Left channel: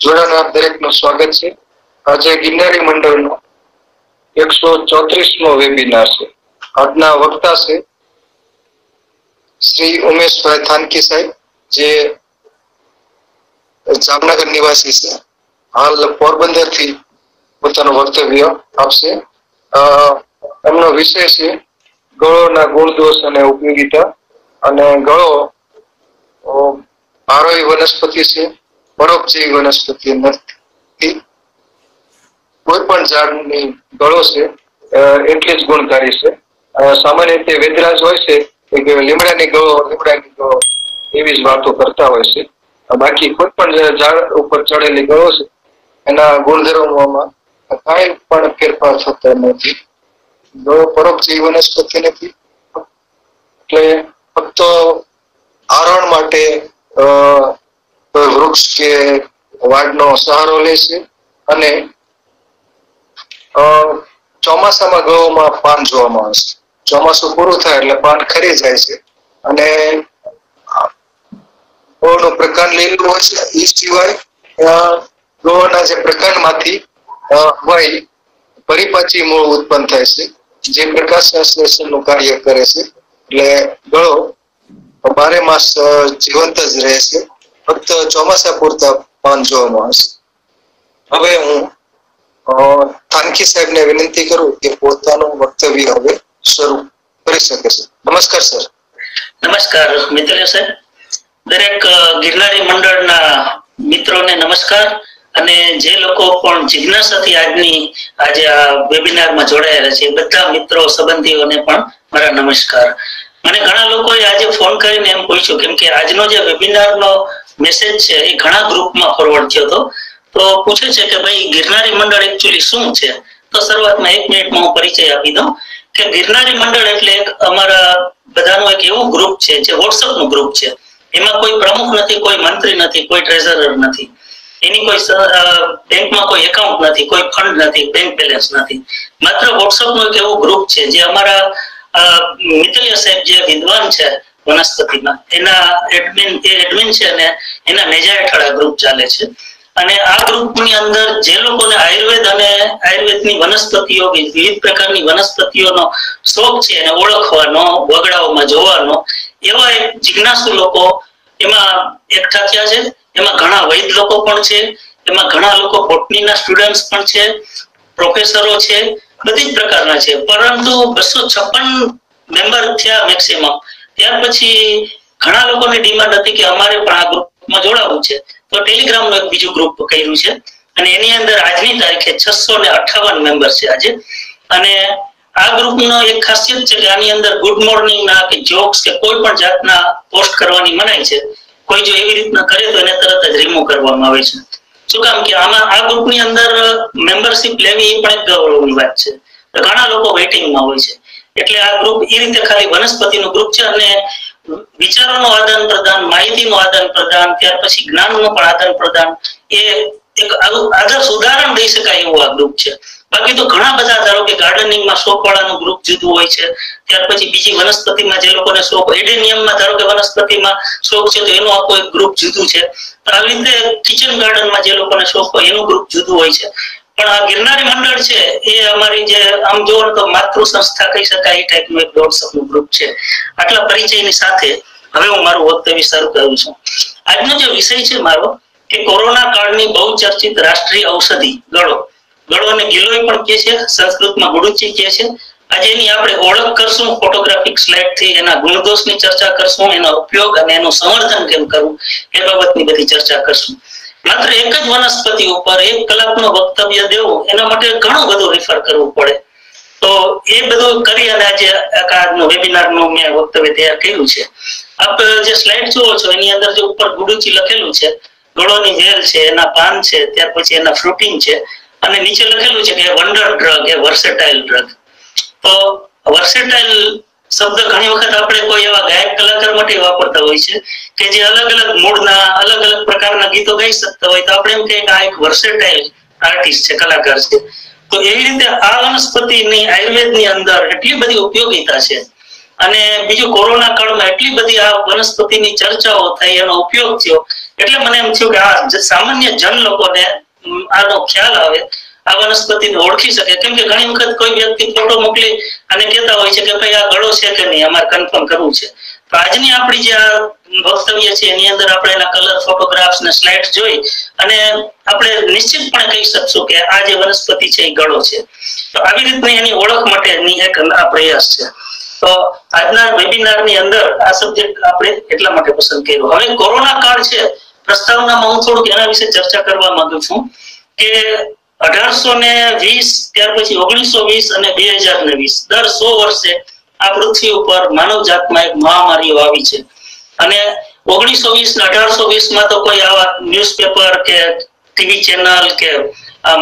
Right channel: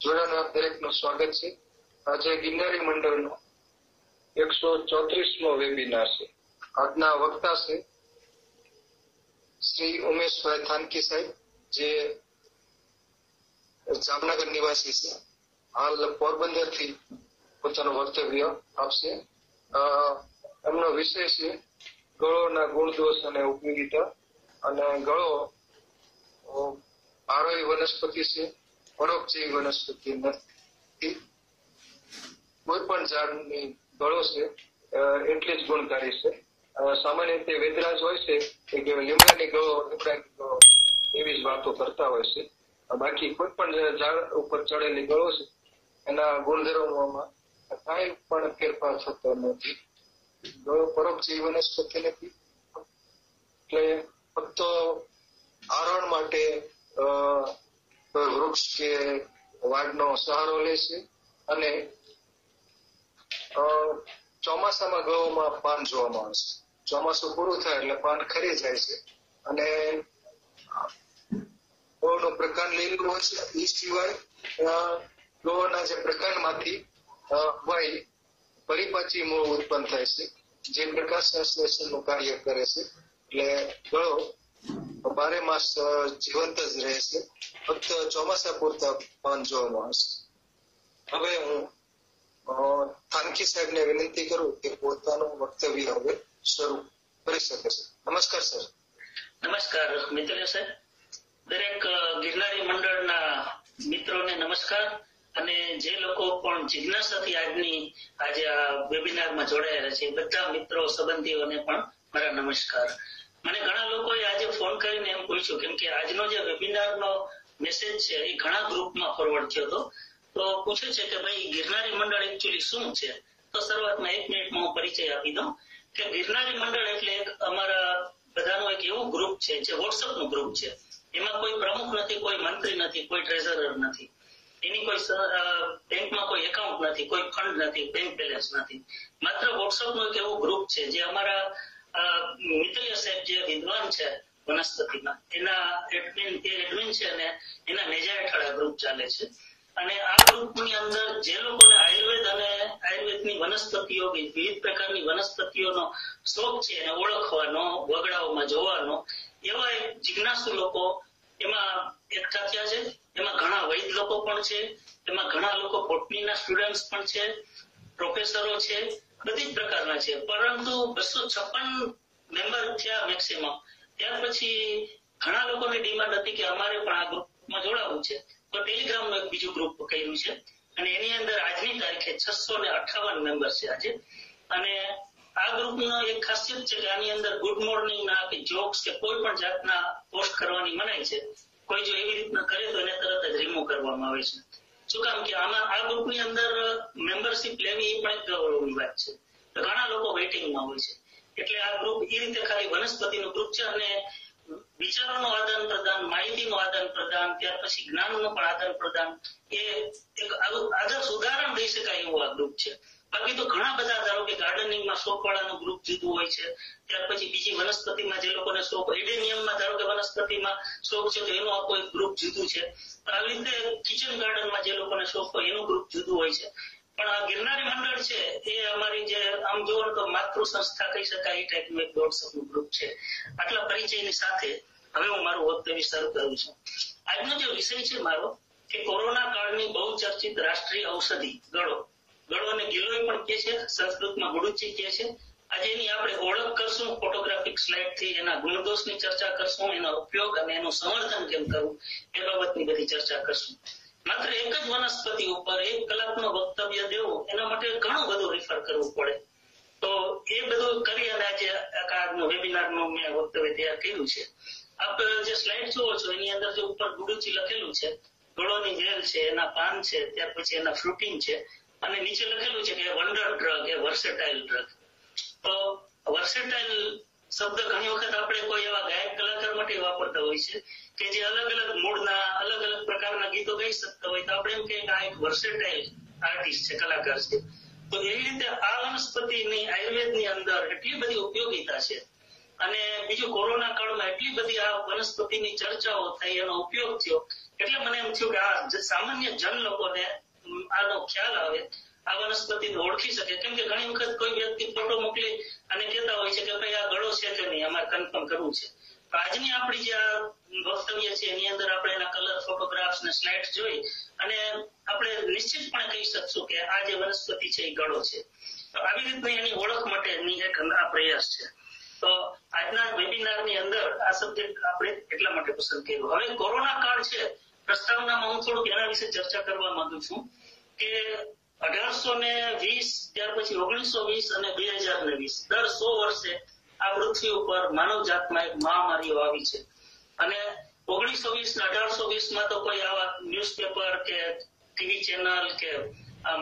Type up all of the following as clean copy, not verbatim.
જોડાનાર દરેકનું સ્વાગત છે. આજે ગિરનારી મંડળનો 134મો વેબિનાર છે. આજના વક્તા છે શ્રી ઉમેશભાઈ થાનકી સાહેબ, જે જામનગર નિવાસી છે. હાલ પોરબંદર થી પોતાનું વક્તવ્ય આપશે. એમનો વિષય છે ગળોના ગુણદોષ અને ઉપયોગિતા. અને ગળો આરોહી વનસ્પતિ છે, પરોપજીવી વનસ્પતિ નથી. કોઈ પણ ઝાડની ગળો છે એટલી જ ગુણકારી છે. સામાન્ય રીતે વેદરાજ હોય છે કે લીમડાની ગળો એવી જ વાતો કરતા હોય છે. બાકી કોઈ પણ ઝાડ ઉપર ચડેલી ગળો છે એના ગુણધર્મોમાં કાંઈ પણ ફેરફાર થતો નથી. ગળો પરોપજીવી વનસ્પતિ નથી, એટલે ફક્ત આરોહણ માટે વૃક્ષ કે વાડનો સહારો લે છે. અને ચોમાસામાં ગળોમાં પાન જોવામાં આવે છે. ચોમાસું પૂરું થાય એટલે પાન ખરી જાય છે અને ગળોનું પ્રકાંડ લીલું હોય છે. એ સિવાય ગળોના જે પ્રકાંડમાંથી વય પરિપાચી મૂળ ઉત્પન્ન થાય છે, જે પ્રકાશ સંશ્લેષણનું કાર્ય કરે છે. એટલે ગળો 12 માસ જીવંત જ રહે છે. ફક્ત ચોમાસા પૂરતા પાન જોવામાં આવશે. હવે હું થાનકી સાહેબને વિનંતી કરું કે પોતાનું વક્તવ્ય હવે શરૂ કરી શકે છે. નમસ્કાર સર. નમસ્કાર મિત્રલે સાહેબ. દરેક ગિરનારી મંડળના મિત્રોને નમસ્કાર. અને જે લોકો પણ જિજ્ઞાસાથી આજે આ વેબિનારમાં જોડાયેલા છે બધા મિત્રો સંબંધીઓને પણ મારા નમસ્કાર. મને ઘણા લોકોએ આજે ફોન કરીને એમ પૂછ્યું, કેમ કે આજનો જે વેબિનારનો મેસેજ છે એ ઘણા ગ્રુપમાં ફોરવર્ડ થયો હતો. તો પૂછે છે કે ભાઈ ગિરનારી મંડળ એકચ્યુઅલી શું છે. તો શરૂઆતમાં 1 મિનિટમાં હું પરિચય આપી દઉં કે ગિરનારી મંડળ એટલે અમારા બધાનું એક એવું ગ્રુપ છે જે વોટ્સઅપનું ગ્રુપ છે. એમાં કોઈ પ્રમુખ નથી, કોઈ મંત્રી નથી, કોઈ ટ્રેઝરર નથી, એની કોઈ બેંકમાં કોઈ એકાઉન્ટ નથી, કોઈ ફંડ નથી, બેંક બેલેન્સ નથી. માત્ર વોટ્સઅપનું એક એવું ગ્રુપ છે જે અમારા મિત્તલિયા સાહેબ જે વિદ્વાન છે વનસ્પતિમાં એના એડમિન છે અને એના નેજા હેઠળ આ ગ્રુપ ચાલે છે. અને આ ગ્રુપની અંદર જે લોકોને આયુર્વેદ અને આયુર્વેદની વનસ્પતિઓ, વિવિધ પ્રકારની વનસ્પતિઓનો શોખ છે એને ઓળખવાનો, વગડાઓમાં જોવાનો, એવા એક જિજ્ઞાસુ લોકો એમાં એકઠા થયા છે. એમાં ઘણા વૈદ લોકો પણ છે, એમાં ઘણા લોકો બોટનીના સ્ટુડન્ટ્સ પણ છે, પ્રોફેસરો છે, બધી જ પ્રકારના છે. પરંતુ 256 મેમ્બર થયા મેક્સિમમ. ત્યાર પછી ઘણા લોકોની ડિમાન્ડ હતી કે અમારે પણ આ ગ્રુપમાં જોડાવવું છે. તો ટેલિગ્રામનું એક બીજું ગ્રુપ કર્યું છે અને એની અંદર આજની તારીખે 658 મેમ્બર છે આજે. અને આ ગ્રુપનો એક ખાસિયત છે કે આની અંદર ગુડ મોર્નિંગ ના કે જોક્સ કે કોઈ પણ જાતના પોસ્ટ કરવાની મનાઈ છે. કોઈ જો એવી રીતના કરે તો એને તરત જ રિમૂવ કરવામાં આવે છે. શું કામ કે આમાં આ ગ્રુપની અંદર મેમ્બરશિપ લેવી એ પણ એક ગૌરવની વાત છે. ઘણા લોકો વેઇટિંગમાં હોય છે. એટલે આ ગ્રુપ એ રીતે ખાલી વનસ્પતિનું ગ્રુપ છે અને વિચારોનું આદાન પ્રદાન, માહિતીનું આદાન પ્રદાન, ત્યાર પછી જ્ઞાનનું પણ આદાન પ્રદાન, એ એક આદર્શ ઉદાહરણ દઈ શકાય એવું આ ગ્રુપ છે. બાકી તો ઘણા બધા, ધારો કે ગાર્ડનિંગમાં શોખ વાળાનું ગ્રુપ જુદું હોય છે, ત્યાર પછી બીજી વનસ્પતિમાં જે લોકોને શોખ, એડેનિયમમાં ધારો કે વનસ્પતિમાં શોખ છે તો એનું આખું એક ગ્રુપ જુદું છે. આવી રીતે કિચન ગાર્ડનમાં જે લોકોને શોખ હોય એનું ગ્રુપ જુદું હોય છે. પણ આ ગિરનારી મંડળ છે એ અમારી જે આમ જોવો તો માતૃ સંસ્થા કહી શકાય એ ટાઈપનું એક વોટ્સઅપનું ગ્રુપ છે. આટલા પરિચયની સાથે હવે હું મારું વક્તવ્ય શરૂ કરું છું. આજનો જે વિષય છે મારો કે કોરોના કાળની બહુ ચર્ચિત રાષ્ટ્રીય ઔષધિ ગળો. ગળોને ગિલોય પણ કહે છે, સંસ્કૃતમાં ગુડુચી કહે છે. આજે એની આપણે ઓળખ કરશું ફોટોગ્રાફિક સ્લાઇડથી, એના ગુણદોષની ચર્ચા કરશું, એનો ઉપયોગ અને એનું સંવર્ધન કેમ કરવું એ બાબતની બધી ચર્ચા કરશું. માત્ર એક જ વનસ્પતિ ઉપર 1 કલાકનો વક્તવ્ય દેવું એના માટે ઘણું બધું રિફર કરવું પડે. તો એ બધું કરી અને આજે આજનો વેબિનારનું મેં વક્તવ્ય તૈયાર કર્યું છે. આપ જે સ્લાઇડ જુઓ છો એની અંદર જે ઉપર ગુડુચી લખેલું છે, ગળોની વેલ છે, એના પાન છે, ત્યાર પછી એના ફ્રૂટિંગ છે અને નીચે લખેલું છે કે વન્ડર ડ્રગ, એ વર્સેટાઇલ ડ્રગ. તો વર્સેટાઇલ શબ્દ ઘણી વખત આપણે કોઈ એવા ગાયક કલાકાર માટે વાપરતા હોય છે કે જે અલગ અલગ મૂડના, અલગ અલગ પ્રકારના ગીતો ગાઈ શકતા હોય. તો આપણે એમ કહીએ કે આ એક વર્સેટાઇલ આર્ટિસ્ટ છે, કલાકાર છે. તો એવી રીતે આ વનસ્પતિની આયુર્વેદની અંદર એટલી બધી ઉપયોગિતા છે. અને બીજું કોરોના કાળમાં એટલી બધી આ વનસ્પતિની ચર્ચાઓ થઈ, એનો ઉપયોગ થયો, એટલે મને એમ થયું કે આ સામાન્ય જન લોકોને આનો ખ્યાલ આવે, આ વનસ્પતિને ઓળખી શકે. કેમ કે ઘણી વખત કોઈ વ્યક્તિ ફોટો મોકલી અને કહેતા હોય છે કે ભાઈ આ ગળો છે કે નહીં, અમારે કન્ફર્મ કરવું છે. તો આજની આપણી જે આ વક્તવ્ય છે એની અંદર આપણે એના કલર ફોટોગ્રાફ્સ ને સ્લાઇડ જોઈ અને આપણે નિશ્ચિતપણે કહી શકશું કે આ જે વનસ્પતિ છે એ ગળો છે. તો આવી રીતની એની ઓળખ માટેની એક આ પ્રયાસ છે. તો આજના વેબિનારની અંદર આ સબ્જેક્ટ આપણે એટલા માટે પસંદ કર્યો. હવે કોરોના કાળ છે, પ્રસ્તાવનામાં હું થોડુંક એના વિશે ચર્ચા કરવા માંગુ છું કે 1820 ત્યાર પછી 1920 અને 2020 દર 100 વર્ષે આ પૃથ્વી ઉપર માનવ જાતમાં એક મહામારીઓ આવી છે. અને 1920 ને 1820 માં તો કોઈ આવા ન્યૂઝપેપર કે ટીવી ચેનલ કે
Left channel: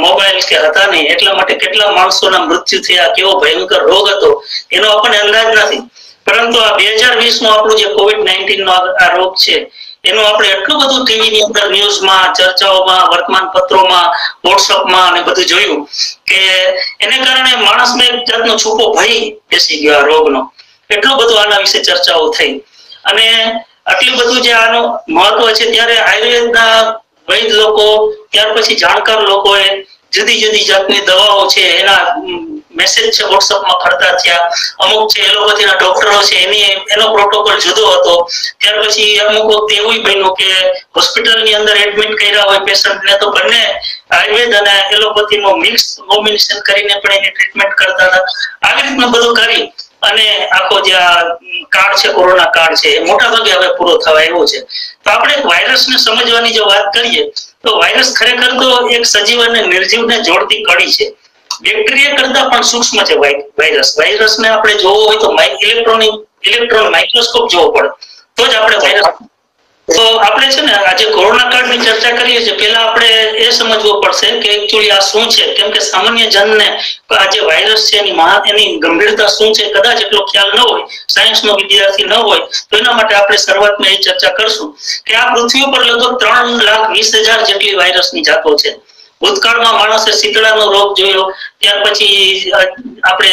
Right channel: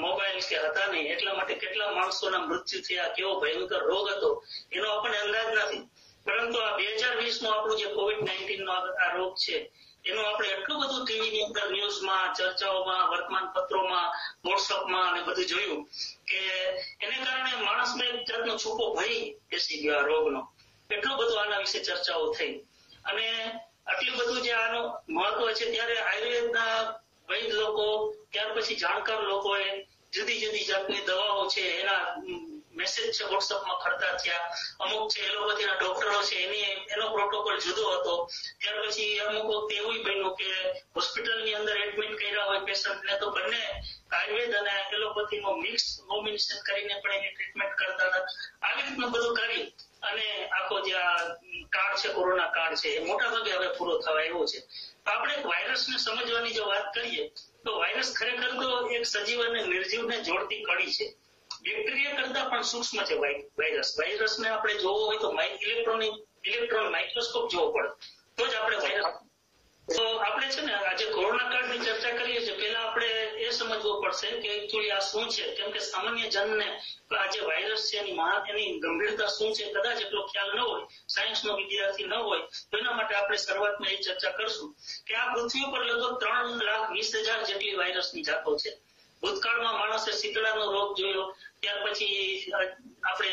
મોબાઈલ કે હતા નહીં, એટલા માટે કેટલા માણસોના મૃત્યુ થયા, કેવો ભયંકર રોગ હતો એનો આપણને અંદાજ નથી. પરંતુ આ 2020 નું આપણું જે COVID-19 નો આ રોગ છે એનું આપણે એટલું બધું ટીવી ની અંદર, ન્યૂઝમાં, ચર્ચાઓમાં, વર્તમાન પત્રોમાં, વોટ્સઅપમાં અને બધું જોયું કે એને કારણે માણસને એક જાતનો છૂપો ભય બેસી ગયો આ રોગનો. એટલું બધું આના વિશે ચર્ચાઓ થઈ અને આટલું બધું જે આનું મહત્વ છે, ત્યારે આયુર્વેદના વૈદ લોકો, ત્યાર પછી જાણકાર લોકોએ જુદી જુદી જાતની દવાઓ છે એના મેસેજ છે વોટ્સઅપમાં ફરતા થયા. અમુક છે એલોપેથીના ડોક્ટરો છે એનો પ્રોટોકોલ જુદો હતો. ત્યાર પછી અમુક વખતે એવું બન્યું કે હોસ્પિટલની અંદર એડમિટ કર્યા હોય પેશન્ટને તો બંને આયુર્વેદ અને એલોપેથીનો મિક્સ કોમ્બિનેશન કરીને પણ એની ટ્રીટમેન્ટ કરતા હતા. આવી રીતનું બધું કરી અને આખો જે આ કાળ છે, કોરોના કાળ છે, એ મોટા ભાગે હવે પૂરો થવા આવ્યો છે. તો આપણે વાયરસને સમજવાની જો વાત કરીએ તો વાયરસ ખરેખર તો એક સજીવ અને નિર્જીવને જોડતી કડી છે. બેક્ટેરિયા કરતા પણ સૂક્ષ્મ છે વાયરસ. વાયરસને આપણે જોવો હોય તો ઇલેક્ટ્રોન માઇક્રોસ્કોપ જોવો પડે તો જ આપણે વાયરસ. તો આપણે છે ને આજે કોરોના કાળની ચર્ચા કરીએ છીએ, પહેલા આપણે એ સમજવું પડશે કે એકચ્યુઅલી આ શું છે. કેમ કે સામાન્ય જનને આ જે વાયરસ છે એની ગંભીરતા શું છે કદાચ એટલો ખ્યાલ ન હોય, સાયન્સનો વિદ્યાર્થી ન હોય, તો એના માટે આપણે શરૂઆતમાં એ ચર્ચા કરશું કે આ પૃથ્વી ઉપર લગભગ 3,20,000 જેટલી વાયરસની જાતો છે. ભૂતકાળમાં માણસે શીતળાનો રોગ જોયો, ત્યાર પછી આપણે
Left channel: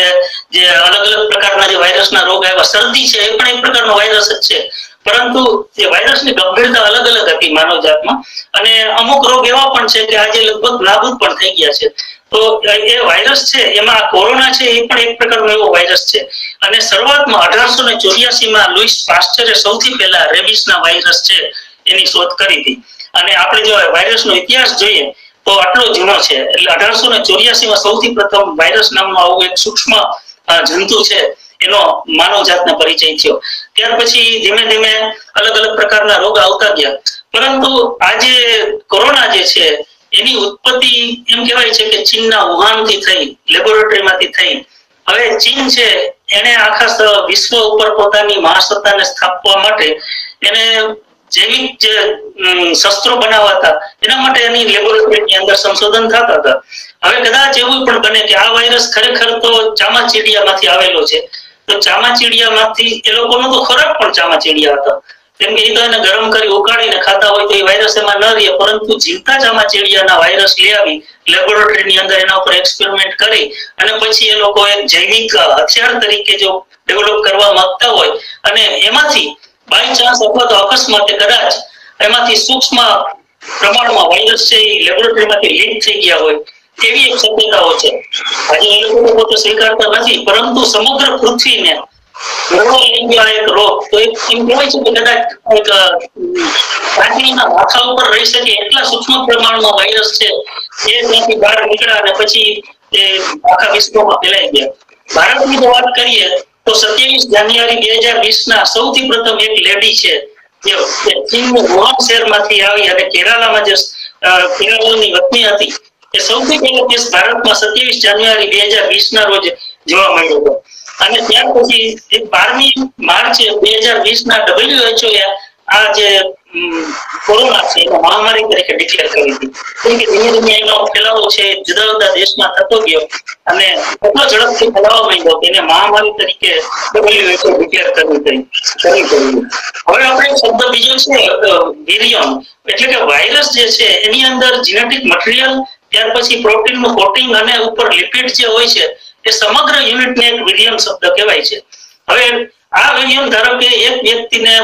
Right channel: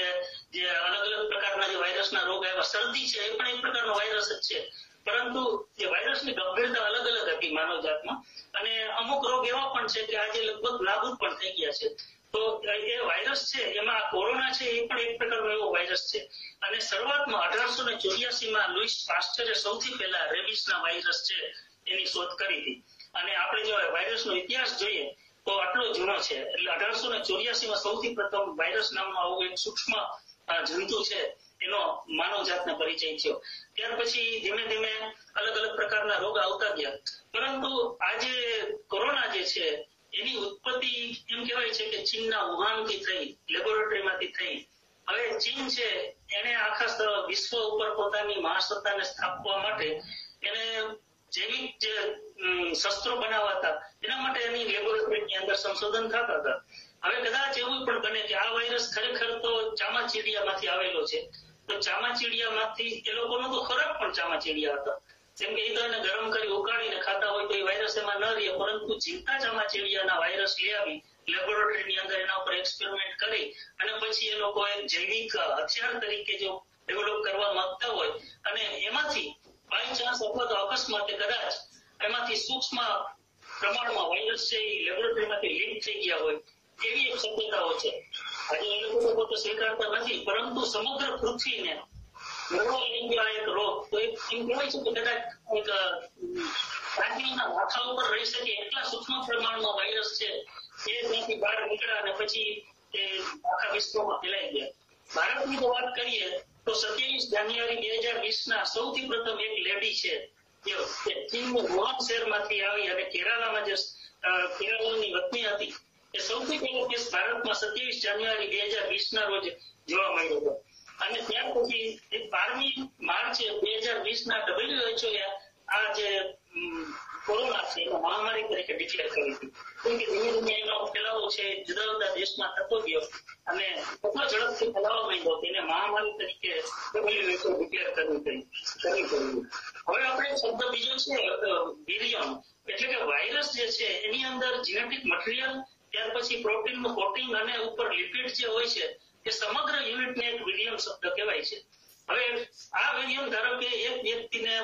જે અલગ અલગ પ્રકારના જે વાયરસના રોગ આવ્યા, શરદી છે એ પણ એક પ્રકારનો વાયરસ જ છે. પરંતુ એ વાયરસની ગંભીરતા અલગ અલગ હતી માનવ જાતમાં અને અમુક રોગ એવા પણ છે કે આજે લગભગ નાબૂદ પણ થઈ ગયા છે. તો એ વાયરસ છે એમાં કોરોના છે એ પણ એક પ્રકારનો એવો વાયરસ છે. અને શરૂઆતમાં 1884 લુઈસ પાસ્ચરે સૌથી પહેલા રેબિસના વાયરસ છે એની શોધ કરી હતી. અને આપણે જો વાયરસનો ઇતિહાસ જોઈએ તો આટલો જૂનો છે. એટલે 1884 સૌથી પ્રથમ વાયરસ નામનું આવું એક સૂક્ષ્મ જંતુ છે એનો માનવ જાતને પરિચય થયો. ત્યાર પછી ધીમે ધીમે અલગ અલગ પ્રકારના રોગ આવતા ગયા. પરંતુ આજે કોરોના જે છે એની ઉત્પત્તિ એમ કહેવાય છે કે ચીનના વુહાનથી થઈ, લેબોરેટરીમાંથી થઈ. હવે ચીન છે એને આખા વિશ્વ ઉપર પોતાની મહાસત્તાને સ્થાપવા માટે એને જૈવિક જે શસ્ત્રો બનાવાતા એના માટે એની લેબોરેટરીની અંદર સંશોધન થતા હતા. હવે કદાચ એવું પણ બને કે આ વાયરસ ખરેખર તો ચામાચીડિયામાંથી આવેલો છે. તો ચામાચીડિયામાંથી એ લોકોનો તો ખોરાક પણ ચામાચીડિયા હતો. કેમ કે એ તો એને ગરમ કરી ઉકાળીને ખાતા હોય તો એ વાયરસ એમાં ન રહે. પરંતુ જીવતા ચામાચીડિયાના વાયરસ લઈ આવી લેબોરેટરીની અંદર એના ઉપર એક્સપેરિમેન્ટ કરી અને પછી એ લોકો એક જૈવિક હથિયાર તરીકે જો ડેવલપ કરવા માંગતા હોય અને એમાંથી બાય ચાન્સ અથવા તો અકસ્માતે કદાચ એમાંથી સૂક્ષ્મ પ્રમાણમાં વાયરસ છે એ લેબોરેટરીમાંથી લીક થઈ ગયા હોય એવી એક શક્યતાઓ છે. આજે એ લોકો પોતે સ્વીકારતા નથી, પરંતુ સમગ્ર પૃથ્વીને એક રોગ તો એમ કહેવાય છે કે કદાચ એક પ્રાણીના માથા ઉપર રહી શકે એટલા સૂક્ષ્મ પ્રમાણમાં વાયરસ છે એ ત્યાંથી બહાર નીકળ્યા અને પછી એ આખા વિશ્વમાં ફેલાઈ ગયા. ભારતની જો વાત કરીએ તો 27 જાન્યુઆરી 2020 સૌથી પ્રથમ એક લેડી છે જે ચીનના વુહાન શહેરમાંથી આવી અને કેરાલામાં જે કેરાલાની વતની હતી એ સૌથી પહેલો કેસ ભારતમાં 27 જાન્યુઆરી 2020 રોજ જોવા મળ્યો હતો. અને ત્યાર પછી 12મી માર્ચ 2020 WHO આ જે કોરોના છે એનો મહામારી તરીકે ડિક્લેર કરી હતી. કેમ કે ધીમે ધીમે એનો ફેલાવો છે જુદા જુદા દેશમાં થતો ગયો અને એટલો ઝડપથી ફેલાવા માંડ્યો કે એને મહામારી તરીકે WHO ડિક્લેર કરવી પડી. હવે આપણે શબ્દ બીજો છે વિરિયન, એટલે કે વાયરસ જે છે એની અંદર જેનેટિક મટીરીયલ, ત્યાર પછી પ્રોટીનનું કોટિંગ અને ઉપર લિપિડ જે હોય છે એ સમગ્ર યુનિટને એક વિરિયન શબ્દ કહેવાય છે. હવે આ વિરિયન ધારો કે એક વ્યક્તિને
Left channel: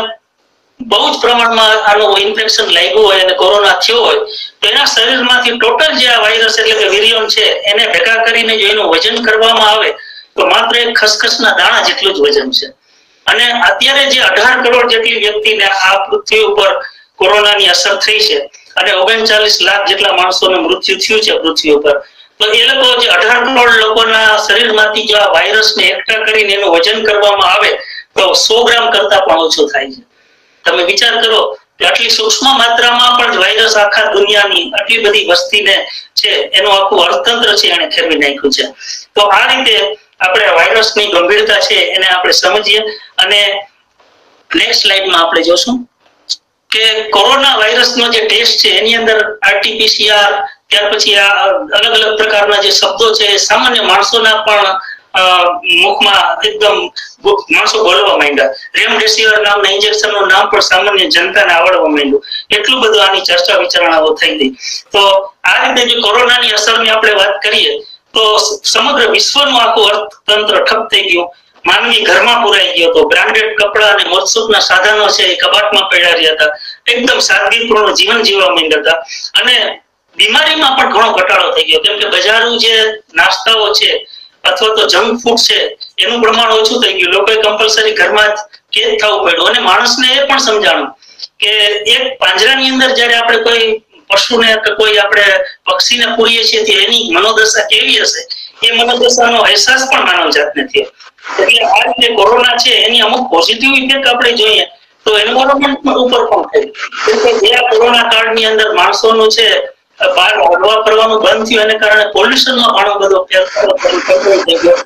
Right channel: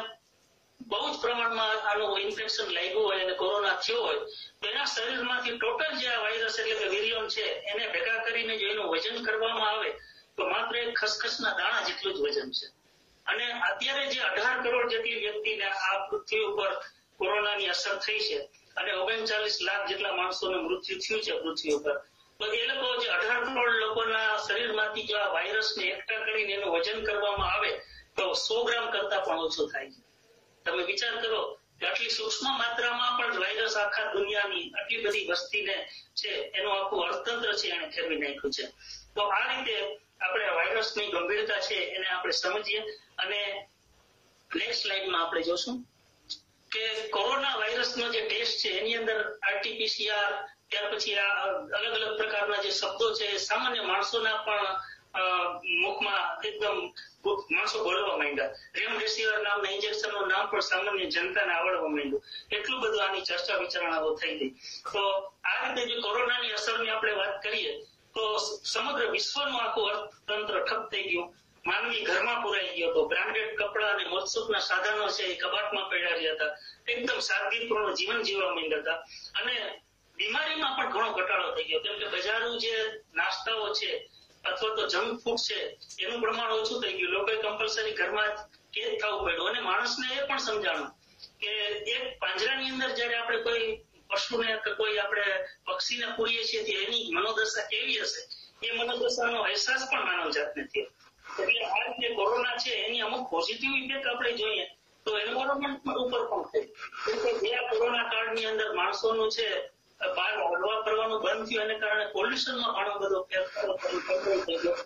બહુ જ પ્રમાણમાં આનું ઇન્ફેક્શન લાગ્યું હોય અને કોરોના થયો હોય તો એના શરીરમાંથી ટોટલ જે આ વાયરસ એટલે કે વિરિયોન છે એને ભેગા કરીને જો એનું વજન કરવામાં આવે તો માત્ર એક ખસખસના દાણા જેટલું જ વજન છે. અને અત્યારે જે 18 કરોડ જેટલી વ્યક્તિને આ પૃથ્વી ઉપર કોરોનાની અસર થઈ છે અને 39 લાખ જેટલા માણસોનું મૃત્યુ થયું છે પૃથ્વી ઉપર, તો એ લોકો જે 18 કરોડ લોકોના શરીરમાંથી જો આ વાયરસને એકઠા કરીને એનું વજન કરવામાં આવે તો 100 ગ્રામ કરતા પણ ઓછું થાય છે. તમે વિચાર કરો કે આટલી સૂક્ષ્મ માત્રામાં પણ વાયરસ આખા દુનિયાની આટલી બધી વસ્તીને છે એનું આખું અર્થતંત્ર છે એને ખેરવી નાખ્યું છે. તો આ રીતે આપણે વાયરસની ગંભીરતા છે એને આપણે સમજીએ. અને નેક્સ્ટ સ્લાઇડમાં આપણે જોશું કે કોરોના વાયરસનો જે ટેસ્ટ છે એની અંદર આરટીપીસીઆર, ત્યાર પછી આ અલગ અલગ પ્રકારના જે શબ્દો છે એ સામાન્ય માણસોના પણ મુખમાં એકદમ માણસો બોલવા માંડ્યા. રેમડેસિવિર નામના ઇન્જેક્શનનું નામ પણ સામાન્ય જનતાને આવડવા માંડ્યું. એટલું બધું આની ચર્ચા વિચારણાઓ થઈ ગઈ. તો આ રીતે જે કોરોનાની અસરની આપણે વાત કરીએ તો સમગ્ર વિશ્વનું આખું અર્થતંત્ર ઠપ થઈ ગયું. માનવી ઘરમાં પુરાઈ ગયો હતો. બ્રાન્ડેડ કપડા અને મોજશોખના સાધનો છે એ કબાટમાં પડ્યા રહ્યા હતા. એકદમ સાદગીપૂર્ણ જીવન જીવવા માંડ્યા હતા. અને બીમારીમાં પણ ઘણો ઘટાડો થઈ ગયો, કેમ કે બજારું જે નાસ્તાઓ છે અથવા તો જંક ફૂડ છે એનું પ્રમાણ ઓછું થઈ ગયું. લોકોએ કમ્પલસરી ઘરમાં જ કેદ થવું પડ્યું. અને માણસને એ પણ સમજાણું કે એક પાંજરાની અંદર જયારે આપણે કોઈ પશુને કે કોઈ આપણે પક્ષીને પૂરીએ છીએ તો એની મનોદશા કેવી હશે એ મનોદશાનો અહેસાસ પણ માનવ જાતને થયો. એટલે આ રીતે કોરોના છે એની અમુક પોઝિટિવ ઇફેક્ટ આપણે જોઈએ તો એન્વાયરમેન્ટ ઉપર પણ થઈ. કેમ કે જે કોરોના કાળની અંદર માણસોનું છે બહાર હરવા ફરવાનું બંધ થયું એને કારણે પોલ્યુશનમાં ઘણો બધો ફેરફાર થઈ ગયો.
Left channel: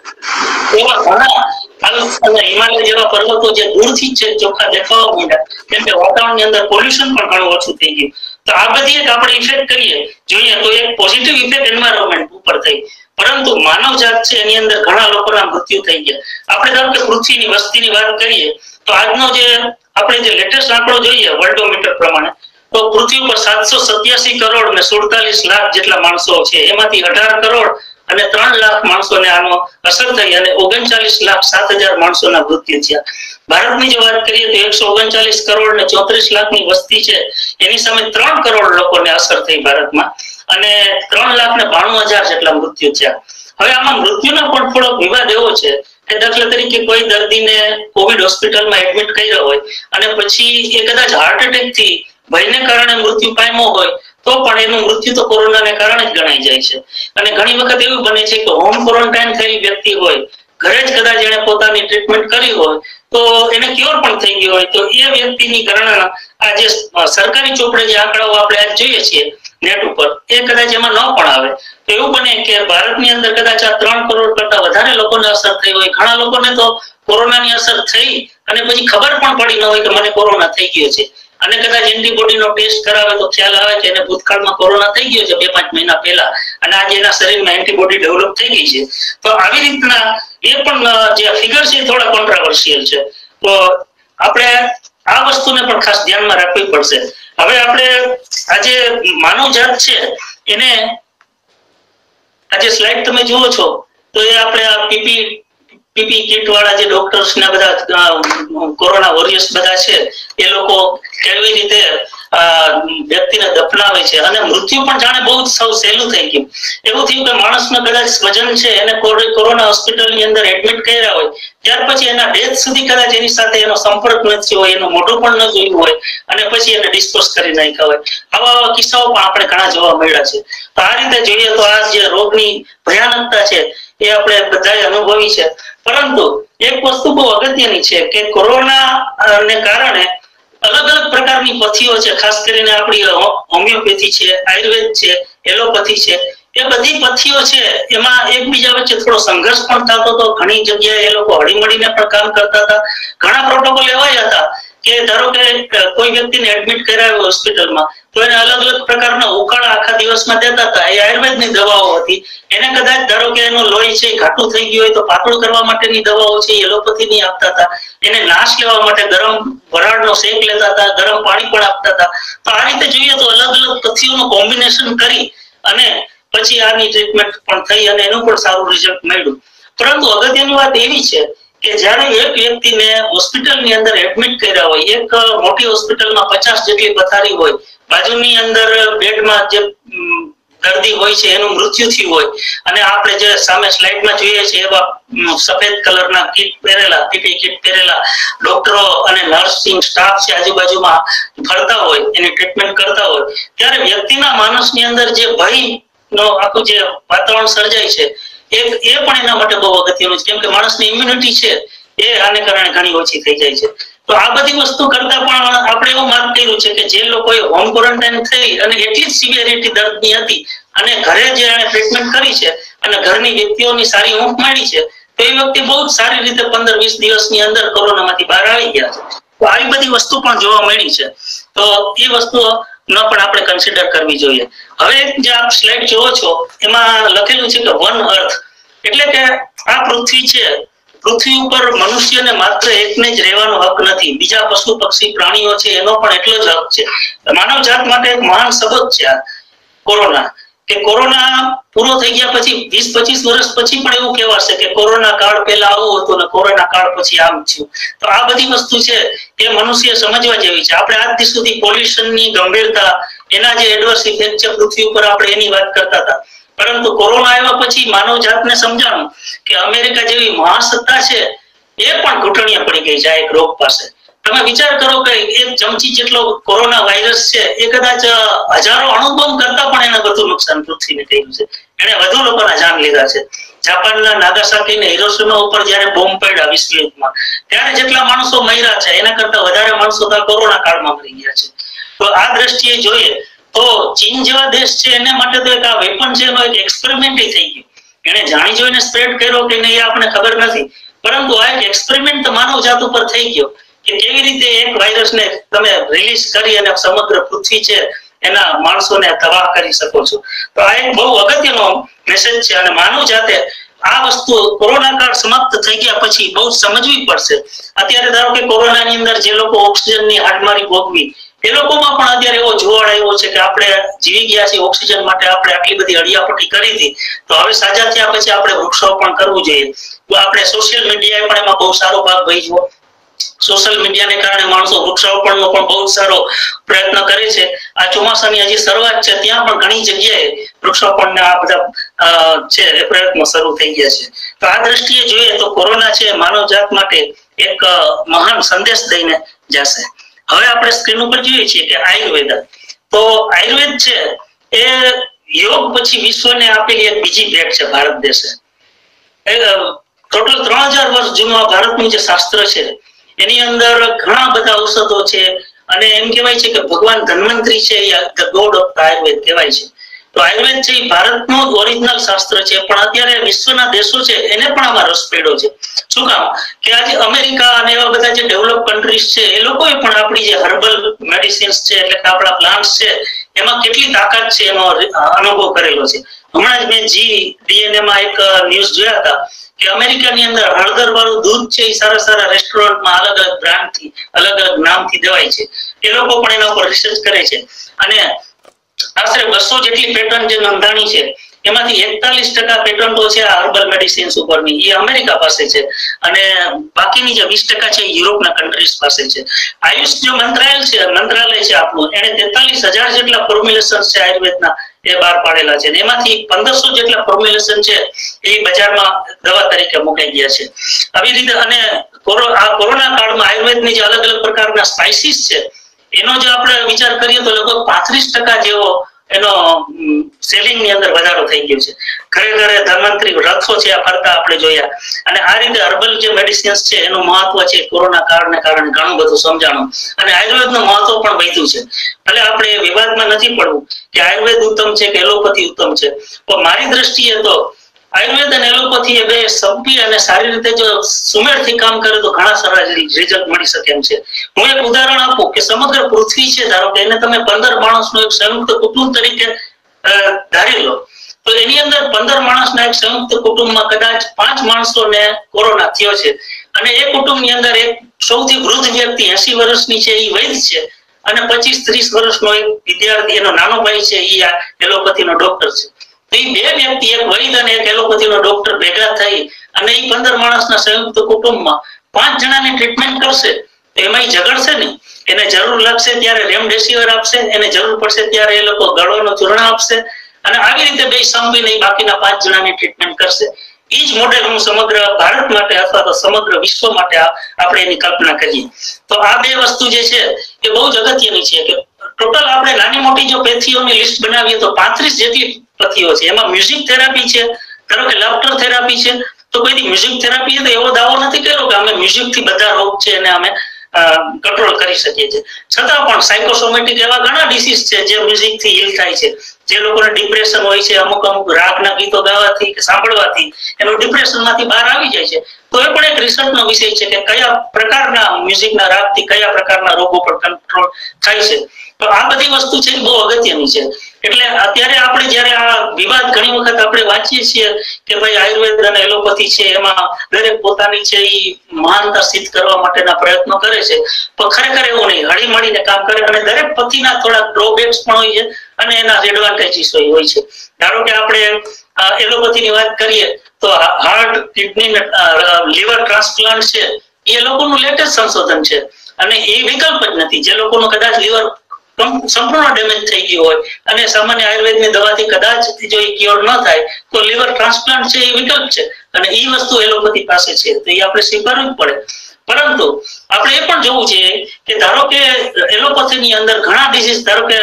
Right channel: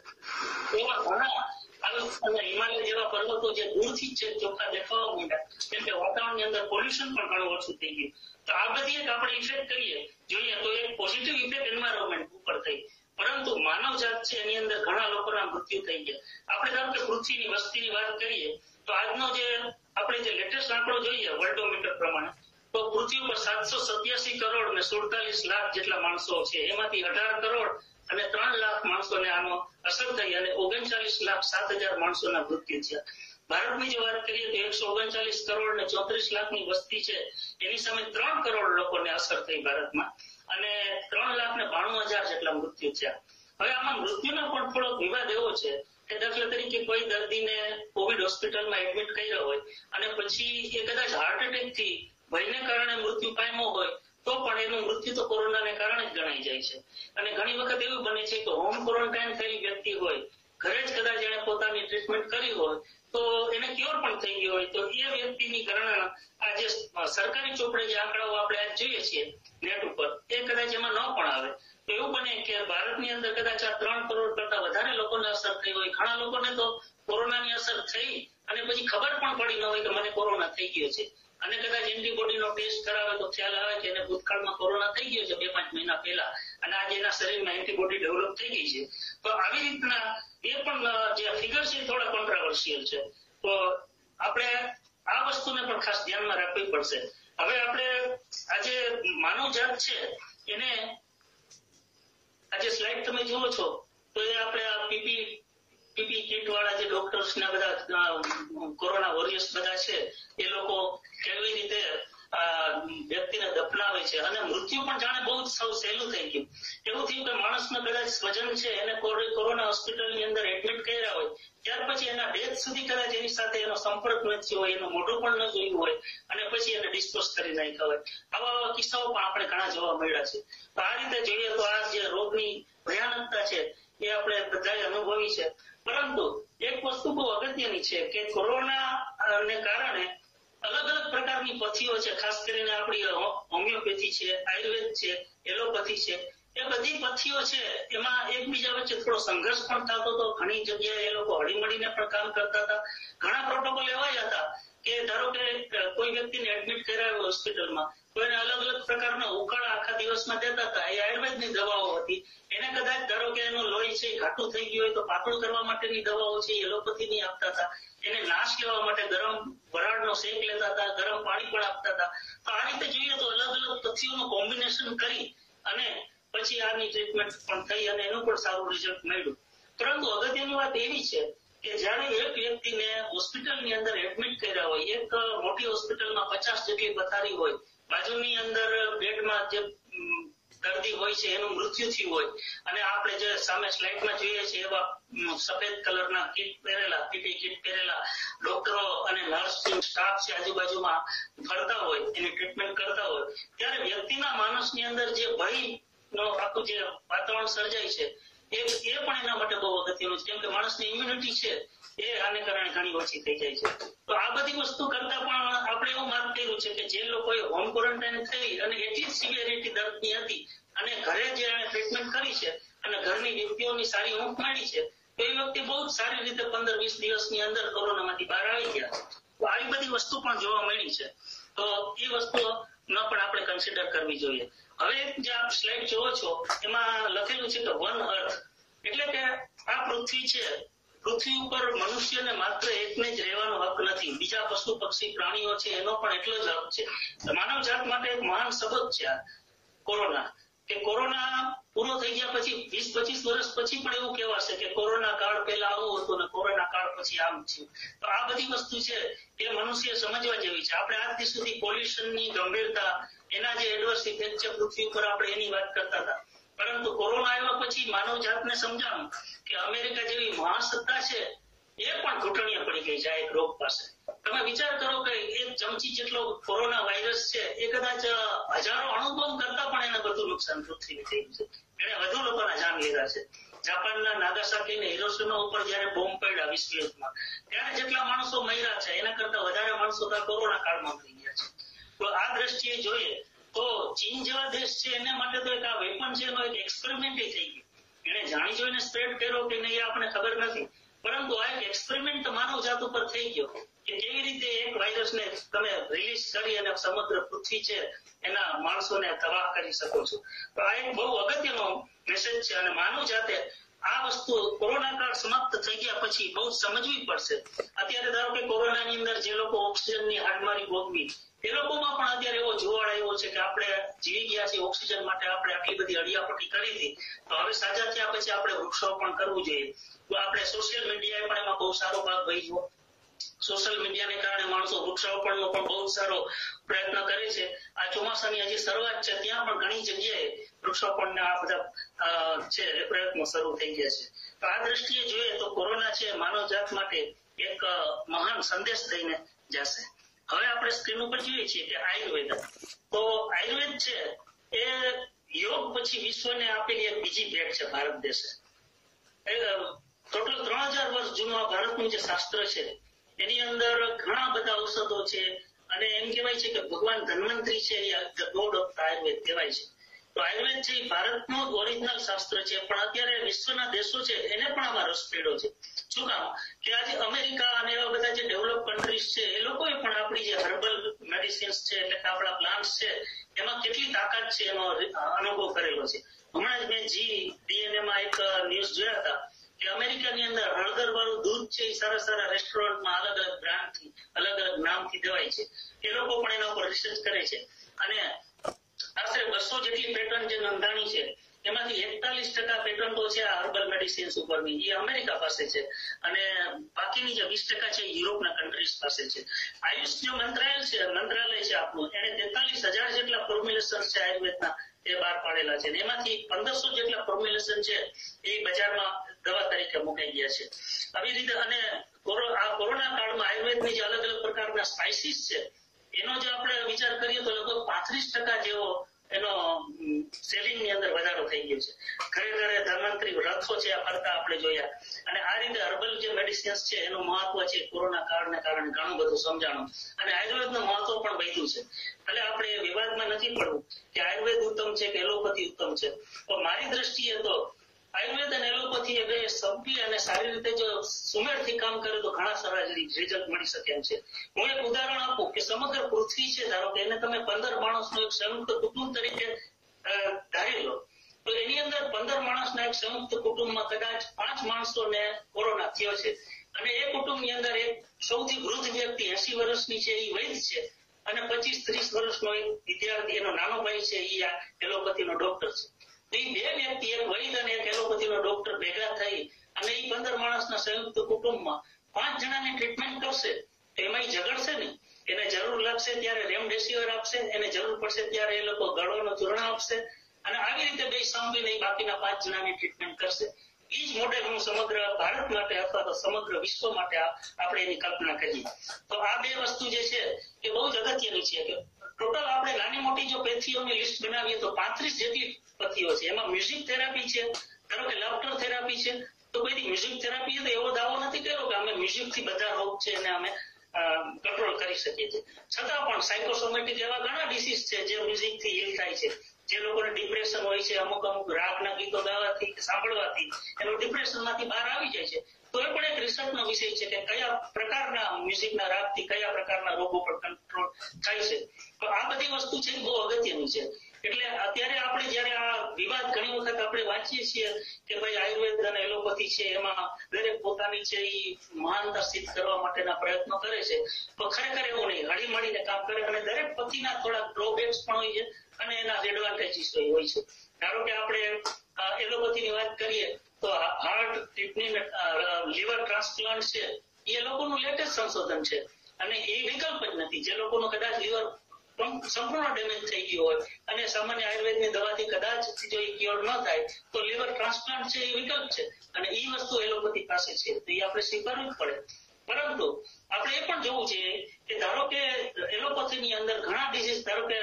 એવા ઘણા હિમાલય જેવા પર્વતો જે દૂરથી જ ચોખ્ખા દેખાવા માંડ્યા, કેમ કે વાતાવરણની અંદર પોલ્યુશન પણ ઘણું ઓછું થઈ ગયું. તો આ બધી એક આપણે ઇફેક્ટ કરીએ જોઈએ તો એક પોઝિટિવ ઇફેક્ટ એન્વાયરમેન્ટ ઉપર થઈ. પરંતુ માનવ જાત છે એની અંદર ઘણા લોકોના મૃત્યુ થઈ ગયા. આપણે ધારો કે પૃથ્વીની વસ્તીની વાત કરીએ તો આજનો જે આપણે જે લેટેસ્ટ આંકડો જોઈએ વર્લ્ડોમીટર પ્રમાણે તો પૃથ્વી પર 787 કરોડ ને 47 લાખ જેટલા માણસો છે. એમાંથી 18 કરોડ અને 3 લાખ માણસોને આનો અસર થઈ અને 39 લાખ 7,000 માણસોના મૃત્યુ થયા. ભારતની જો વાત કરીએ તો 139 કરોડ ને 34 લાખની વસ્તી છે એની સામે 3 કરોડ લોકોને અસર થઈ ભારતમાં અને 3 લાખ ને 92,000 જેટલા મૃત્યુ થયા. હવે આમાં મૃત્યુનો પણ થોડો વિવાદ એવો છે કે દાખલા તરીકે કોઈ દર્દીને કોવિડ હોસ્પિટલમાં એડમિટ કર્યો હોય અને પછી એ કદાચ હાર્ટ એટેક થી ભયને કારણે મૃત્યુ પામ્યો હોય તો પણ એનું મૃત્યુ તો કોરોનાને કારણે જ ગણાઈ જાય છે. અને ઘણી વખત એવું બને છે કે હોમ ક્વોરન્ટાઇન થયેલી વ્યક્તિ હોય, ઘરે જ કદાચ એને પોતાની ટ્રીટમેન્ટ કરી હોય તો એને ક્યોર પણ થઈ ગયો હોય તો એ વ્યક્તિની ગણના આ જે સરકારી ચોપડે જે આંકડાઓ આપણે આજ જોઈએ છીએ નેટ ઉપર એ કદાચ એમાં ન પણ આવે. તો એવું બને કે ભારતની અંદર કદાચ આ 3 કરોડ કરતા વધારે લોકોને અસર થઈ હોય. ઘણા લોકોને તો કોરોનાની અસર થઈ અને પછી ખબર પણ પડી ન હોય કે મને કોરોના થઈ ગયો છે અને કદાચ એન્ટીબોડીનો ટેસ્ટ કરાવે તો ખ્યાલ આવે કે એને ભૂતકાળમાં કોરોના થઈ ગયો છે 2-5 મહિના પહેલા અને આજે એના શરીરમાં એન્ટીબોડી ડેવલપ થઈ ગઈ છે. તો આવી રીતના એ પણ જે ફિગર છે થોડા કોન્ટ્રાવર્શિયલ છે. તો આપણે આ વસ્તુને પણ ખાસ ધ્યાનમાં રાખવી પડશે. હવે આપણે આજે માનવ જાત છે એને આજે સ્લાઇડ તમે જુઓ છો તો એ આપણે આ પીપી કિટ વાળા જે ડોક્ટર્સ ને બધા કોરોના વોરિયર્સ બધા છે એ લોકો કેવી રીતે વ્યક્તિને દફનાવે છે અને મૃત્યુ પણ જાણે બહુ સૌ સહેલું થઈ ગયું. એવું થયું કે માણસનો કદાચ સ્વજન છે એને કોરોના હોસ્પિટલની અંદર એડમિટ કર્યા હોય ત્યાર પછી એના ડેથ સુધી કદાચ એની સાથે એનો સંપર્ક ન થયો હોય, એનું મોઢું પણ ન જોયું હોય અને પછી એને ડિસ્પોઝ કરી નાખ્યા હોય. આવા કિસ્સાઓ પણ આપણે ઘણા જોવા મળ્યા છે. તો આ રીતે જોઈએ તો આ જે રોગની ભયાનકતા છે એ આપણે બધાએ અનુભવી છે. પરંતુ એક વસ્તુ બહુ અગત્યની છે કે કોરોના ને કારણે અલગ અલગ પ્રકારની પથ્થીઓ છે, ખાસ કરીને આપણી હોમિયોપેથી છે, આયુર્વેદ છે, એલોપેથી છે, એ બધી પથ્થીઓ છે એમાં એકબીજા વચ્ચે થોડો સંઘર્ષ પણ થતો હતો. ઘણી જગ્યાએ એ લોકો હળીમળીને પણ કામ કરતા હતા. ઘણા પ્રોટોકોલ એવા હતા કે ધારો કે કોઈ વ્યક્તિને એડમિટ કરાવ્યો હોસ્પિટલમાં તો એને અલગ અલગ પ્રકારના ઉકાળા આખા દિવસમાં દેતા હતા. એ આયુર્વેદની દવાઓ હતી. એને કદાચ ધારો કે એનું લોહી છે ઘાટું થઈ ગયું હોય તો પાતળું કરવા માટેની દવાઓ છે એલોપેથીની આપતા હતા. એને નાશ લેવા માટે ગરમ વરાળનો શેક લેતા હતા, ગરમ પાણી પણ આપતા હતા. તો આ રીતે જોઈએ તો અલગ અલગ પથ્થીઓનું કોમ્બિનેશન કરી અને પછી આની ટ્રીટમેન્ટ પણ થઈ અને એનું પણ સારું રિઝલ્ટ મળ્યું. પરંતુ અગત્યની વાત એવી છે કે જ્યારે એક વ્યક્તિને હોસ્પિટલની અંદર એડમિટ કર્યા હોય, એક મોટી હોસ્પિટલમાં 50 જેટલી પથારી હોય, બાજુની અંદર બેડમાં જે દર્દી હોય છે એનું મૃત્યુ થયું હોય, અને આપણે જે સામે સ્લાઇડમાં જોઈએ છીએ એવા સફેદ કલરના કીટ પહેરેલા, પીપી કીટ પહેરેલા ડોક્ટરો અને નર્સિંગ સ્ટાફ છે આજુબાજુમાં ફરતા હોય, એની ટ્રીટમેન્ટ કરતા હોય, ત્યારે વ્યક્તિના માનસની અંદર જે ભયનો આખું જે વાતાવરણ સર્જાય છે એ પણ એના માટે બહુ અગત્યનું છે, કેમ કે માણસની ઇમ્યુનિટી છે એ આને કારણે ઘણી ઓછી થઈ જાય છે. તો આ બધી વસ્તુ કરતા પણ આપણે એવું માર્ક કર્યું છે કે જે લોકોએ હોમ ક્વોરન્ટાઇન થઈ અને એટલી જ સિવિયરિટી દર્દની હતી અને ઘરે જે એને ટ્રીટમેન્ટ કરી છે અને ઘરની વ્યક્તિઓની સારી ઊંઘ મળી છે, તો એ વ્યક્તિ બહુ જ સારી રીતે 15-20 દિવસની અંદર કોરોનામાંથી બહાર આવી ગયા છે. તો આવી બધી વસ્તુ પણ જોવા મળી છે. તો એ વસ્તુઓ ન પણ આપણે કન્સિડર કરવી જોઈએ. હવે જે આપ સ્લાઇડ જોવો છો એમાં લખેલું છે કે વન અર્થ, એટલે કે આ પૃથ્વી છે, પૃથ્વી ઉપર મનુષ્યને માત્ર એકને જ રહેવાનો હક નથી, બીજા પશુ પક્ષી પ્રાણીઓ છે એનો પણ એટલો જ હક છે. માનવ જાત માટે એક મહાન સબક છે આ કોરોના, કે કોરોના પૂરો થઈ ગયા પછી 20-25 વર્ષ પછી પણ એવું કહેવાશે કે કોરોના કાળ પહેલા આવું હતું ને કોરોના કાળ પછી આમ થયું. તો આ બધી વસ્તુ છે એ મનુષ્ય સમજવા જેવી છે. આપણે આજ સુધી પોલ્યુશનની ગંભીરતા, એના જે એડવર્સ ઇફેક્ટ છે પૃથ્વી ઉપર, આપણે એની વાત કરતા હતા, પરંતુ કોરોના આવ્યા પછી માનવ જાતને સમજાણું કે અમેરિકા જેવી મહાસત્તા છે એ પણ ઘૂંટણીએ પડી ગઈ છે આ એક રોગ પાસે. તમે વિચાર કરો કે એક ચમચી જેટલો કોરોના વાયરસ છે એ કદાચ હજારો અણુબોમ્બ કરતા પણ એને વધુ નુકસાન પૃથ્વીને થયું છે, એને વધુ લોકોના જાન લીધા છે. જાપાનના નાગાસાકી ને હિરોશિમા ઉપર જ્યારે બોમ્બ પડ્યા વિશ્વ યુદ્ધમાં, ત્યારે જેટલા માણસો મર્યા છે એના કરતા વધારે માણસો તો કોરોના કાળમાં મરી ગયા છે. તો આ દ્રષ્ટિએ જોઈએ તો ચીન જેવા દેશ છે એને માટે તો એક આ વેપન છે એનો એક એક્સપેરિમેન્ટ થઈ ગયો. એને જાણી જોઈને સ્પ્રેડ કર્યો કે નહીં આપણને ખબર નથી, પરંતુ આ એક એક્સપેરિમેન્ટ માનવ જાત ઉપર થઈ ગયો કે કેવી રીતે એક વાયરસને તમે રિલીઝ કરી અને સમગ્ર પૃથ્વી છે એના માણસોને તબાહ કરી શકો છો. તો આ એક બહુ અગત્યનો મેસેજ છે અને માનવ જાતે આ વસ્તુ કોરોના કાળ સમાપ્ત થઈ ગયા પછી બહુ સમજવી પડશે. અત્યારે ધારો કે કોરોનાની અંદર જે લોકો ઓક્સિજનની હાડમારી ભોગવી, એ લોકોમાં પણ અત્યારે એવો જોવાળ આવ્યો છે કે આપણે જીવી ગયા છીએ ઓક્સિજન માટે, આપણે આટલી બધી અડિયાપટ્ટી કરી હતી, તો હવે સાજા થયા પછી આપણે વૃક્ષારોપણ કરવું જોઈએ. તો આપણે સોશિયલ મીડિયાએ પણ એમાં બહુ સારો ભાગ ભજવ્યો. સોશિયલ મીડિયાને કારણે માણસો વૃક્ષારોપણનો પણ બહુ સારો પ્રયત્ન કરે છે. આ ચોમાસાની હજી શરૂઆત છે, ત્યાં પણ ઘણી જગ્યાએ વૃક્ષારોપણના આ બધા છે એ પ્રયત્નો શરૂ થઈ ગયા છે. તો આ દ્રષ્ટિએ જોઈએ તો કોરોના છે માનવ જાત માટે એક મહાન સંદેશ દઈને જશે. હવે આપણે સ્ક્રીન ઉપર જોઈએ છીએ કે આયુર્વેદ, તો આયુર્વેદ છે એ યોગ પછી વિશ્વને આપેલી એક બીજી ભેટ છે ભારત દેશે. ટોટલ 3000 વર્ષ જૂનું ભારતનું જે શાસ્ત્ર છે એની અંદર ઘણા બધા ઔષધો છે અને એમ કહેવાય છે કે ભગવાન ધન્વંતરી છે, ધ ગોડ ઓફ આયુર્વેદ કહેવાય છે. તો આયુર્વેદ છે એ ભારતનું ઓરિજિનલ શાસ્ત્ર છે, પણ અત્યારે વિશ્વના દેશો છે એને પણ આમાં રસ પડ્યો છે. શું કામ કે આજે અમેરિકા અને એવા બધા જે ડેવલપ કન્ટ્રીઝ છે એ લોકોએ પણ આપણી જે હર્બલ મેડિસિન્સ છે એટલે કે આપણા પ્લાન્ટ્સ છે એમાં કેટલી તાકાત છે એનો અનુભવ કરેલો છે. હમણાં જ મેં GDNA માં એક ન્યૂઝ જોયા હતા કે અમેરિકાની અંદર હળદર વાળું દૂધ છે એ સારા સારા રેસ્ટોરન્ટમાં અલગ અલગ બ્રાન્ડથી અલગ અલગ નામથી દેવાય છે. એ લોકો પણ એના ઉપર રિસર્ચ કરે છે અને આશરે 200 જેટલી પેટન્ટ જે નોંધાણી છે એમાંથી 41% પેટન્ટો છે આ હર્બલ મેડિસિન્સ ઉપરની, એ અમેરિકા પાસે છે અને બાકીની જે 20% છે યુરોપના કન્ટ્રીઝ પાસે છે. આયુષ જે મંત્રાલય છે આપણું, એને 43,000 જેટલા ફોર્મ્યુલેશન છે આયુર્વેદના એ બહાર પાડેલા છે. એમાંથી 1500 જેટલા ફોર્મ્યુલેશન છે એ બજારમાં દવા તરીકે મુકાઈ ગયા છે. આવી રીતે અને આ કોરોના કાળમાં આયુર્વેદની જે અલગ અલગ પ્રકારના સ્પાઇસીસ છે એનો જે આપણે વિચાર કરીએ તો લગભગ 35% જેવો એનો સેલિંગ ની અંદર વધારો થઈ ગયો છે. ઘરે ઘરે ધન્વંતરી રથો છે આ ફરતા આપણે જોયા અને આ રીતે હર્બલ જે મેડિસિન્સ છે એનું મહત્વ છે કોરોના કાળને કારણે ઘણું બધું સમજાણું અને આયુર્વેદનું મહત્વ પણ વધ્યું છે. એટલે આપણે વિવાદમાં નથી પડવું કે આયુર્વેદ ઉત્તમ છે કે એલોપેથી ઉત્તમ છે, પણ મારી દ્રષ્ટિએ તો આયુર્વેદ અને એલોપેથી એ બે સંપી અને સારી રીતે જો સુમેળથી કામ કરે તો ઘણા સારા રિઝલ્ટ મળી શકે એમ છે. હું એક ઉદાહરણ આપું કે સમગ્ર પૃથ્વી છે, ધારો કે એને તમે 15 માણસનું એક સંયુક્ત કુટુંબ તરીકે ધારી લો, તો એની અંદર 15 માણસના એક સંયુક્ત કુટુંબમાં કદાચ 5 માણસોને કોરોના થયો છે અને એ કુટુંબની અંદર એક સૌથી વૃદ્ધ વ્યક્તિ 80 વર્ષની છે એ વૈદ છે અને 25-30 વર્ષનો એક વિદ્યાર્થી એનો નાનો ભાઈ છે એ એલોપેથીનો ડોક્ટર છે. તો એ બે વ્યક્તિ, એક વૈદ અને એક એલોપેથીનો ડોક્ટર ભેગા થઈ અને એ 15 માણસના સંયુક્ત કુટુંબમાં 5 જણાની ટ્રીટમેન્ટ કરશે તો એમાં ઝઘડશે નહીં. એને જરૂર લાગશે ત્યારે રેમડેસિવિર આપશે, એને જરૂર પડશે ત્યારે એ લોકો ગળોનું ચૂર્ણ આપશે અને આવી રીતે બે સંપીને બાકીના 5 જણાની ટ્રીટમેન્ટ કરશે. એ જ મોડેલ હું સમગ્ર ભારત માટે અથવા તો સમગ્ર વિશ્વ માટે આપણે એની કલ્પના કરીએ તો આ બે વસ્તુ જે છે એ બહુ જ અગત્યની છે કે ટોટલ આપણે નાની મોટી જો પેથીઓની લિસ્ટ બનાવીએ તો 35 જેટલી પથ્થીઓ છે. એમાં મ્યુઝિક થેરાપી છે, ધારો કે લાફ્ટર થેરાપી છે, તો કોઈ મ્યુઝિક થેરાપી તો એવો દાવો નથી કર્યો કે અમે મ્યુઝિક થી બધા રોગ છે એને અમે કંટ્રોલ કરી શકીએ છીએ. છતાં પણ સાયકોસોમેટિક એવા ઘણા ડિસીઝ છે જે મ્યુઝિક થી હીલ થાય છે. જે લોકોને ડિપ્રેશન હોય છે, અમુક રાગના ગીતો ગાવાથી કે સાંભળવાથી એનું ડિપ્રેશન માંથી બહાર આવી જાય છે. તો એ પણ એક રિસર્ચનો વિષય છે કે કયા પ્રકારના મ્યુઝિકના રાગથી કયા પ્રકારના રોગો પર કંટ્રોલ થાય છે. તો આ બધી વસ્તુ છે બહુ અગત્યની છે. એટલે અત્યારે આપણે જયારે આ વિવાદ ઘણી વખત આપણે વાંચીએ છીએ કે ભાઈ આયુર્વેદ અને એલોપેથી છે એમાં દરેક પોતાની છે એ મહાનતા સિદ્ધ કરવા માટેના પ્રયત્નો કરે છે, પણ ખરેખર એવું નહીં. હળી મળીને કામ કરે અને દરેક પથ્થીના થોડા ડ્રોબેક્સ પણ હોય છે અને એના એડવાન્ટેજીસ હોય છે. ધારો કે આપણે એલોપેથીની વાત કરીએ તો હાર્ટ, કિડની, લીવર ટ્રાન્સપ્લાન્ટ છે એ લોકોનું લેટેસ્ટ સંશોધન છે અને એ વિકલ્પ જ નથી. જે લોકોનું કદાચ લીવર સંપૂર્ણ ડેમેજ થઈ ગયું હોય અને સામાન્ય આયુર્વેદની દવાથી કદાચ જો એ ક્યોર ન થાય તો લીવર ટ્રાન્સપ્લાન્ટ છે એ વિકલ્પ છે અને એ વસ્તુ એલોપેથી પાસે છે તો એ આપણે સ્વીકારવું જ પડે. પરંતુ આપણે એ પણ જોવું છે કે ધારો કે એલોપેથીની અંદર ઘણા ડિસીઝ, ધારો કે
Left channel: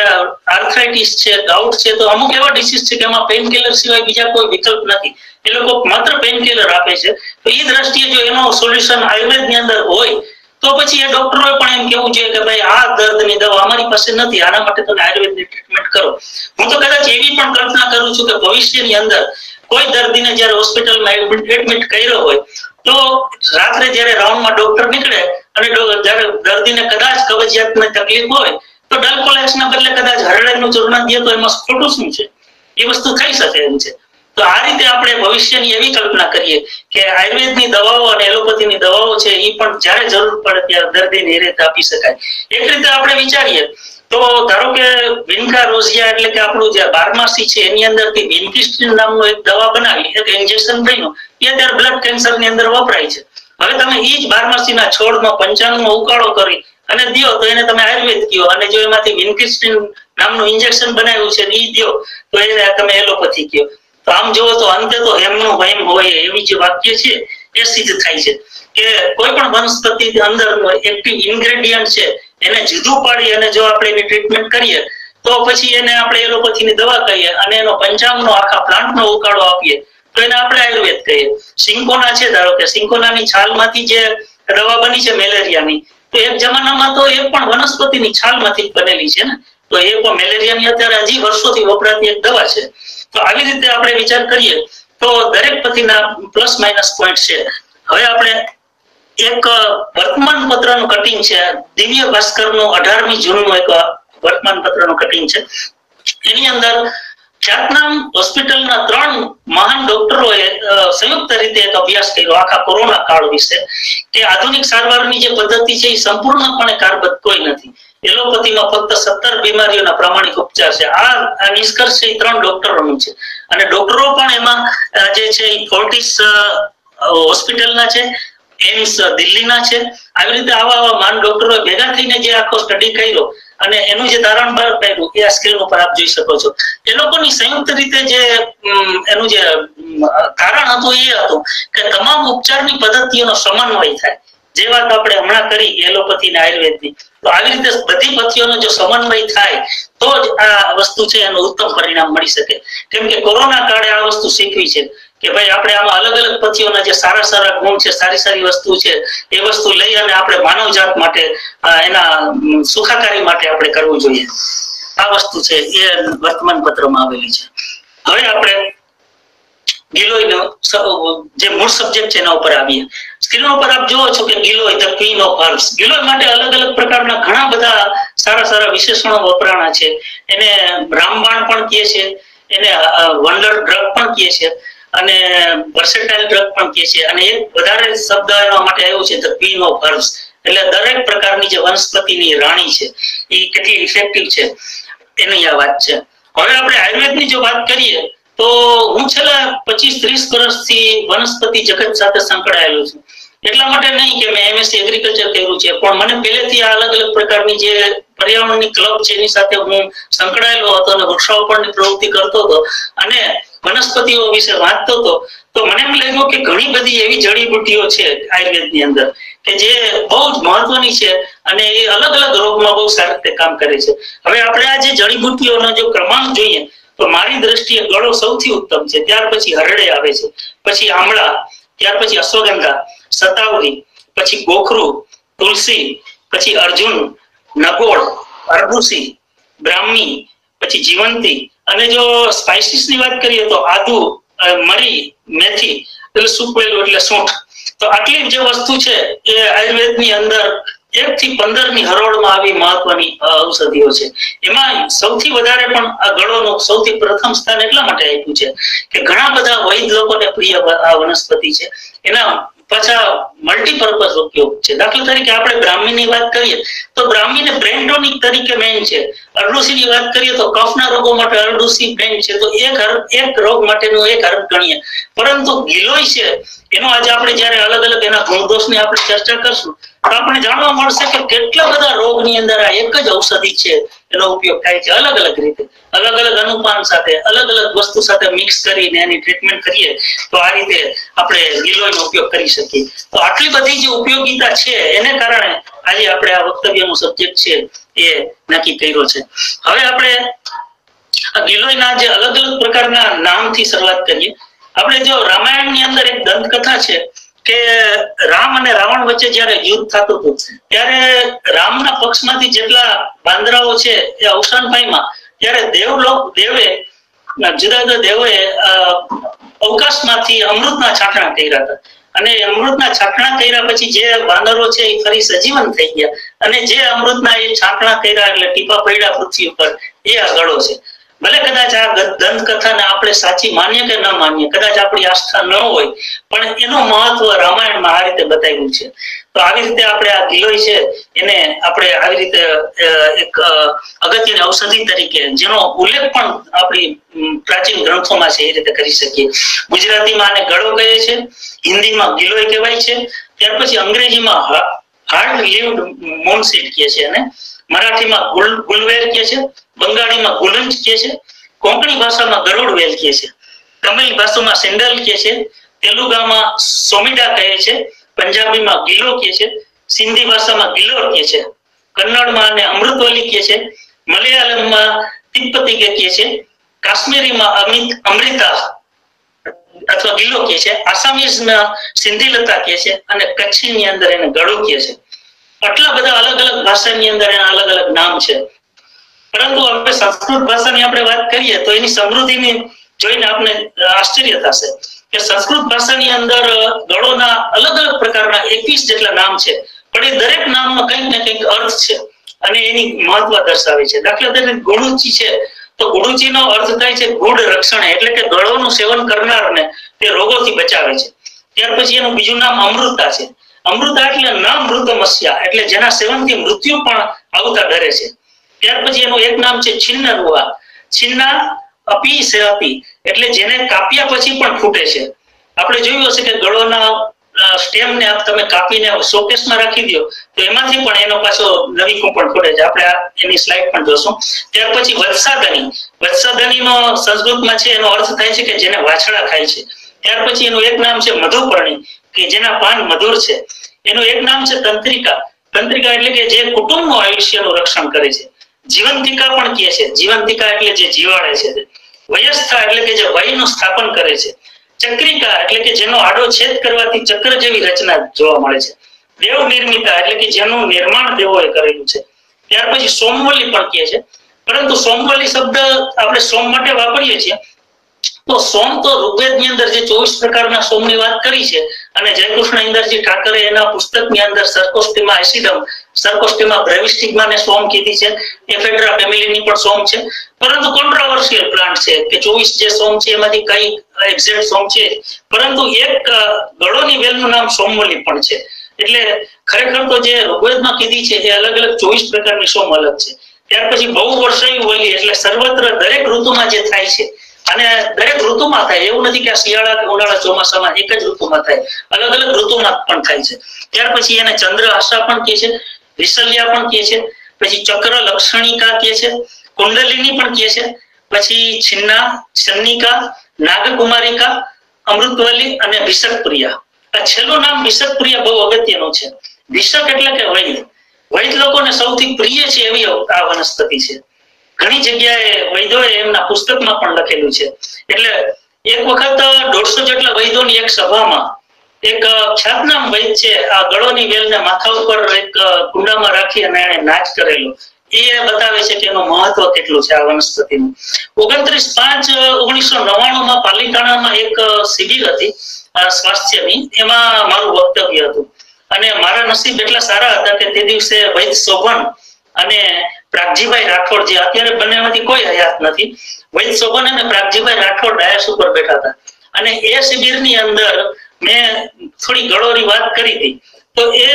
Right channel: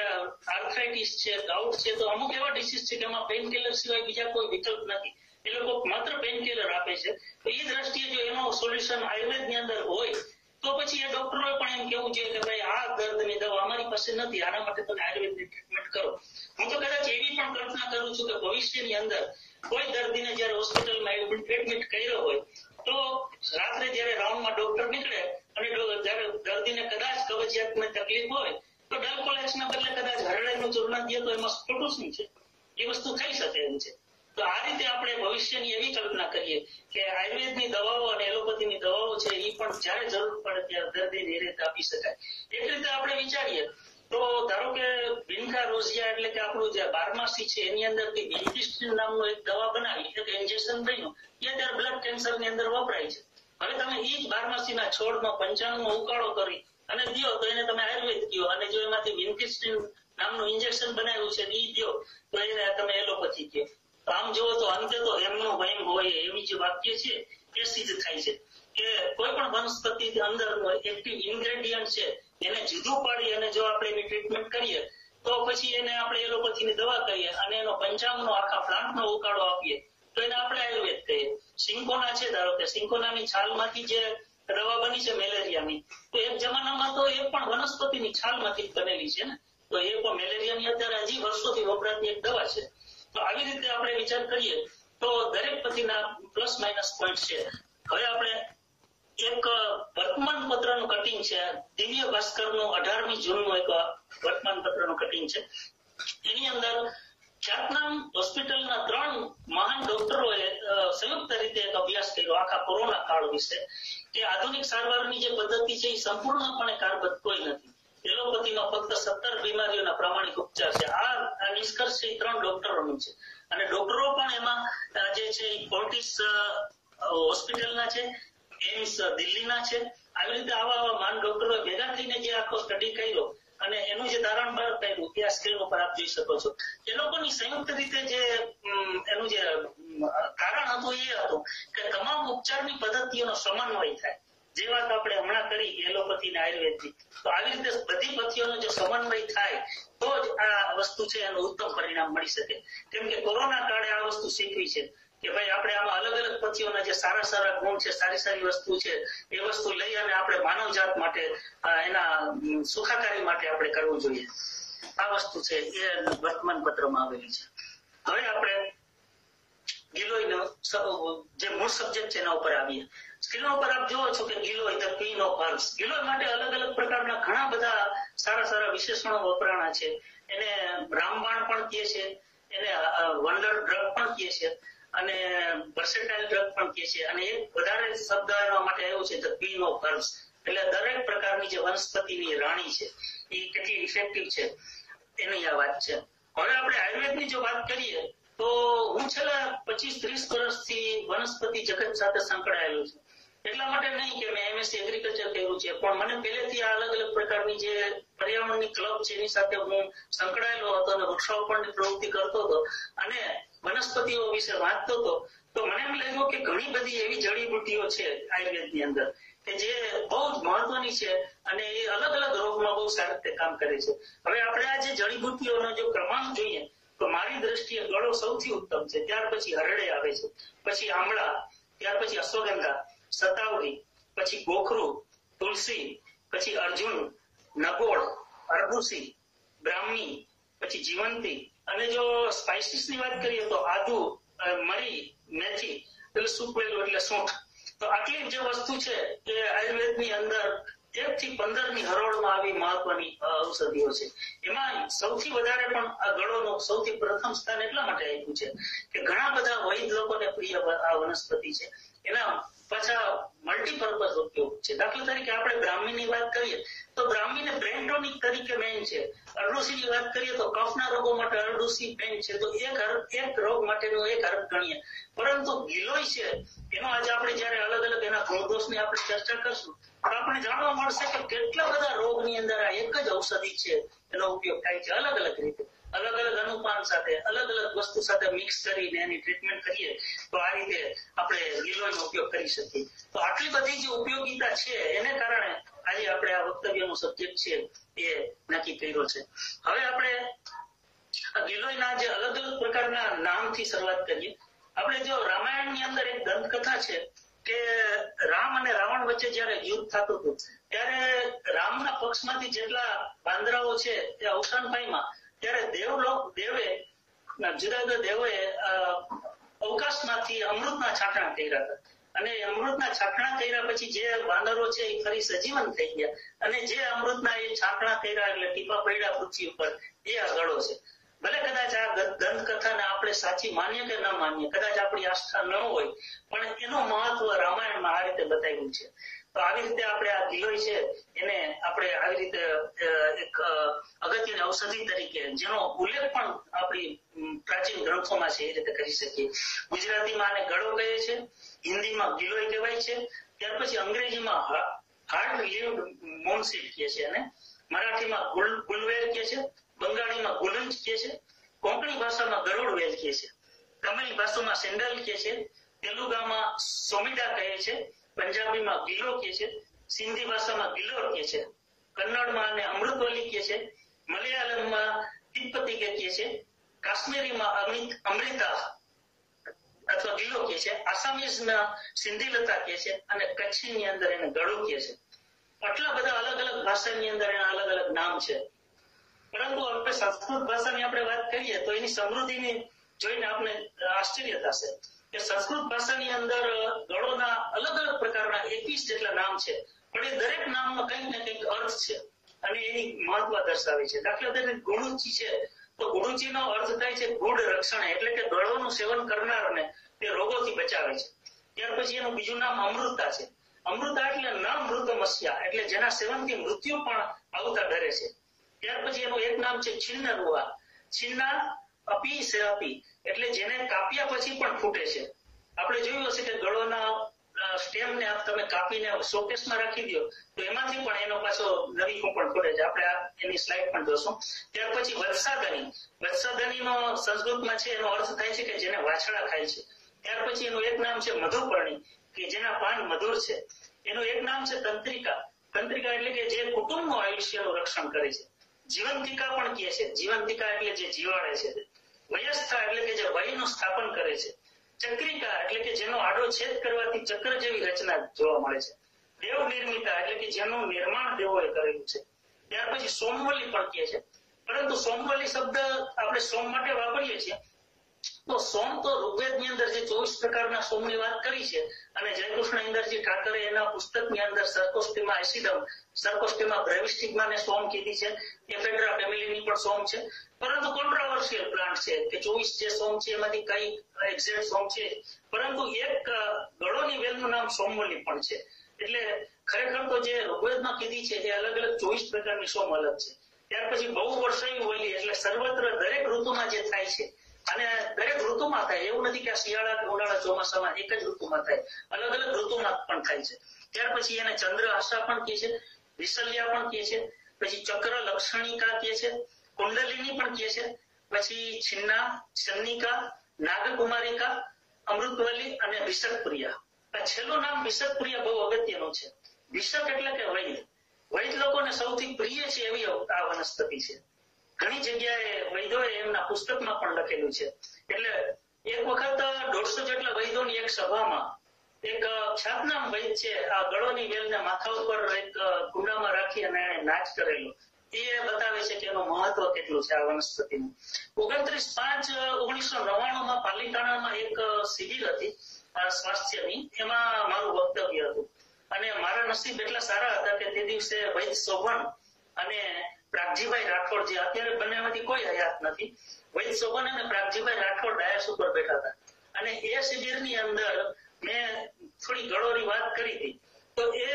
આર્થરાઇટિસ છે, ગાઉટ છે, તો અમુક એવા ડિસીઝ છે કે એમાં પેઇન કિલર સિવાય બીજા કોઈ વિકલ્પ નથી. એ લોકો માત્ર પેઇન કિલર આપે છે. તો એ દ્રષ્ટિએ જો એનો સોલ્યુશન આયુર્વેદની અંદર હોય તો પછી એ ડોક્ટરોએ પણ એમ કેવું જોઈએ કે ભાઈ આ દર્દની દવા અમારી પાસે નથી, આના માટે તમે આયુર્વેદની ટ્રીટમેન્ટ કરો. હું તો કદાચ એવી પણ કલ્પના કરું છું કે ભવિષ્યની અંદર કોઈ દર્દીને જ્યારે હોસ્પિટલમાં એડમિટ કર્યો હોય તો રાત્રે જ્યારે રાઉન્ડમાં ડોક્ટર નીકળે અને જ્યારે દર્દીને કદાચ કબજિયાતની તકલીફ હોય તો ડલ્કોલેક્સના બદલે કદાચ હરડેનું ચૂર્ણ દે તો એમાં ખોટું શું છે? એ વસ્તુ થઈ શકે એમ છે. તો આ રીતે આપણે ભવિષ્યની એવી કલ્પના કરીએ કે આયુર્વેદની દવાઓ અને એલોપેથીની દવાઓ છે એ પણ જ્યારે જરૂર પડે ત્યારે દર્દીને એ રીતે આપી શકાય. એક રીતે આપણે વિચારીએ તો ધારો કે વિન્કા રોઝિયા એટલે કે આપણું જે બારમાસી છે એની અંદરથી વિન્કિસ્ટ્રીન નામનું એક દવા બનાવી, એક ઇન્જેક્શન બન્યું, એ અત્યારે બ્લડ કેન્સરની અંદર વપરાય છે. હવે તમે એ જ બારમાસીના છોડનો પંચાંગનો ઉકાળો કરી અને દો તો એને તમે આયુર્વેદ કહો, અને જો એમાંથી વિન્કિસ્ટ્રીન નામનું ઇન્જેક્શન બનાવ્યું છે એ દો તો એને તમે એલોપેથી કહો. તો આમ જોવો તો અંતે તો હેમનું વહેમ હોય એવી જે વાક્ય છે એ સિદ્ધ થાય છે કે કોઈ પણ વનસ્પતિ અંદર એક્ટિવ ઇન્ગ્રેડિયન્ટ છે એને જુદું પાડી અને જો આપણે એની ટ્રીટમેન્ટ કરીએ તો પછી એને આપણે એલોપેથીની દવા કહીએ અને એનો પંચાંગનો આખા પ્લાન્ટનો ઉકાળો આપીએ તો એને આપણે આયુર્વેદ કહીએ. સિંકોના છે, ધારો કે સિંકોનાની છાલમાંથી જે દવા બની છે મેલેરિયાની, તો એક જમાનામાં તો એ પણ વનસ્પતિની છાલમાંથી બનેલી છે ને, તો એ પણ મેલેરિયાની અત્યારે હજી વર્ષોથી વપરાતી એક દવા છે. તો આવી રીતે આપણે વિચાર કરીએ તો દરેક પથ્થીના પ્લસ માઇનસ પોઈન્ટ છે. હવે આપણે એક વર્તમાન પત્રનું કટિંગ છે, દિવ્ય ભાસ્કરનું 18મી જૂનનું એક વર્તમાન પત્રનું કટિંગ છે. એની અંદર ખ્યાતનામ હોસ્પિટલના 3 મહાન ડોક્ટરોએ સંયુક્ત રીતે એક અભ્યાસ કર્યો આખા કોરોના કાળ વિશે કે આધુનિક સારવારની જે પદ્ધતિ છે એ સંપૂર્ણપણે કારબદ્ધ કોઈ નથી. એલોપેથીમાં ફક્ત 17 બીમારીઓના પ્રામાણિક ઉપચાર છે. આ નિષ્કર્ષ છે એ 3 ડોક્ટરોનું છે અને ડોક્ટરો પણ એમાં જે છે એ ફોર્ટિસ હોસ્પિટલના છે, એમ્સ દિલ્હીના છે. આવી રીતે આવા માન ડોક્ટરો ભેગા થઈને જે આખો સ્ટડી કર્યો અને એનું જે તારણ બહાર પાડ્યું એ આ સ્ક્રીન ઉપર આપ જોઈ શકો છો. એ લોકોની સંયુક્ત રીતે જે એનું જે તારણ હતું એ હતું કે તમામ ઉપચારની પદ્ધતિઓનો સમન્વય થાય. જે વાત આપણે હમણાં કરી એલોપેથી અને આયુર્વેદની, તો આવી રીતે બધી પદ્ધતિઓનો જો સમન્વય થાય તો જ આ વસ્તુ છે એનું ઉત્તમ પરિણામ મળી શકે. કેમ કે કોરોના કાળે આ વસ્તુ શીખવી છે કે ભાઈ આપણે આમાં અલગ અલગ પદ્ધતિઓના જે સારા સારા ગુણ છે, સારી સારી વસ્તુ છે, એ વસ્તુ લઈ અને આપણે માનવજાત માટે એના સુખાકારી માટે આપણે કરવું જોઈએ. આ વસ્તુ છે એ વર્તમાન પત્રમાં આવેલી છે. હવે આપણે ગિલોયનો જે મૂળ સબ્જેક્ટ છે એના ઉપર આવીએ. સ્ક્રીન ઉપર આપ જોવો છો કે giloy the queen of herbs. Giloy માટે અલગ અલગ પ્રકારના ઘણા બધા સારા સારા વિશેષણો વપરાણા છે. એને રામબાણ પણ કહે છે, એને વન્ડર ડ્રગ પણ કહે છે અને વર્સેટાઇલ ડ્રગ પણ કહે છે. અને એક વધારે શબ્દ એના માટે આવ્યો છે ધ ક્વીન ઓફ હર્બ્સ, એટલે દરેક પ્રકારની જે વનસ્પતિની રાણી છે એ કેટલી ઇફેક્ટિવ છે એની આ વાત છે. હવે આપણે આયુર્વેદની જો વાત કરીએ તો હું છેલ્લા 25 25-30 વર્ષથી વનસ્પતિ જગત સાથે સંકળાયેલો છું. એટલા માટે નહીં કે મેં MSc એગ્રીકલ્ચર કર્યું છે, પણ મને પહેલેથી આ અલગ અલગ પ્રકારની જે પર્યાવરણની ક્લબ છે એની સાથે હું સંકળાયેલો હતો અને વૃક્ષારોપણની પ્રવૃત્તિ કરતો હતો અને વનસ્પતિઓ વિશે વાંચતો હતો. તો મને એમ લાગ્યું કે ઘણી બધી એવી જડીબુટ્ટીઓ છે આયુર્વેદની અંદર કે જે બહુ જ મહત્વની છે અને એ અલગ અલગ રોગમાં બહુ સારી રીતે કામ કરે છે. હવે આપણે આ જે જડીબુટ્ટીઓનો જો ક્રમાંક જોઈએ તો મારી દ્રષ્ટિએ ગળો સૌથી ઉત્તમ છે, ત્યાર પછી હરડે આવે છે, પછી આમળા, ત્યાર પછી અશ્વગંધા, સતાવરી, પછી ગોખરું, તુલસી, પછી અર્જુન, નગોળ, અરબુસી, બ્રાહ્મી, પછી જીવંતી, અને જો સ્પાઇસીસ ની વાત કરીએ તો આદુ, મરી, મેથી એટલે સૂકવેલું એટલે સૂંઠ. તો આટલી જે વસ્તુ છે એ આયુર્વેદની અંદર 1 થી 15 ની હરોળમાં આવી મહત્વની ઔષધિઓ છે. એમાં સૌથી વધારે પણ આ ગળોનું સૌથી પ્રથમ સ્થાન એટલા માટે આપ્યું છે કે ઘણા બધા વૈદ લોકોને પ્રિય આ વનસ્પતિ છે. એના પાછા મલ્ટીપર્પઝ ઉપયોગ છે. દાખલા તરીકે આપણે બ્રાહ્મીની વાત કરીએ તો બ્રાહ્મીને બ્રેન ટોનિક તરીકે મેન છે. અરડુસીની વાત કરીએ તો કફના રોગો માટે અરડુસી મેન છે. તો એક રોગ માટેનું એક હર્બ ગણીએ. પરંતુ ગિલોય છે એનો આજે આપણે જ્યારે અલગ અલગ એના ગુણદોષની આપણે ચર્ચા કરશું તો આપણે જાણવા મળશે કે કેટલા બધા રોગની અંદર આ એક જ ઔષધિ છે એનો ઉપયોગ થાય છે. અલગ અલગ રીતે, અલગ અલગ અનુપાન સાથે, અલગ અલગ વસ્તુ સાથે મિક્સ કરીને એની ટ્રીટમેન્ટ કરીએ તો આ રીતે આપણે ગિલોયનો ઉપયોગ કરી શકીએ. તો આટલી બધી જે ઉપયોગિતા છે એને કારણે આજે આપણે આ વક્તવ્યનો સબ્જેક્ટ છે એ નક્કી કર્યો છે. હવે આપણે આ ગિલોયના જે અલગ અલગ પ્રકારના નામથી શરૂઆત કરીએ. આપણે જો રામાયણની અંદર એક દંતકથા છે કે રામ અને રાવણ વચ્ચે જયારે યુદ્ધ થતું હતું ત્યારે રામના પક્ષમાંથી જેટલા બાંદરાઓ છે એ અવસાન પામ્યા ત્યારે દેવે જુદા જુદા દેવોએ અવકાશમાંથી અમૃતના છાંટણા કર્યા હતા અને અમૃતના છાંટણા કર્યા પછી જે વાનરો છે એ ફરી સજીવન થઈ ગયા અને જે અમૃતના એ છાંટણા કર્યા એટલે ટીપા પડ્યા પૃથ્વી ઉપર એ આ ગળો છે. ભલે કદાચ આ દંતકથાને આપણે સાચી માનીએ કે ન માનીએ, કદાચ આપણી આસ્થા ન હોય, પણ એનું મહત્વ રામાયણમાં આ રીતે બતાવ્યું છે. તો આવી રીતે આપણે આ ગિલોય છે એને આપણે આવી રીતે એક અગત્યની ઔષધિ તરીકે જેનો ઉલ્લેખ પણ આપણી પ્રાચીન ગ્રંથોમાં છે એ રીતે કરી શકીએ. ગુજરાતીમાં આને ગળો કહે છે, હિન્દીમાં ગિલોય કહેવાય છે, ત્યાર પછી અંગ્રેજીમાં હાર્ડ લીવ્ડ મોનસીડ કહે છે અને મરાઠીમાં ગુલવેર કહે છે, બંગાળીમાં ગુલંજ કહે છે, કોંકણી ભાષામાં ગરુડ વેલ કહે છે, તમિલ ભાષામાં સેન્ડલ કહે છે, તેલુગામાં સોમિડા કહે છે, પંજાબીમાં ગિલો કહે છે, સિંધી ભાષામાં ગિલોર કહે છે, કન્નડમાં આને અમૃતવલી કહે છે, મલયાલમમાં તિપ્પતી કહે છે, કાશ્મીરીમાં અમૃતા અથવા ગિલો કહે છે, આસામીઝમાં સિંધીલતા કહે છે અને કચ્છની અંદર એને ગળો કહે છે. આટલા બધા અલગ અલગ ભાષાની અંદર એના અલગ અલગ નામ છે. પરંતુ આપણે સંસ્કૃત ભાષાની આપણે વાત કરીએ તો એની સમૃદ્ધિની જોઈને આપણે આશ્ચર્ય થશે કે સંસ્કૃત ભાષાની અંદર ગળોના અલગ અલગ પ્રકારના 21 જેટલા નામ છે, પણ એ દરેક નામનો કંઈક ને કંઈક અર્થ છે અને એની મહત્વ દર્શાવે છે. દાખલા તરીકે ગુડુચી છે તો ગુડુચીનો અર્થ થાય છે ગુડ રક્ષણ, એટલે કે ગળોનું સેવન કરનારને તે રોગોથી બચાવે છે. ત્યાર પછી એનું બીજું નામ અમૃતા છે. અમૃતા એટલે ન મૃતમસ્યા, એટલે જેના સેવનથી મૃત્યુ પણ આવતા ડરે છે. ત્યાર પછી એનું એક નામ છે છિન્નરુઆ. છિન્ના અપી સેહતી, એટલે જેને કાપ્યા પછી પણ ફૂટે છે. આપણે જોયું હશે કે ગળોના સ્ટેમને તમે કાપીને શોકેસમાં રાખી દો તો એમાંથી પણ એનો પાછો નવી કૂંપણ ફૂટે છે. આપણે એની સ્લાઇડ પણ જોશું. ત્યાર પછી વત્સાદની. વત્સાદનીનો સંસ્કૃતમાં છે એનો અર્થ થાય છે કે જેને વાછડા ખાય છે. ત્યાર પછી એનું એક નામ છે મધુપર્ણી, કે જેના પાન મધુર છે. એનું એક નામ છે તંત્રિકા. તંત્રિકા એટલે કે જે કુટુંબનું આયુષ્યનું રક્ષણ કરે છે. જીવંતિકા પણ કહે છે. જીવંતિકા એટલે જે જીવાડે છે. વયસ્થા એટલે કે જે વયનું સ્થાપન કરે છે. ચક્રિકા એટલે કે જેનો આડો છેદ કરવાથી ચક્ર જેવી રચના જોવા મળે છે. દેવ નિર્મિતા એટલે કે જેનું નિર્માણ દેવોએ કરેલું છે. ત્યાર પછી સોમવલી પણ કહે છે. પરંતુ સોમવલી શબ્દ આપણે સોમ માટે વાપરીએ છીએ તો સોમ તો ઋગ્વેદની અંદર જે 24 પ્રકારના સોમની વાત કરી છે અને જયકૃષ્ણ ઇન્દરજી ઠાકરે એના પુસ્તકની અંદર સર્કોસ્ટિમા એસિડમ, સર્કોસ્ટિમા બ્રેવિસ્ટિગ્માને સોમ કીધી છે. એફેડ્રા ફેમિલીની પણ સોમ છે. પરંતુ કોન્ટ્રોવર્શિયલ પ્લાન્ટ છે કે 24 જે સોમ છે એમાંથી કઈ એક્ઝેક્ટ સોમ છે, પરંતુ એક ગળોની વેલનું નામ સોમવલી પણ છે. એટલે ખરેખર તો જે ઋગ્વેદમાં કીધી છે એ અલગ અલગ 24 પ્રકારની સોમ અલગ છે. ત્યાર પછી બહુ વર્ષાયુ વલી એટલે સર્વત્ર દરેક ઋતુમાં જે થાય છે અને દરેક ઋતુમાં થાય, એવું નથી કે શિયાળા કે ઉનાળા ચોમાસામાં એક જ ઋતુમાં થાય, અલગ અલગ ઋતુમાં પણ થાય છે. ત્યાર પછી એને ચંદ્રહાસા પણ કહે છે, વિશલ્યા પણ કહે છે, પછી ચક્ર લક્ષણિકા કહે છે, કુંડલિની પણ કહે છે, પછી છિન્ના, છન્નિકા, નાગકુમારિકા, અમૃતવલી અને વિષકપ્રિયા. આ છેલ્લું નામ વિષકપ્રિયા બહુ અગત્યનું છે. વિષક એટલે કે વૈદ. વૈદ લોકોને સૌથી પ્રિય છે એવી આ વનસ્પતિ છે. ઘણી જગ્યાએ વૈદોએ એમના પુસ્તકમાં પણ લખેલું છે. એટલે એક વખત 150 જેટલા વૈદોની એક સભામાં એક ખ્યાતનામ વૈદ છે આ ગળોની વેલને માથા ઉપર એક કુંડામાં રાખી અને એને નાચ કરેલો. એ બતાવે છે કે એનું મહત્વ કેટલું છે આ વનસ્પતિનું. 29/5/1999 પાલિતાણામાં એક શિબિર હતી સ્વાસ્થ્યની, એમાં મારું વક્તવ્ય હતું. અને મારા નસીબ એટલા સારા હતા કે તે દિવસે વૈદ શોભન અને પ્રાગજીભાઈ રાઠોડ, જે અત્યારે બંનેમાંથી કોઈ હયાત નથી, વૈદ શોભન અને પ્રાગજીભાઈ રાઠોડ ડાયસ ઉપર બેઠા હતા. અને એ શિબિરની અંદર મેં થોડી ગળોની વાત કરી હતી. તો એ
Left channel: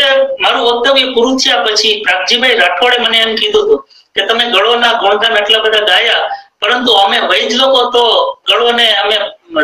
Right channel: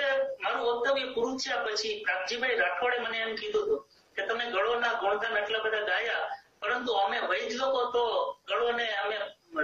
મારું વક્તવ્ય પૂરું થયા પછી પ્રાગજીભાઈ રાઠોડે મને એમ કીધું હતું કે તમે ગળોના ગુણગાન એટલા બધા ગાયા, પરંતુ અમે વૈદ લોકો તો ગળોને અમે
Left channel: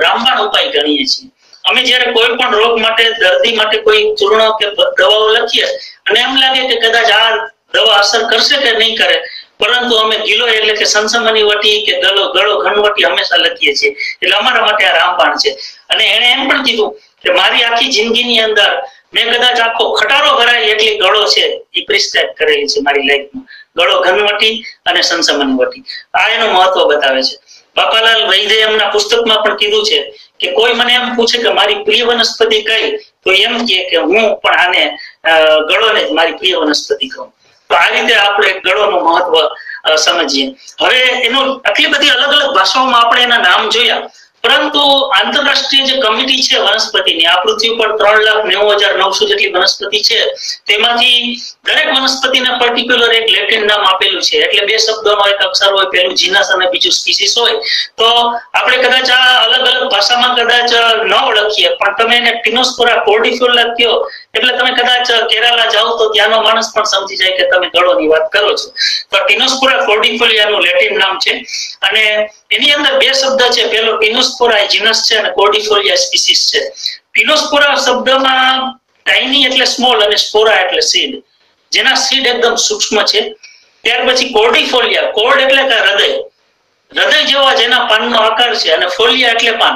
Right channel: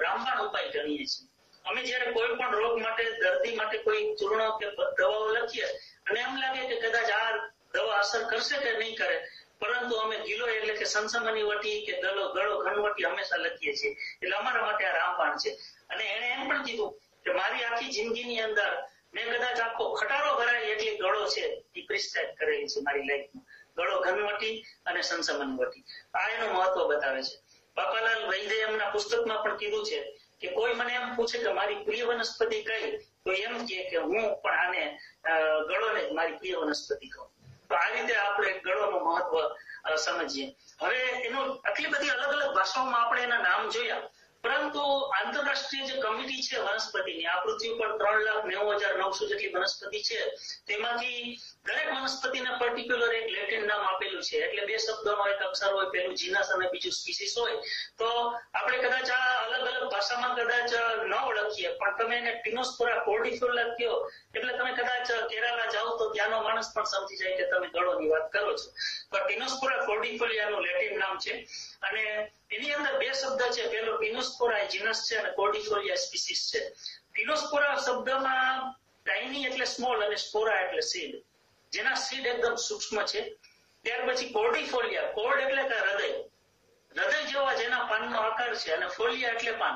રામબાણ ઉપાય ગણીએ છીએ. અમે જયારે કોઈ પણ રોગ માટે, દર્દી માટે કોઈ ચૂર્ણ કે દવાઓ લખીએ અને એમ લાગે કે કદાચ આ દવા અસર કરશે કે નહીં કરે, પરંતુ અમે ગિલો એટલે કે સંસમની વટી કે ગળો ઘનવટી હંમેશા લખીએ છીએ. એટલે અમારા માટે આ રામબાણ છે. અને એને એમ પણ કીધું કે મારી આખી જિંદગીની અંદર મેં કદાચ આખો ખટારો ભરાય એટલી ગળો છે એ પ્રિસ્ક્રાઇબ કરેલી છે મારી લાઈફમાં. ગળો ઘનવટી અને સંસમની વટી, આ એનું મહત્વ બતાવે છે. બાપાલાલ વૈદે એમના પુસ્તકમાં પણ કીધું છે કે કોઈ મને એમ પૂછે કે મારી પ્રિય વનસ્પતિ કઈ, તો એમ કે હું પણ આને ગળોને જ મારી પ્રિય વનસ્પતિ કહું. તો આ રીતે આપણે ગળોનું મહત્વ સમજીએ. હવે એનું આટલી બધી અલગ અલગ ભાષાઓમાં આપણે એના નામ જોયા, પરંતુ આંતરરાષ્ટ્રીય જે કમિટી છે વનસ્પતિની, આ પૃથ્વી પર 3,90,900 જેટલી વનસ્પતિ છે, તેમાંથી દરેક વનસ્પતિને પર્ટિક્યુલર એક લેટિન નામ આપેલું છે. એટલે 2 શબ્દોનો એક અક્ષર હોય, પહેલું જીનસ અને બીજું સ્પીસીસ હોય. તો આપણે કદાચ આ અલગ અલગ ભાષામાં કદાચ ન ઓળખીએ, પણ તમે એને ટીનોસ્પોરા કોર્ડિફોલિયા કહો એટલે તમે કદાચ કેરાલા જાઓ તો ત્યાંનો માણસ પણ સમજી જાય કે તમે ગળોની વાત કરો છો. તો ટીનોસ્પોરા કોર્ડિફોલિયાનું લેટિન નામ છે. અને એની અંદર 2 શબ્દ છે, પેલો ટીનોસ્પોરા જીનસ છે અને કોર્ડિફોલિયા સ્પીસીસ છે. ટીનોસ્પોરા શબ્દમાં ટાઇની એટલે સ્મોલ અને સ્પોરા એટલે સીડ, જેના સીડ એકદમ સૂક્ષ્મ છે. ત્યાર પછી કોર્ડિફોલિયા, કોર્ડ એટલે કે હૃદય, હૃદય જેવા જેના પાનનો આકાર છે, અને ફોલિયા એટલે પાન.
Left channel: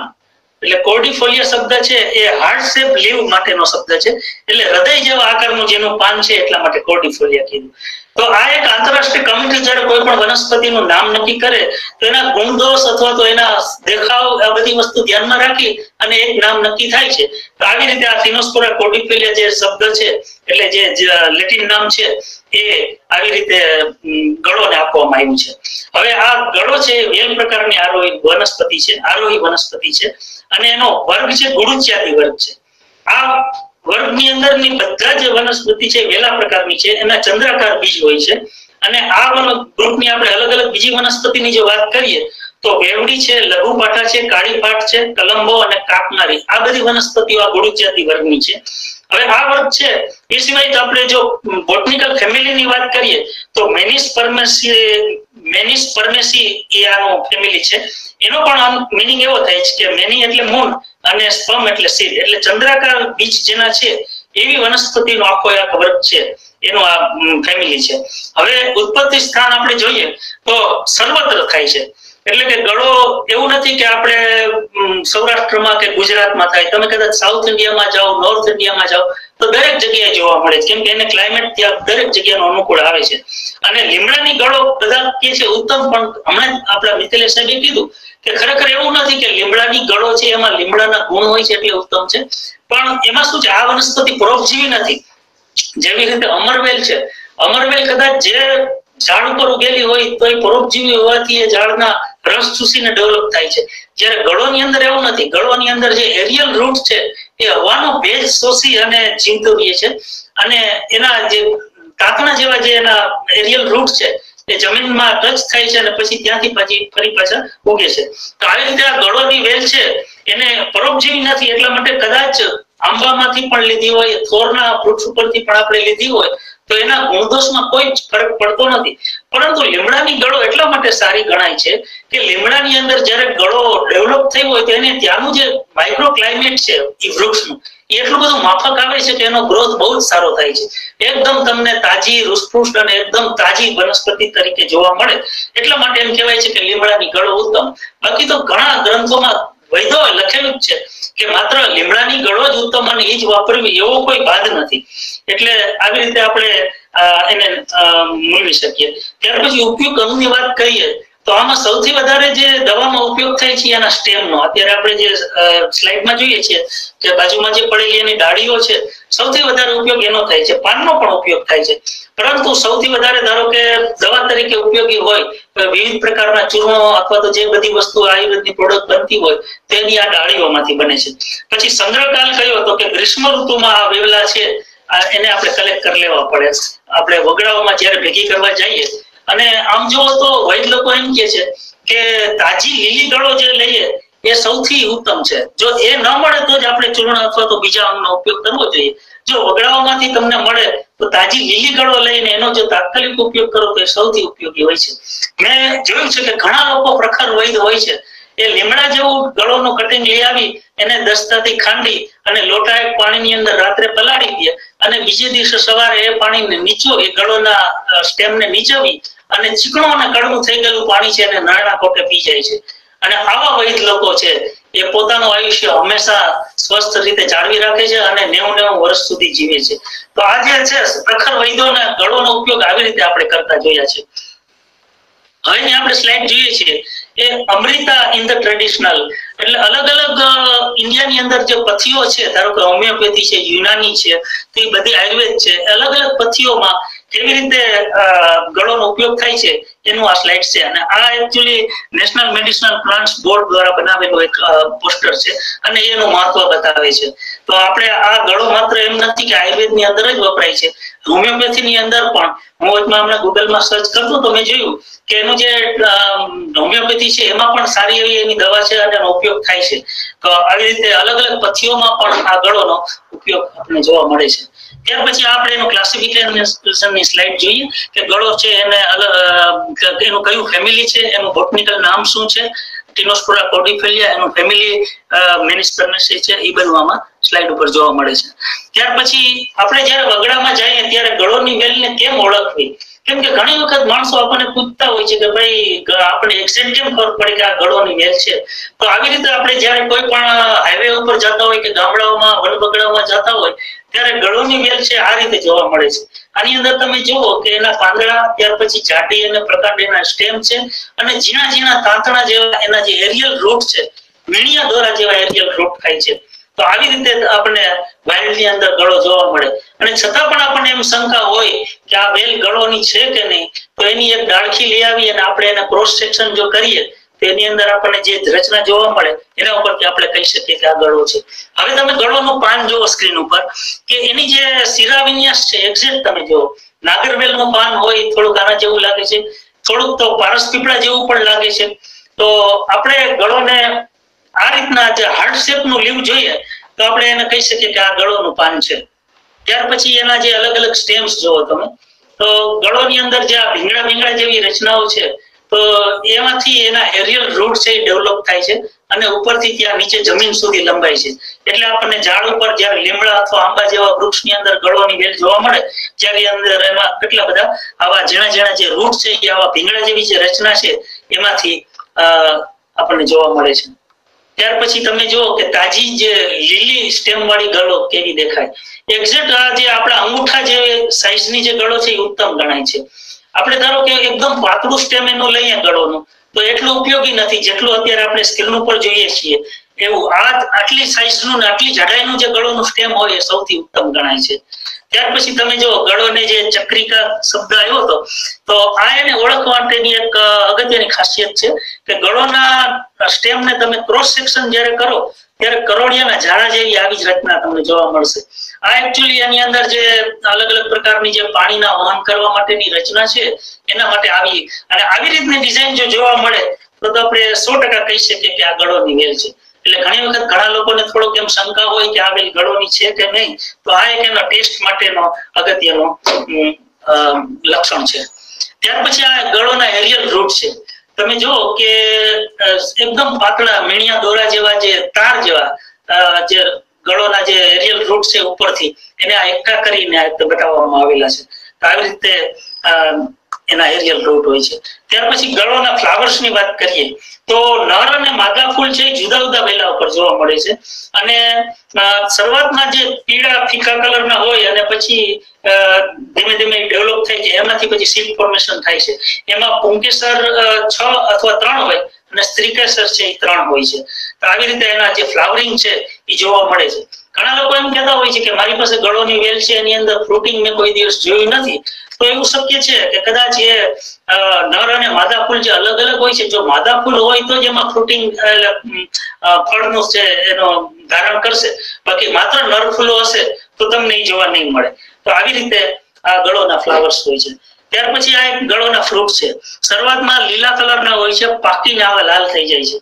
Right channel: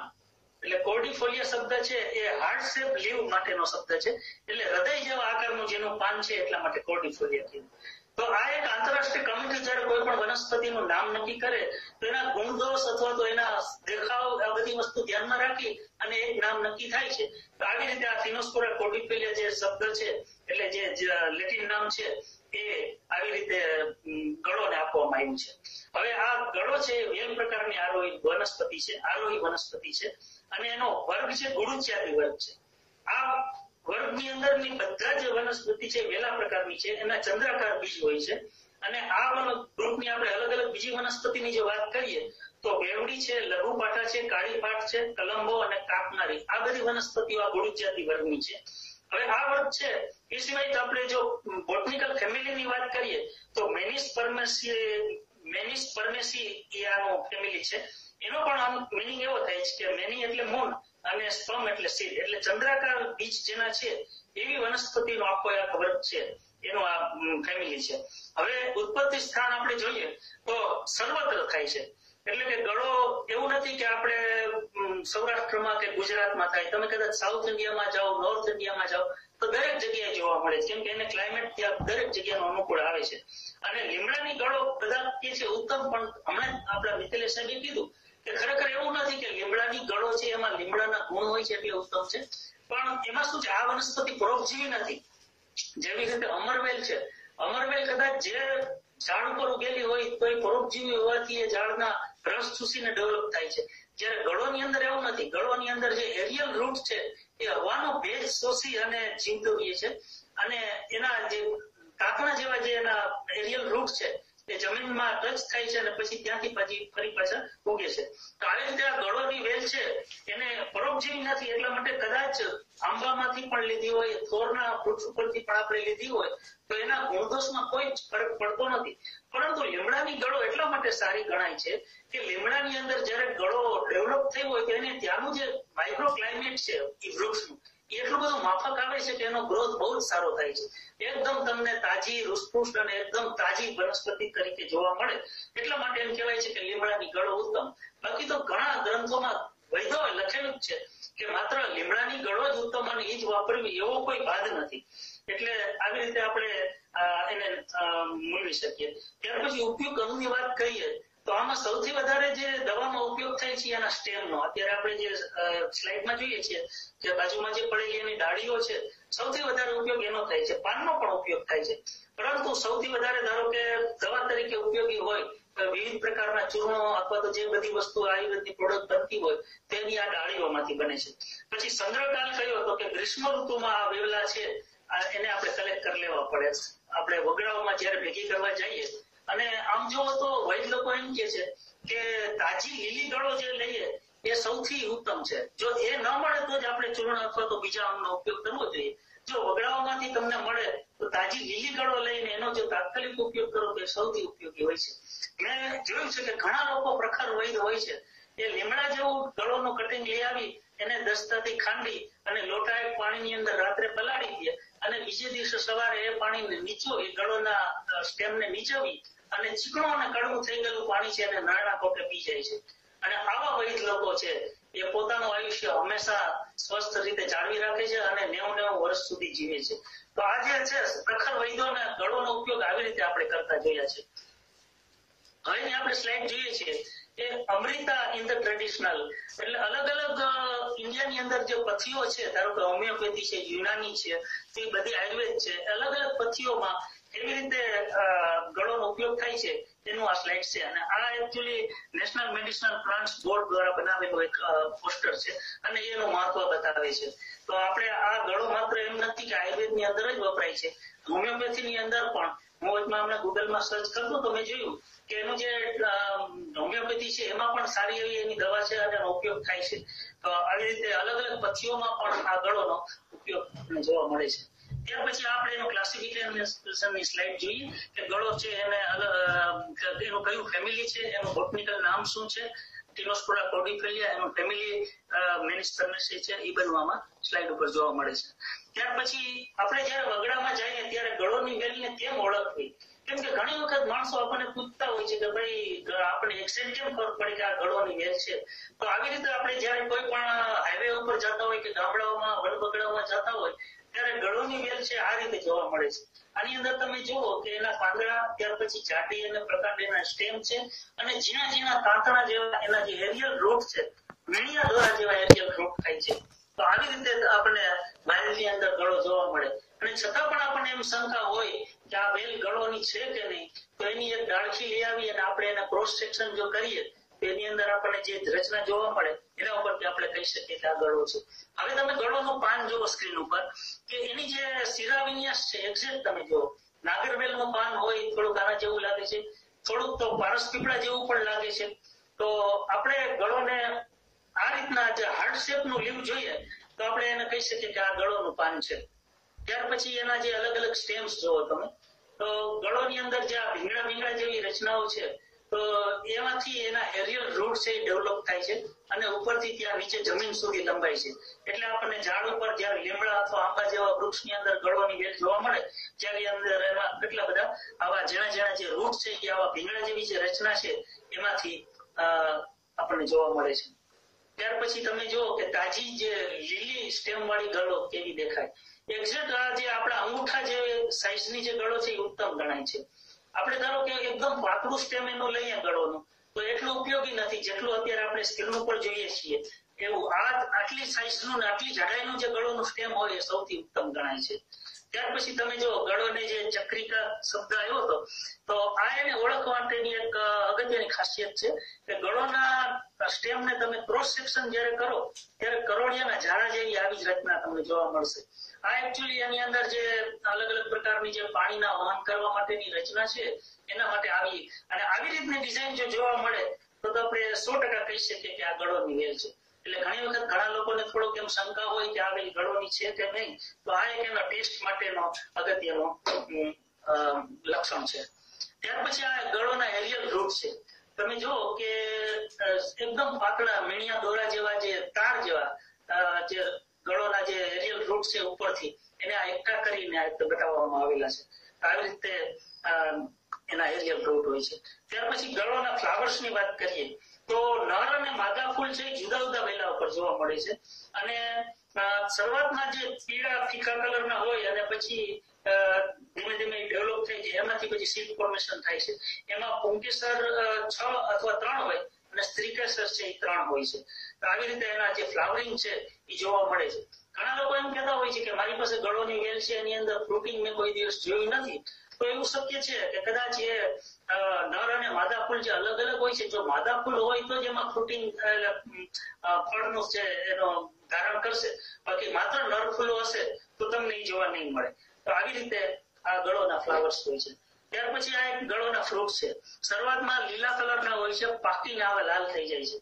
એટલે કોર્ડિફોલિયા શબ્દ છે એ હાર્ટ શેપ લીવ માટેનો શબ્દ છે. એટલે હૃદય જેવા આકારનું જેનું પાન છે એટલા માટે કોર્ડિફોલિયા કીધું. તો આ એક આંતરરાષ્ટ્રીય કમિટી જ્યારે કોઈ પણ વનસ્પતિનું નામ નક્કી કરે તો એના ગુણદોષ અથવા તો એના દેખાવ, આ બધી વસ્તુ ધ્યાનમાં રાખી અને એક નામ નક્કી થાય છે. તો આવી રીતે આ ટીનોસ્પોરા કોર્ડિફોલિયા જે શબ્દ છે, એટલે જે લેટિન નામ છે, એ આવી રીતે ગળોને આપવામાં આવ્યું છે. હવે આ ગળો છે વેલ પ્રકારની આરોહી વનસ્પતિ છે, આરોહી વનસ્પતિ છે. અને એનો વર્ગ છે ગુડુચ્યાદી વર્ગ છે. આ વર્ગની અંદરની બધા જે વનસ્પતિ છે વેલા પ્રકારની છે, એના ચંદ્રાકાર બીજ હોય છે. અને આ ગ્રુપની આપણે અલગ અલગ બીજી વનસ્પતિની જો વાત કરીએ તો વેવડી છે, લઘુપાઠા છે, કાળી પાઠ છે, કલંબો અને કાપનારી, આ બધી વનસ્પતિઓ આ ગુડુચ્યાદી વર્ગની છે. હવે આ વર્ગ છે એ સિવાય આપણે જો બોટનિકલ ફેમિલીની વાત કરીએ તો મેનિસ પરમેસી એ આનો ફેમિલી છે. એનો પણ મીનિંગ એવો થાય છે કે મેની એટલે મૂન અને સ્પર્મ એટલે સીડ, એટલે ચંદ્રાકાર બીજ જેના છે એવી વનસ્પતિનો આખો એક વર્ગ છે, એનો આ ફેમિલી છે. હવે ઉત્પત્તિ સ્થાન આપણે જોઈએ તો સર્વત્ર થાય છે. એટલે કે ગળો એવું નથી કે આપણે સૌરાષ્ટ્રમાં કે ગુજરાતમાં થાય. તમે કદાચ સાઉથ ઇન્ડિયામાં જાઓ, નોર્થ ઇન્ડિયામાં જાઓ તો દરેક જગ્યાએ જોવા મળે છે, કેમ કે એને ક્લાઇમેટ ત્યાં દરેક જગ્યાનો અનુકૂળ આવે છે. અને લીમડાની ગળો બધા કે છે ઉત્તમ, પણ હમણાં આપણા મિત્તલે સાહેબે કીધું કે ખરેખર એવું નથી કે લીમડાની ગળો છે એમાં લીમડાના ગુણ હોય છે એટલે ઉત્તમ છે. પણ એમાં શું છે, આ વનસ્પતિ પરોપજીવી નથી. જેવી રીતે અમરવેલ છે, અમરવેલ કદાચ જે ઝાડ ઉપર ઉગેલી હોય તો એ પરોપજીવી હોવાથી એ ઝાડના રસ ચૂસીને ડેવલપ થાય છે. જ્યારે ગળોની અંદર એવું નથી. ગળોની અંદર જે એરિયલ રૂટ છે એ હવાનો ભેજ શોષી અને જીવતો રહે છે. અને એના જે કાંકણા જેવા જે એના એરિયલ રૂટ છે એ જમીનમાં ટચ થાય છે અને પછી ત્યાંથી ફરી પાછા ઉગે છે. તો આવી રીતે આ ગળોની વેલ છે એને પરોપજીવી નથી, એટલા માટે કદાચ આંબામાંથી પણ લીધી હોય, થોરના વૃક્ષ ઉપરથી પણ આપણે લીધી હોય તો એના ગુણદોષમાં કોઈ ફરક પડતો નથી. પરંતુ લીમડાની ગળો એટલા માટે સારી ગણાય છે કે લીમડાની અંદર જ્યારે ગળો ડેવલપ થયો હોય તો એને ત્યાંનું જે માઇક્રો ક્લાઇમેટ છે એ વૃક્ષનું એટલું બધું માફક આવે છે કે એનો ગ્રોથ બહુ જ સારો થાય છે. એકદમ તમને તાજી રૂસપુષ્ટ અને એકદમ તાજી વનસ્પતિ તરીકે જોવા મળે. એટલા માટે એમ કહેવાય છે કે લીમડાની ગળો ઉત્તમ. બાકી તો ઘણા ગ્રંથોમાં વૈદોએ લખેલું જ છે કે માત્ર લીમડાની ગળો જ ઉત્તમ અને એ જ વાપરવી એવો કોઈ બાદ નથી. એટલે આવી રીતે આપણે એને મૂલવી શકીએ. ત્યાર પછી ઉપયોગ અંગની વાત કરીએ તો આમાં સૌથી વધારે જે દવામાં ઉપયોગ થાય છે એના સ્ટેમનો. અત્યારે આપણે જે સ્લાઇડમાં જોઈએ છીએ કે બાજુમાં જે પડેલી એની ડાળીઓ છે, સૌથી વધારે ઉપયોગ એનો થાય છે. પાનનો પણ ઉપયોગ થાય છે, પરંતુ સૌથી વધારે ધારો કે દવા તરીકે ઉપયોગી હોય વિવિધ પ્રકારના ચૂર્ણો અથવા તો જે બધી વસ્તુ આયુર્વેદની પ્રોડક્ટ બનતી હોય તેની આ ડાળીઓમાંથી બને છે. પછી સંગ્રહકાલ કયો તો કે ગ્રીષ્મ ઋતુમાં આ વેવલા છે એને આપણે કલેક્ટ કરી લેવા પડે. આપણે વગડાઓમાં જયારે ભેગી કરવા જઈએ અને આમ જોવો તો વૈદ લોકો એમ કે છે કે તાજી લીલી ગળો જે લઈએ એ સૌથી ઉત્તમ છે. જો એ ન મળે તો જ આપણે ચૂર્ણ અથવા તો બીજા અંગનો ઉપયોગ કરવો જોઈએ. જો વગડાઓમાંથી તમને મળે તો તાજી લીલી ગળો લઈને એનો જો તાત્કાલિક ઉપયોગ કરો તો એ સૌથી ઉપયોગી હોય છે. મેં જોયું છે કે ઘણા લોકો પ્રખર વૈદ હોય છે એ લીમડા જેવું ગળોનું કટિંગ લઈ આવી એને દસ્તાથી ખાંડી અને લોટા એક પાણીની અંદર રાત્રે પલાળી દે અને બીજે દિવસે સવારે એ પાણીને નીચો એ ગળોના સ્ટેમને નીચોવી અને ચીકણું અને કડવું થઈ ગયેલું પાણી છે એને નાના કોટે પી જાય છે. અને આવા વૈદ લોકો છે એ પોતાનું આયુષ્ય હંમેશા સ્વસ્થ રીતે જાળવી રાખે છે અને 90 વર્ષ સુધી જીવે છે. તો આ જે છે પ્રખર વૈદોના ગળોનો ઉપયોગ આવી રીતે આપણે કરતા જોયા છે. હવે આપણે સ્લાઇડ જોઈએ છીએ એ અમૃતા ઇન ધ ટ્રેડિશનલ, એટલે અલગ અલગ ઇન્ડિયાની અંદર જે પથ્થીઓ છે, ધારો કે હોમિયોપેથી છે, યુનાની છે, તો એ બધી આયુર્વેદ છે, અલગ અલગ પથ્થીઓમાં કેવી રીતે ગળોનો ઉપયોગ થાય છે એનું આ સ્લાઇડ છે. અને આ actually national medicinal plants board દ્વારા બનાવેલું એક પોસ્ટર છે અને એનું મહત્વ બતાવે છે. તો આપણે આ ગળો માત્ર એમ નથી કે આયુર્વેદની અંદર જ વપરાય છે, હોમિયોપેથીની અંદર પણ. હું હમણાં ગૂગલમાં સર્ચ કરતો તો મેં જોયું કે એનું જે હોમિયોપેથી છે એમાં પણ સારી એવી એની દવા છે અને એનો ઉપયોગ થાય છે. તો આવી રીતે અલગ અલગ પથ્થીઓમાં પણ આ ગળોનો ઉપયોગ આપણને જોવા મળે છે. ત્યાર પછી આપણે એનું ક્લાસિફિકેશનની સ્લાઇડ જોઈએ કે ગળો છે એને એનું કયું ફેમિલી છે, એનું બોટનિકલ નામ શું છે, ટીનોસ્પોરા કોર્ડિફેલિયા એનું ફેમિલી મેનિસ્પર્નેસી છે, એ બનવામાં સ્લાઇડ ઉપર જોવા મળે છે. ત્યાર પછી આપણે જ્યારે વગડામાં જઈએ ત્યારે ગળોની વેલને કેમ ઓળખવી, કેમ કે ઘણી વખત માણસો આપણને પૂછતા હોય છે કે ભાઈ આપણે એક્ઝેક્ટ કેમ ખબર પડે કે આ ગળોની વેલ છે. તો આવી રીતે આપણે જ્યારે કોઈ પણ હાઈવે ઉપર જતા હોય કે ગામડાઓમાં વનબગડાઓમાં જતા હોય ત્યારે ગળોની વેલ છે આ રીતે જોવા મળે છે. આની અંદર તમે જુઓ કે એના પાંદડા, ત્યાર પછી જાડી અને પ્રકાંડ એના સ્ટેમ છે અને ઝીણા ઝીણા તાંતણા જેવા એના જે એરિયલ રૂટ છે, મીણિયા દોરા જેવા એરિયલ રૂટ થાય છે. તો આવી રીતે આપણને વાઇલ્ડની અંદર ગળો જોવા મળે. અને છતાં પણ આપણને એમ શંકા હોય કે આ વેલ ગળોની છે કે નહીં, તો એની એક ડાળખી લઈ આવી અને આપણે એને ક્રોસ સેક્શન જો કરીએ તો એની અંદર આપણને જે રચના જોવા મળે એના ઉપરથી આપણે કહી શકીએ કે આ ગળો છે. હવે તમે ગળોનું પાન જુઓ સ્ક્રીન ઉપર કે એની જે શિરા વિન્યાસ છે એક્ઝેક્ટ તમે જુઓ. નાગરવેલનું પાન હોય થોડુંક આના જેવું લાગે છે, થોડુંક તો પારસ પીપળા જેવું પણ લાગે છે. તો આપણે ગળોને આ રીતના જે હાર્ટ શેપનું લીવ જોઈએ તો આપણે એને કહી શકીએ કે આ ગળોનું પાન છે. ત્યાર પછી એના જે અલગ અલગ સ્ટેમ્સ જોવો તમે તો ગળોની અંદર જે આ ભીંગડા જેવી રચનાઓ છે તો એમાંથી એના એરિયલ રૂટ છે એ ડેવલપ થાય છે અને ઉપરથી ત્યાં નીચે જમીન સુધી લંબાય છે. એટલે આપણને ઝાડ ઉપર જ્યારે લીમડા અથવા આંબા જેવા વૃક્ષની અંદર ગળોની વેલ જોવા મળે ત્યારે અંદર એમાં કેટલા બધા આવા ઝીણા ઝીણા જે રૂટ છે એ આવા ભીંગડા જેવી જે રચના છે એમાંથી આપણને જોવા મળે છે. ત્યાર પછી તમે જુઓ કે તાજી જે લીલી સ્ટેમ વાળી ગળો કેવી દેખાય. એક્ઝેક્ટ આ જે આપણા અંગૂઠા જે સાઈઝની જે ગળો છે એ ઉત્તમ ગણાય છે. આપણે ધારો કે એકદમ પાતળું સ્ટેમ એનું લઈએ ગળોનું તો એટલું ઉપયોગી નથી જેટલું અત્યારે આપણે સ્ક્રીન ઉપર જોઈએ છીએ એવું. આટલી સાઈઝનું ને આટલી જાડાઈનું જે ગળોનું સ્ટેમ હોય એ સૌથી ઉત્તમ ગણાય છે. ત્યાર પછી તમે જો ગળોને જે ચક્રિકા શબ્દ આવ્યો હતો તો આ એને ઓળખવા માટેની એક અગત્યની ખાસિયત છે કે ગળોના સ્ટેમને તમે ક્રોસ સેક્શન જ્યારે કરો ત્યારે કરોડિયાના ઝાડા જેવી આવી જ રચના તમને જોવા મળશે. આ એકચ્યુઅલી એની અંદર જે અલગ અલગ પ્રકારની જે પાણીના વહન કરવા માટેની રચના છે એના માટે આવી અને આવી રીતની ડિઝાઇન જો જોવા મળે તો આપણે 100% કહી શકીએ કે આ ગળોની વેલ છે. એટલે ઘણી વખત ઘણા લોકોને થોડોક એમ શંકા હોય કે આ વેલ ગળોની છે કે નહીં, તો આ એક એનો ટેસ્ટ માટેનો અગત્યનો લક્ષણ છે. ત્યાર પછી આ ગળોના એરિયલ રૂટ છે. તમે જુઓ કે એકદમ પાતળા મીણિયા દોરા જેવા જે તાર જેવા જે ગળોના જે એરિયલ રૂટ છે ઉપરથી એને આ એકઠા કરીને બતાવવામાં આવેલા છે. તો આવી રીતે એના એરિયલ રૂટ હોય છે. ત્યાર પછી ગળોના ફ્લાવર્સ ની વાત કરીએ તો નર અને માદા ફૂલ છે જુદા જુદા વેલા ઉપર જોવા મળે છે. અને શરૂઆતમાં જે પીળા ફીકા કલરના હોય અને પછી ધીમે ધીમે ડેવલપ થાય છે, એમાંથી પછી સીડ ફોર્મેશન થાય છે. એમાં પુંકેસર 6 અથવા 3 હોય અને સ્ત્રીકેસર છે એ 3 હોય છે. તો આવી રીતે એના જે ફ્લાવરિંગ છે એ જોવા મળે છે. ઘણા લોકો એમ કહેતા હોય છે કે મારી પાસે ગળોની વેલ છે, એની અંદર ફ્રૂટિંગ મેં કોઈ દિવસ જોયું નથી. તો એવું શક્ય છે કે કદાચ એ નર અને માદા ફૂલ જે અલગ અલગ હોય છે, જો માદા ફૂલ હોય તો જ એમાં ફ્રૂટિંગ ફળનું છે એનો ધારણ કરશે, બાકી માત્ર નર ફૂલો હશે તો તમને એ જોવા નહીં મળે. તો આવી રીતે આ ગળોના ફ્લાવર્સ હોય છે. ત્યાર પછી આ એક ગળોના ફ્રૂટ છે. શરૂઆતમાં લીલા કલરના હોય છે, પાકીને આવા લાલ થઈ જાય છે.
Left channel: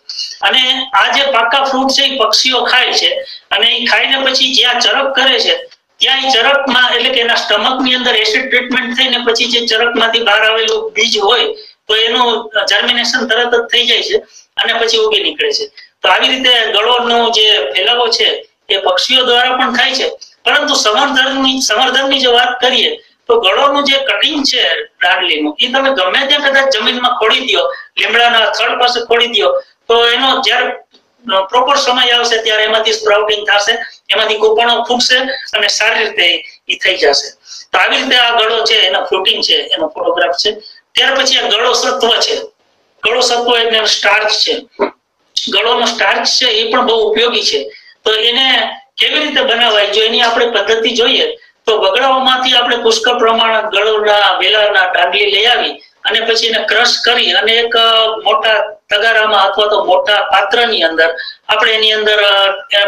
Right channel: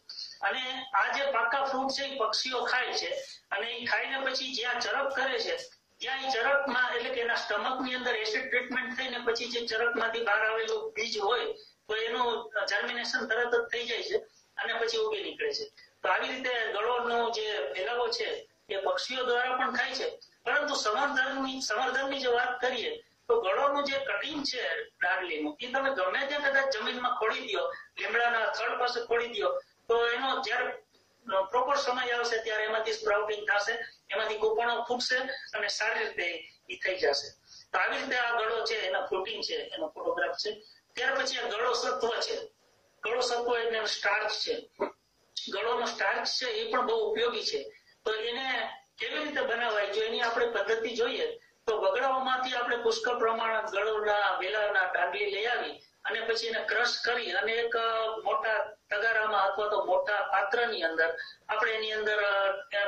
અને આ જે પાકા ફ્રૂટ છે એ પક્ષીઓ ખાય છે અને એ ખાઈને પછી જ્યાં ચરક કરે છે ત્યાં એ ચરકમાં એટલે કે એના સ્ટમકની અંદર એસિડ ટ્રીટમેન્ટ થઈને પછી જે ચરકમાંથી બહાર આવેલું બીજ હોય તો એનું જર્મિનેશન તરત જ થઈ જાય છે અને પછી ઉગી નીકળે છે. તો આવી રીતે ગળોનો જે ફેલાવો છે એ પક્ષીઓ દ્વારા પણ થાય છે. પરંતુ સંવર્ધનની જો વાત કરીએ તો ગળોનું જે કટિંગ છે દાંડલીનું એ તમે ગમે ત્યાં કદાચ જમીનમાં ખોડી દો, લીમડાના થડ પાસે ખોડી દો, તો એનો જ્યારે પ્રોપર સમય આવશે ત્યારે એમાંથી સ્પ્રાઉટિંગ થશે, એમાંથી કોપણો ફૂટશે અને સારી રીતે એ થઈ જશે. તો આવી રીતે આ ગળો છે એનો ફ્રૂટિંગ છે એનો ફોટોગ્રાફ છે. ત્યાર પછી આ ગળો સત્વ છે. ગળો સત્વ એટલે સ્ટાર્ચ છે. ગળોનો સ્ટાર્ચ છે એ પણ બહુ ઉપયોગી છે. તો એને કેવી રીતે બનાવાય, જો એની આપણે પદ્ધતિ જોઈએ તો બગડાઓમાંથી આપણે પુષ્કળ પ્રમાણ ગળોના વેલાના દાંડલી લઈ આવી અને પછી એને ક્રશ કરી અને એક મોટા તગારામાં અથવા તો મોટા પાત્રની અંદર આપણે એની અંદર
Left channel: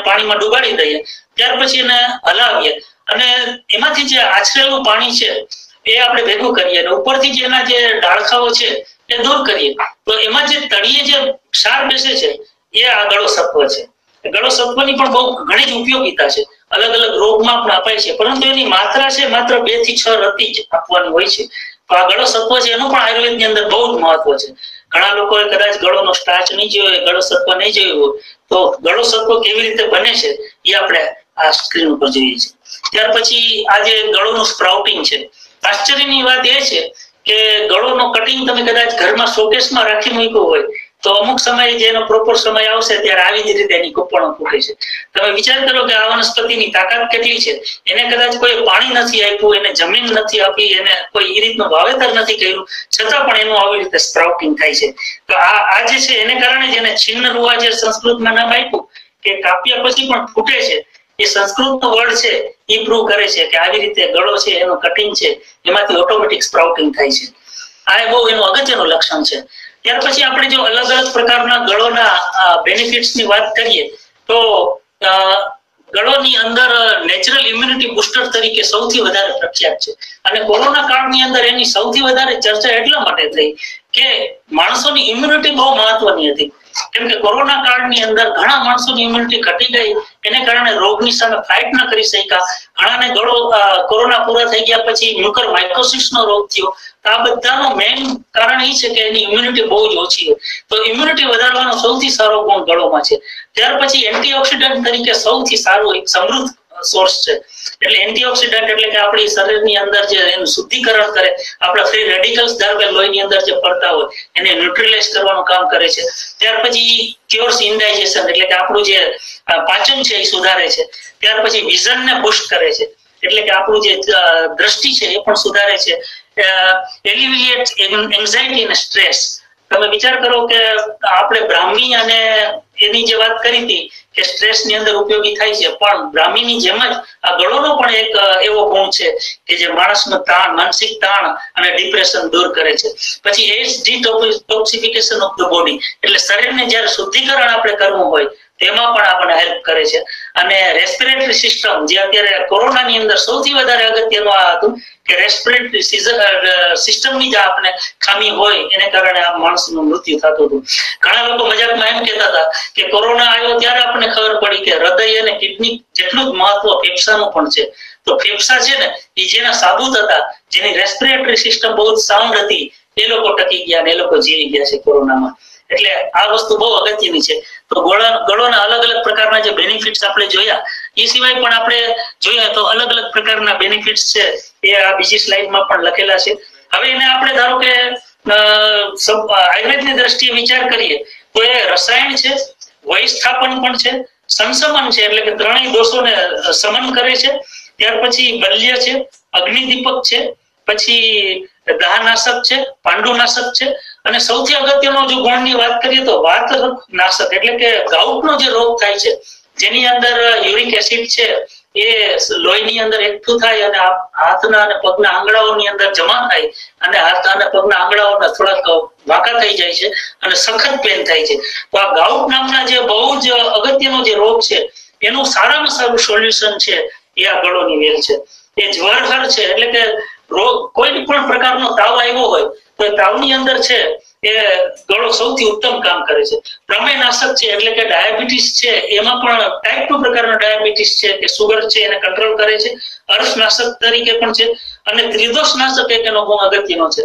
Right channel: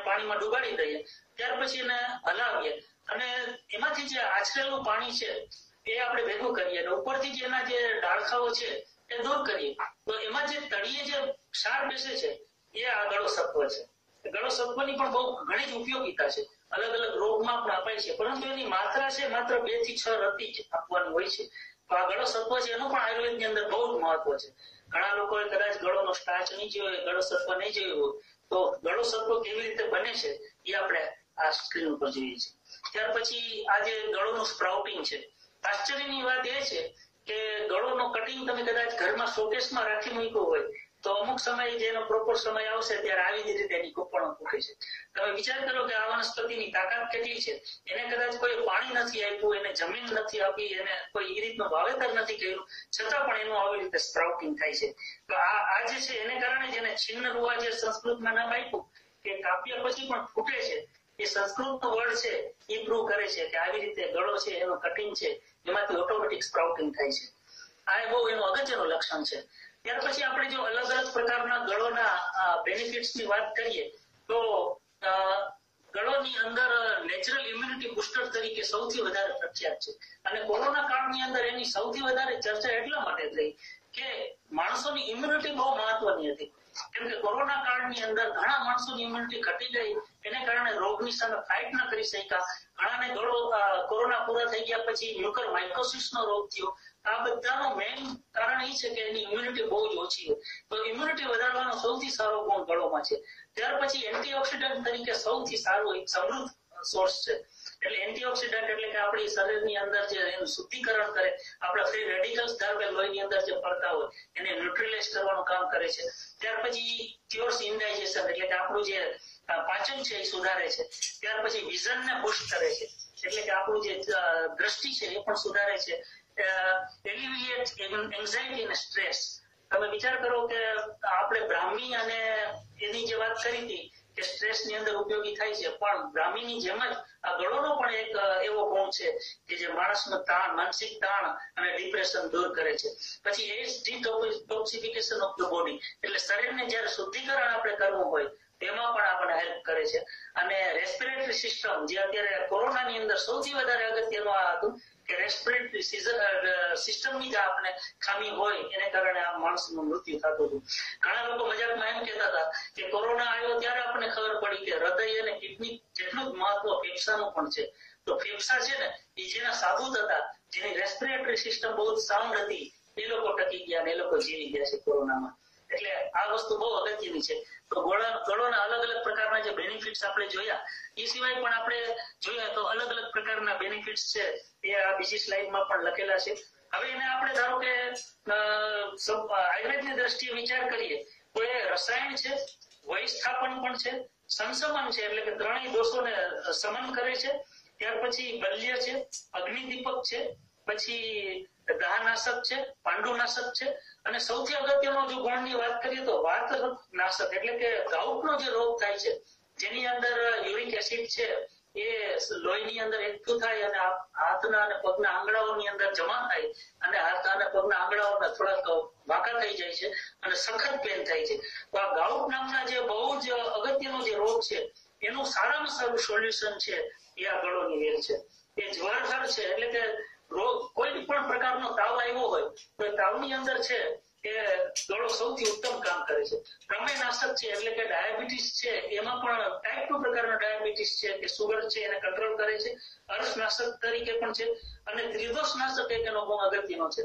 પાણીમાં ડુબાડી દઈએ. ત્યાર પછી એને હલાવીએ અને એમાંથી જે આછરેલું પાણી છે એ આપણે ભેગું કરીએ અને ઉપરથી જે એના જે ડાળખાઓ છે એ દૂર કરીએ. તો એમાં જે તળિયે જે ક્ષાર બેસે છે એ આ ગળો સત્વ છે. ગળો સત્વની પણ બહુ ઘણી જ ઉપયોગિતા છે. અલગ અલગ રોગમાં પણ અપાય છે, પરંતુ એની માત્રા છે માત્ર 2 થી 6 રતી જ આપવાની હોય છે. તો આ ગળો સત્વ છે એનું પણ આયુર્વેદની અંદર બહુ જ મહત્વ છે. ઘણા લોકોએ કદાચ ગળોનો સ્ટાર્ચ નહીં જોયો, ગળો સત્વ નહીં જોયું હોય તો ગળો સત્વ કેવી રીતે બને છે એ આપણે આ સ્ક્રીન ઉપર જોઈએ છીએ. ત્યાર પછી આ જે ગળોનું સ્પ્રાઉટિંગ છે. આશ્ચર્યની વાત એ છે કે ગળોનો કટિંગ તમે કદાચ ઘરમાં શોકેસમાં રાખી મૂક્યો હોય તો અમુક સમયે જેનો પ્રોપર સમય આવશે ત્યારે આવી જ રીતે એની કુપણો ફૂટે છે. તમે વિચાર કરો કે આ વનસ્પતિની તાકાત કેટલી છે. એને કદાચ કોઈ પાણી નથી આપ્યું, એને જમીન નથી આપી, એને કોઈ એ રીતનું વાવેતર નથી કર્યું, છતાં પણ એનું આવી રીતે સ્પ્રાઉટિંગ થાય છે. તો આ જે છે એને કારણે જ એને છિન્ન રૂવા જે સંસ્કૃતમાં નામ આપ્યું કે કાપ્યા પછી પણ ફૂટે છે, એ સંસ્કૃતનો વર્ડ છે એ પ્રૂવ કરે છે કે આવી રીતે ગળો છે એનું કટિંગ છે એમાંથી ઓટોમેટિક સ્પ્રાઉટિંગ થાય છે. આ બહુ એનું અગત્યનું લક્ષણ છે. ત્યાર પછી આપણે જો અલગ અલગ પ્રકારના ગળોના બેનિફિટ્સ ની વાત કરીએ તો ગળોની અંદર નેચરલ ઇમ્યુનિટી બુસ્ટર તરીકે સૌથી વધારે પ્રખ્યાત છે. અને કોરોના કાળની અંદર એની સૌથી વધારે ચર્ચા એટલા માટે થઈ કે માણસોની ઇમ્યુનિટી બહુ મહત્વની હતી. કેમ કે કોરોના કાળની અંદર ઘણા માણસોની ઇમ્યુનિટી ઘટી ગઈ, એને કારણે રોગની સામે ફાઇટ ન કરી શક્યા. ઘણાને ગળો કોરોના પૂરા થઈ ગયા પછી મ્યુકર માઇકોસિસનો રોગ થયો. આ બધાનું મેઇન કારણ એ છે કે એની ઇમ્યુનિટી બહુ જ ઓછી હોય. તો ઇમ્યુનિટી વધારવાનો સૌથી સારો ગુણ ગળોમાં છે. ત્યાર પછી એન્ટીઓક્સિડન્ટ તરીકે સૌથી સારું એક સમૃદ્ધ સોર્સ છે. એટલે એન્ટીઓક્સિડન્ટ એટલે કે આપણી શરીરની અંદર જે એનું શુદ્ધિકરણ કરે, આપણા ફ્રી રેડિકલ્સ ધારો કે લોહીની અંદર જે ફરતા હોય એને ન્યુટ્રલાઇઝ કરવાનું કામ કરે છે. ત્યાર પછી ક્યોર્સ ઇન્ડાઇજેશન એટલે કે આપણું જે પાચન છે એ સુધારે છે. ત્યાર પછી વિઝનને બુસ્ટ કરે છે એટલે કે આપણું જે દ્રષ્ટિ છે એ પણ સુધારે છે. એલિવિએટ એન્ઝાઇટી અને સ્ટ્રેસ. તમે વિચાર કરો કે આપણે બ્રાહ્મી અને એની જે વાત કરી હતી કે સ્ટ્રેસ ની અંદર ઉપયોગી થાય છે, પણ બ્રાહ્મીની જેમ જ આ ગળોનો પણ એક એવો ગુણ છે કે જે માણસનો તાણ, માનસિક તાણ અને ડિપ્રેશન દૂર કરે છે. પછી એજ ડિટોક્સિફિકેશન ઓફ ધ બોડી એટલે શરીરને જ્યારે શુદ્ધિકરણ આપણે કરવું હોય તેમાં પણ આપણને હેલ્પ કરે છે. અને રેસ્પિરેટરી સિસ્ટમ, જે અત્યારે કોરોનાની અંદર સૌથી વધારે અગત્યનું આ હતું કે રેસ્પિરેટરી સિસ્ટમની જે આપણે ખામી હોય એને કારણે આ માણસનું મૃત્યુ થતું હતું. ઘણા લોકો મજાકમાં એમ કહેતા હતા કે કોરોના આવ્યો ત્યારે આપણને ખબર પડી કે હૃદય અને કિડની જેટલું જ મહત્વ ફેફસાનું પણ છે. તો ફેફસા છે ને એ જેના સાબુત હતા, જેની રેસ્પિરેટરી સિસ્ટમ બહુ સાઉન્ડ હતી, એ લોકો ટકી ગયા ને એ લોકો જીવી ગયા છે કોરોનામાં. એટલે આ વસ્તુ બહુ અગત્યની છે. તો ગળોના અલગ અલગ પ્રકારના જે બેનિફિટ્સ આપણે જોયા, એ સિવાય પણ આપણે જોઈએ તો અલગ અલગ પ્રકારના બેનિફિટ્સ છે એ આ બીજી સ્લાઇડમાં પણ લખેલા છે. હવે એને આપણે ધારો કે આયુર્વેદની દ્રષ્ટિએ વિચાર કરીએ તો એ રસાયણ છે, વયસ્થાપન પણ છે, સંશમન છે, એટલે કે ત્રણેય દોષોને શમન કરે છે. ત્યાર પછી બલ્ય છે, અગ્નિદીપક છે, પછી દાહનાશક છે, પાંડુનાશક છે, અને સૌથી અગત્યનો જો ગુણની વાત કરીએ તો વાત નાશક, એટલે કે ગાઉટનો જે રોગ થાય છે, જેની અંદર યુરિક એસિડ છે એ લોહીની અંદર એકઠું થાય અને હાથના અને પગના આંગળાઓની અંદર જમા થાય અને હાથ અને પગના આંગળાઓના થોડાક વાંકા થઈ જાય છે અને સખત પેન થાય છે. તો આ ગાઉટ નામના જે બહુ જ અગત્યનો જે રોગ છે એનું સારામાં સારું સોલ્યુશન છે એ આ ગળોની વેલ છે. એ જ્વરહર છે, એટલે કે રોગ કોઈ પણ પ્રકારનો તાવ આવ્યો હોય તો એ તાવની અંદર છે એ ગળો સૌથી ઉત્તમ કામ કરે છે. પ્રમેયનાશક છે, એટલે કે ડાયાબિટીસ છે, એમાં પણ ટાઈપ 2 પ્રકારનો ડાયાબિટીસ છે કે સુગર છે એને કંટ્રોલ કરે છે. અર્શનાશક તરીકે પણ છે અને ત્રિદોષનાશક એક એનો ગુણ અગત્યનો છે.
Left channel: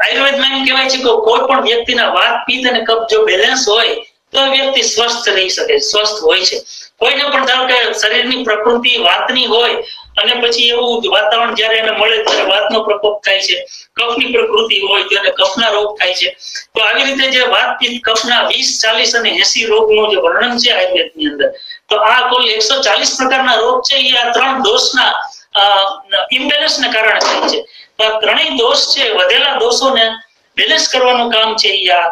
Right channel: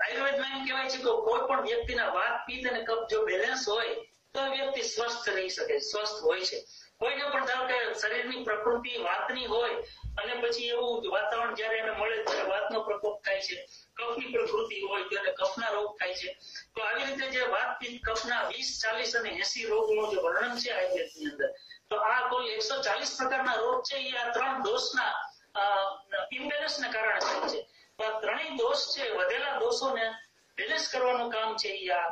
આયુર્વેદમાં એમ કહેવાય છે કે કોઈ પણ વ્યક્તિના વાત, પિત્ત અને કફ જો બેલેન્સ હોય તો વ્યક્તિ સ્વસ્થ રહી શકે, સ્વસ્થ હોય છે. કોઈને પણ ધારો કે શરીરની પ્રકૃતિ વાતની હોય અને પછી એવું વાતાવરણ જયારે એને મળે ત્યારે વાતનો પ્રકોપ થાય છે, કફની પ્રકૃતિ હોય તો એને કફના રોગ થાય છે. તો આવી રીતે જે વાત, પિત્ત, કફના 20, 40 અને 80 રોગનું જે વર્ણન છે આયુર્વેદની અંદર, તો આ કુલ 140 પ્રકારના રોગ છે એ આ ત્રણ દોષના ઇમ્બેલેન્સને કારણે થાય છે. તો આ ત્રણેય દોષ છે, વધેલા દોષોને બેલેન્સ કરવાનું કામ છે એ આ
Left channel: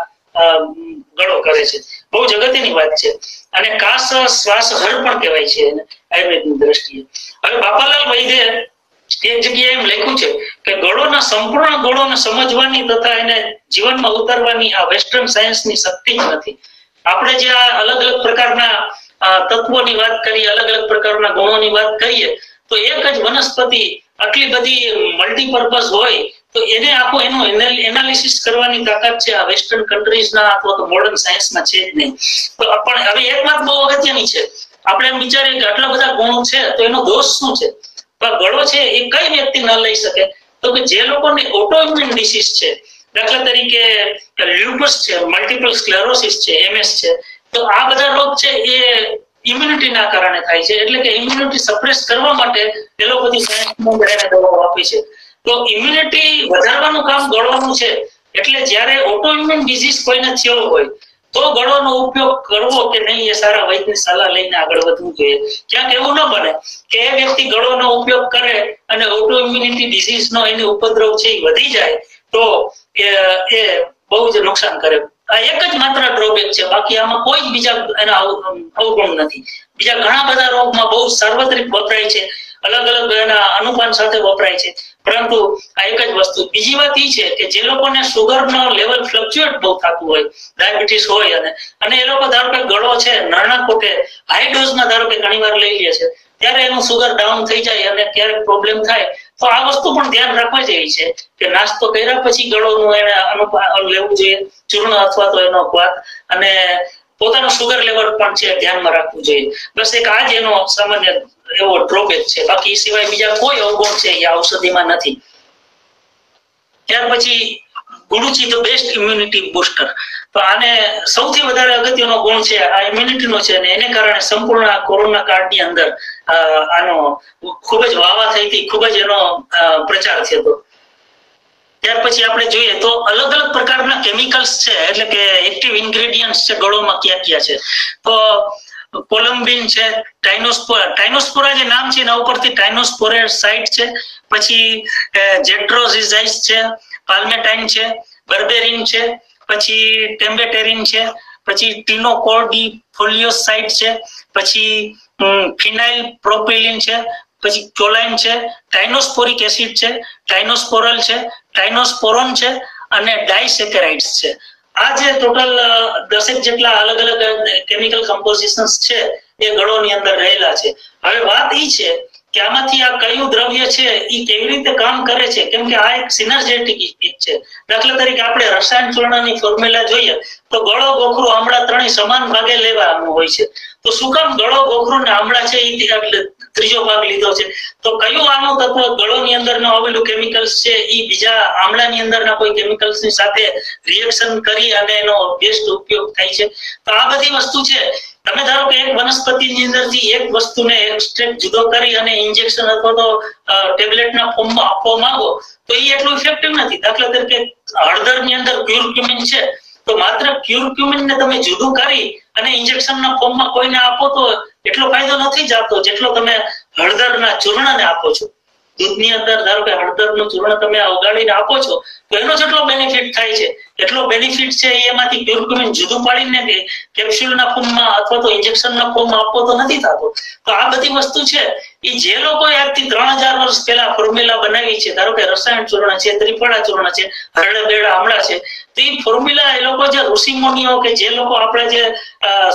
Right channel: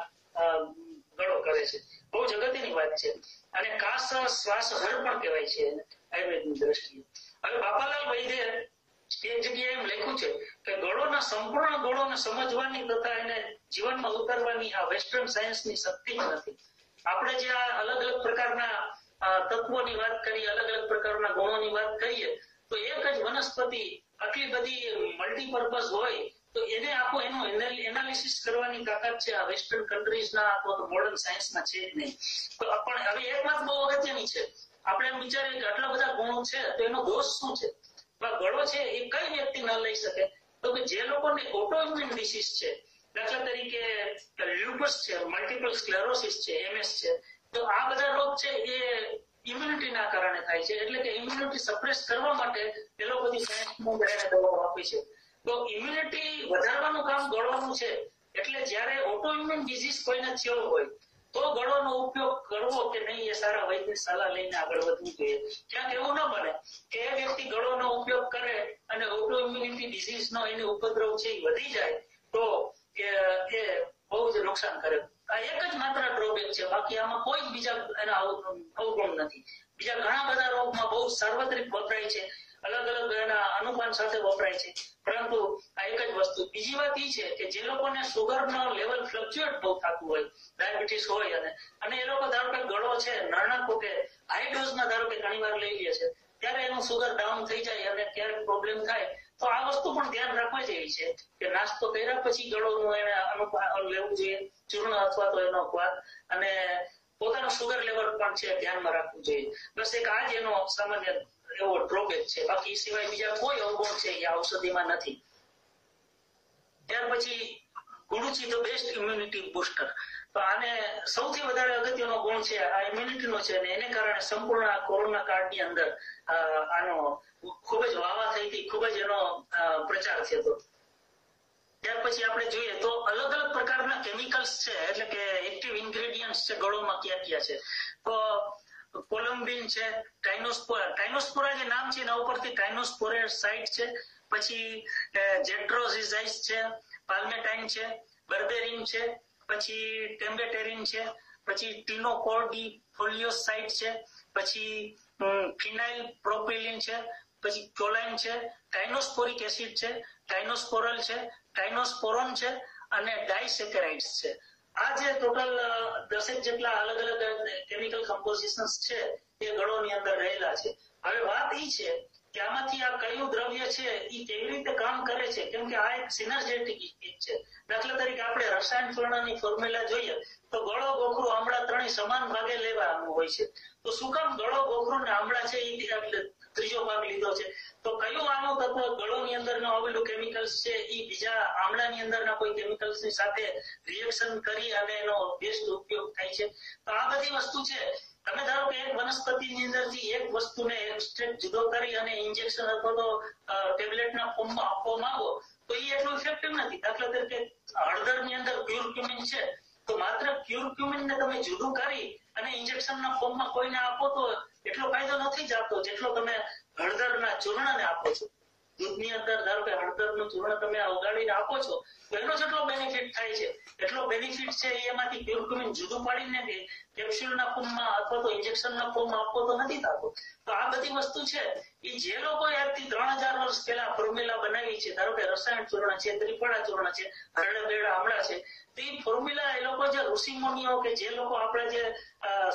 ગળો કરે છે. બહુ જ અગત્યની વાત છે. અને કાસ શ્વાસ હર પણ કહેવાય છે આયુર્વેદની દ્રષ્ટિએ. હવે બાપાલાલ વૈદ્ય એક જગ્યાએ એમ લખ્યું છે કે ગળોના સંપૂર્ણ ગળોને સમજવાની તથા એને જીવનમાં ઉતારવાની આ વેસ્ટર્ન સાયન્સની શક્તિ જ નથી. આપણે જે આ અલગ અલગ પ્રકારના તત્વોની વાત કરીએ, અલગ અલગ પ્રકારના ગુણોની વાત કરીએ, તો એક જ વનસ્પતિ આટલી બધી મલ્ટીપર્પઝ હોય તો એને આખું એનું એનાલિસિસ કરવાની તાકાત છે આ વેસ્ટર્ન કન્ટ્રીઝના અથવા તો મોડર્ન સાયન્સમાં છે જ નહીં. તો પણ હવે એક વાત બહુ અગત્યની છે, આપણે એમ વિચારીએ કે આટલા બધા ગુણો છે તો એનો દોષ શું છે? ગળો છે એ કઈ વ્યક્તિ ન લઈ શકે? તો કે જે લોકોને ઓટોઇમ્યુન ડિસીઝ છે, દાખલા તરીકે લ્યુપસ છે, મલ્ટિપલ સ્ક્લેરોસિસ છે, MS છે, તો આ બધા રોગ છે એ ઇમ્યુનિટીના કારણે થાય છે. એટલે કે ઇમ્યુનિટી સપ્રેસ કરવા માટે એ લોકો બધી સાયન્સમાં દવાઓ આપી છે. તો ઇમ્યુનિટી વધારવાનું કામ ગળોનું છે. એટલે જ્યારે ઓટોઇમ્યુન ડિસીઝ કોઈને થયો હોય તો ગળોનો ઉપયોગ કરવો કે નહીં એ સારા વૈદ્યની સલાહ લઈને આગળ વધવું જોઈએ. ક્યાંક એવું ન બને કે એ વ્યક્તિ ગળોનો ઉપયોગ કરે અને ઓટોઇમ્યુનિટી ડિસીઝનો એની ઉપદ્રવ છે એ વધી જાય તો એ બહુ જ નુકસાન કરે. આ એક જ માત્ર ડ્રોબેક છે, બાકી આમાં કોઈ જ બીજા એના અવગુણ નથી. બીજા ઘણા બધા રોગમાં બહુ સાર્વત્રિક વપરાય છે, અલગ અલગ એના અનુપાન સાથે વપરાય છે, પરંતુ આ એક જ વસ્તુ. બીજી વાત એ છે કે જે લોકોને સુગરનો લેવલ ફ્લક્ચ્યુએટ બહુ થતું હોય, ડાયાબિટીસ હોય અને એ લોકો ધારો કે ગળો છે નાના કોટે હાઈ ડોઝમાં ધારો કે ઘણી વાર લઈ લે છે, ત્યારે એનું સુગર ડાઉન થઈ જાય અને ક્યારેક પ્રોબ્લેમ થાય. તો આ વસ્તુ પણ ધ્યાન રાખવા જેવી છે કે નાસ્તો કર્યા પછી ગળોનું એને અનુપાન લેવું જોઈએ, ચૂર્ણ અથવા તો એનો ક્વાથ, અને પોતાનું સુગર લેવલ પણ છે ધ્યાનમાં રાખવું જોઈએ. બસ એક આ જ એનો સામાન્ય એવો ડ્રોબેક છે, બાકી એ સિવાય બીજા કોઈ અવગુણ છે એ ઔષધિમાં નથી. ત્યાર પછી ગુડુચી ધ બેસ્ટ ઇમ્યુનિટી બુસ્ટર. તો આને સૌથી વધારે અગત્યનો ગુણ છે આ ઇમ્યુનિટીનો છે, અને એને કારણે સંપૂર્ણ કોરોના કાળની અંદર આનો ખૂબ જ વાવા થઈ હતી, ખૂબ જ એનો પ્રચાર થયો હતો. ત્યાર પછી આપણે જોઈએ તો અલગ અલગ પ્રકારના કેમિકલ્સ છે, એટલે કે એક્ટિવ ઇન્ગ્રેડિયન્ટ્સ છે ગળોમાં ક્યાં ક્યાં છે. તો કોલમ્બિન છે, ટાઇનોસ્પોરા જે નામ છે એના ઉપરથી ટાઇનોસ્પોરેટ સાઇટ છે, પછી જેટ્રોઝિઝાઇસ છે, પાલ્મેટાઇન છે, બર્બેરિન છે, પછી ટેમ્બેટેરિન છે, પછી ટીનોકોર્ડિફોલિયોસાઇટ છે, પછી ફિનાઇલ પ્રોપિલિન છે, પછી ચોલાઇન છે, ટાઇનોસ્પોરિક એસિડ છે, ટાઇનોસ્પોરલ છે, ટાઇનોસ્પોરોન છે અને ડાયસેકેરાઇડ્સ છે. આ જે ટોટલ 10 જેટલા અલગ અલગ કેમિકલ કમ્પોઝિશન્સ છે એ ગળોની અંદર રહેલા છે. હવે વાત એ છે કે આમાંથી આ કયું દ્રવ્ય છે એ કેવી રીતે કામ કરે છે, કેમ કે આ એક સિનર્જેટિક ઇફેક્ટ છે. દાખલા તરીકે આપણે રસાયણ ચૂર્ણની ફોર્મ્યુલા જોઈએ તો ગળો, ગોખરું, આમળા ત્રણેય સમાન ભાગે લેવાનું હોય છે. તો શું કામ ગળો, ગોખરું ને આમળા છે એટલે ત્રીજો ભાગ લીધો છે? તો કયું આનું તત્વ ગળોની અંદર આવેલું કેમિકલ્સ છે એ બીજા આમળાની અંદરના કોઈ કેમિકલ્સ ની સાથે રિએક્શન કરી અને એનો બેસ્ટ ઉપયોગ થાય છે. તો આ બધી વસ્તુ છે. તમે ધારો કે એક વનસ્પતિની અંદરથી એક વસ્તુને એક્સ્ટ્રેક્ટ જુદો કરી અને ઇન્જેક્શન અથવા તો ટેબ્લેટના ફોર્મમાં આપવા માંગો તો એ એટલું ઇફેક્ટિવ નથી. દાખલા તરીકે હળદરની અંદર ક્યુરક્યુમિન છે, તો માત્ર ક્યુરક્યુમિનને તમે જુદું કરી અને ઇન્જેક્શનના ફોર્મમાં કોઈને આપો તો એટલો ફાયદો નથી જતો જેટલો તમે હળદરના ચૂર્ણને આપો છો. દૂધની અંદર ધારો કે હળદરનું ચૂર્ણ તમે ઓગાળીને આપો છો તો એનો જેટલો બેનિફિટ થાય છે એટલો બેનિફિટ છે એમાંથી ક્યુરક્યુમિન જુદું પાડીને કેપ્સ્યુલના ફોર્મમાં અથવા તો ઇન્જેક્શનના ફોર્મમાં આપવો તો નથી થતો. તો આ બધી વસ્તુ છે એ જે લોકોએ આજથી 3000 વર્ષ પહેલા ફોર્મ્યુલા બનાવી છે, ધારો કે રસાયણ ચૂર્ણ છે, ત્રિફળા ચૂર્ણ છે, હરડા બેડા આમળા છે, તો એ ફોર્મ્યુલા એ લોકો જે ઋષિ મુનિઓ કે જે લોકો આપણે જે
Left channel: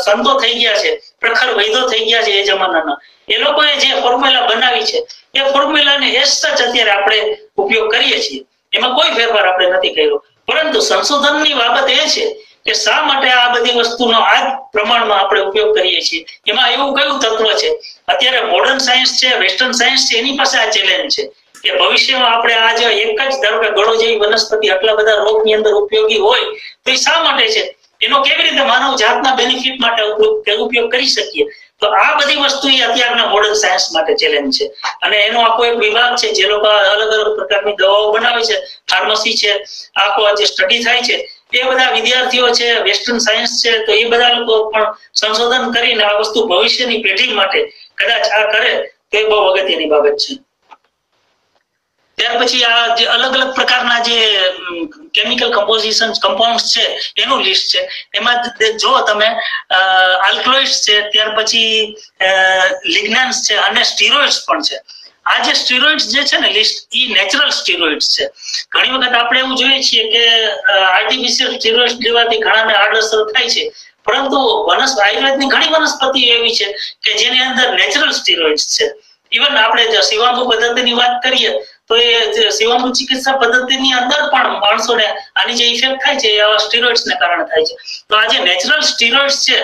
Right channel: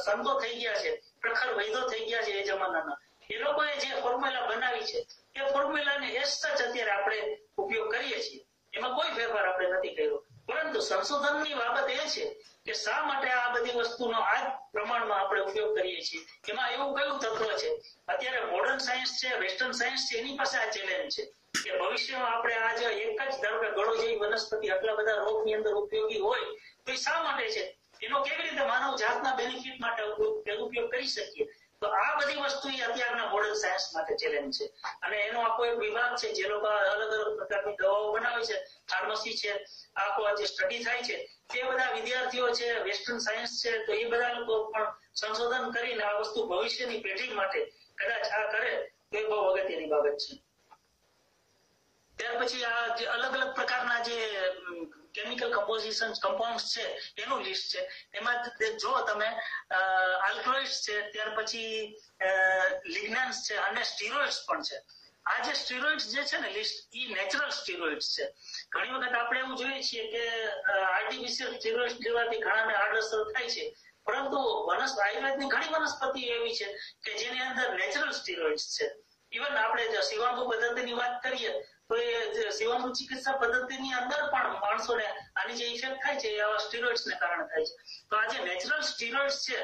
સંતો થઈ ગયા છે, પ્રખર વૈદો થઈ ગયા છે એ જમાનાના, એ લોકોએ જે ફોર્મ્યુલા બનાવી છે એ ફોર્મ્યુલાને એસ સચ અત્યારે આપણે ઉપયોગ કરીએ છીએ. એમાં કોઈ ફેરફાર આપણે નથી કર્યો. પરંતુ સંશોધનની બાબત એ છે કે શા માટે આ બધી વસ્તુનો આ પ્રમાણમાં આપણે ઉપયોગ કરીએ છીએ. એમાં એવું કયું તત્વ છે? અત્યારે મોડર્ન સાયન્સ છે, વેસ્ટર્ન સાયન્સ છે, એની પાસે આ ચેલેન્જ છે કે ભવિષ્યમાં આપણે આ જે એક જ ધારો કે ગળો જેવી વનસ્પતિ આટલા બધા રોગની અંદર ઉપયોગી હોય તો એ શા માટે છે? એનો કેવી રીતે માનવ જાતના બેનિફિટ માટે ઉપયોગ કરી શકીએ? તો આ બધી વસ્તુ એ અત્યારના મોડર્ન સાયન્સ માટે ચેલેન્જ છે. અને એનો આખો એક વિભાગ છે જે લોકો અલગ અલગ પ્રકારની દવાઓ બનાવે છે, ફાર્મસી છે, આખો જે સ્ટડી થાય છે એ બધા વિદ્યાર્થીઓ છે, વેસ્ટર્ન સાયન્સ છે, તો એ બધા લોકો પણ સંશોધન કરીને આ વસ્તુ ભવિષ્યની પેઢી માટે કદાચ આ કરે તો એ બહુ અગત્યની બાબત છે. ત્યાર પછી આ જે અલગ અલગ પ્રકારના જે કેમિકલ કમ્પોઝિશન કમ્પાઉન્ડ્સ છે એનું લિસ્ટ છે. એમાં જો તમે આલ્કલોઇડ્સ છે, ત્યાર પછી લિગ્નાન્સ છે અને સ્ટીરોઇડ્સ પણ છે. આ જે સ્ટીરોઇડ્સ જે છે ને લિસ્ટ એ નેચરલ સ્ટીરોઇડ્સ છે. ઘણી વખત આપણે એવું જોઈએ છીએ કે આર્ટિફિશિયલ સ્ટીરોઇડ્સ લેવાથી ઘણાને આડઅસર થાય છે, પરંતુ આયુર્વેદની ઘણી વનસ્પતિઓ એવી છે કે જેની અંદર નેચરલ સ્ટીરોઇડ્સ છે. ઇવન આપણે શિવાંબુ પદ્ધતિની વાત કરીએ તો એ શિવાંબુ ચિકિત્સા પદ્ધતિની અંદર પણ માણસોને આની જે ઇફેક્ટ થાય છે એ આવા સ્ટીરોઇડ્સને કારણે થાય છે. તો આ જે નેચરલ સ્ટીરોઇડ્સ છે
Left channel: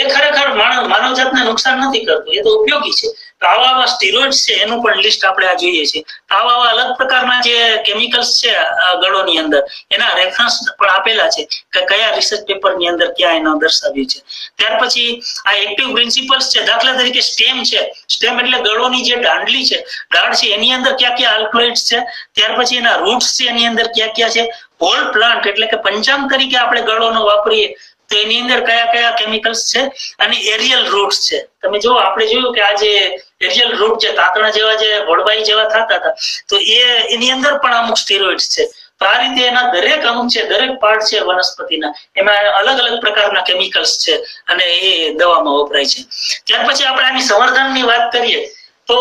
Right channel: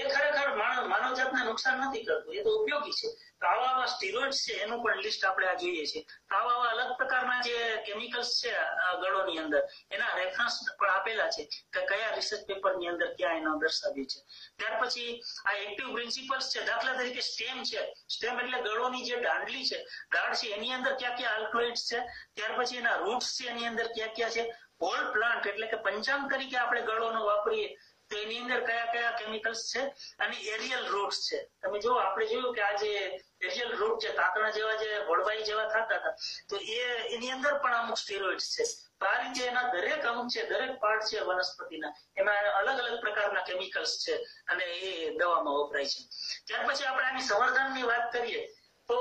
એ ખરેખર માનવજાતને નુકસાન નથી કરતું, એ તો ઉપયોગી છે. તો આવા સ્ટીરોઇડ્સ છે એનું પણ લિસ્ટ આપણે આ જોઈએ છીએ. આવા અલગ પ્રકારના જે કેમિકલ્સ છે ગળોની અંદર એના રેફરન્સ પણ આપેલા છે કે કયા રિસર્ચ પેપરની અંદર ક્યાં એનો દર્શાવ્યું છે. ત્યાર પછી આ એક્ટિવ પ્રિન્સિપલ્સ છે. દાખલા તરીકે સ્ટેમ છે. સ્ટેમ એટલે ગળોની જે દાંડલી છે, દાંડ છે, એની અંદર ક્યાં ક્યાં આલ્કલોઇડ્સ છે. ત્યાર પછી એના રૂટ્સ છે એની અંદર ક્યાં ક્યાં છે. હોલ પ્લાન્ટ એટલે કે પંચાંગ તરીકે આપણે ગળોનો વાપરીએ તો એની અંદર કયા કયા કેમિકલ્સ છે. અને એરિયલ રૂટ્સ છે. તમે જો આપણે જોયું કે આ જે એરિયલ રૂટ છે, તાતણા જેવા જે વડવાઈ જેવા થતા હતા, તો એની અંદર પણ અમુક સ્ટીરોઇડ્સ છે. તો આ રીતે એના દરેક અંગ છે, દરેક પાર્ટ છે વનસ્પતિના, એમાં અલગ અલગ પ્રકારના કેમિકલ્સ છે અને એ દવામાં વપરાય છે. ત્યાર પછી આપણે આની સંવર્ધનની વાત કરીએ તો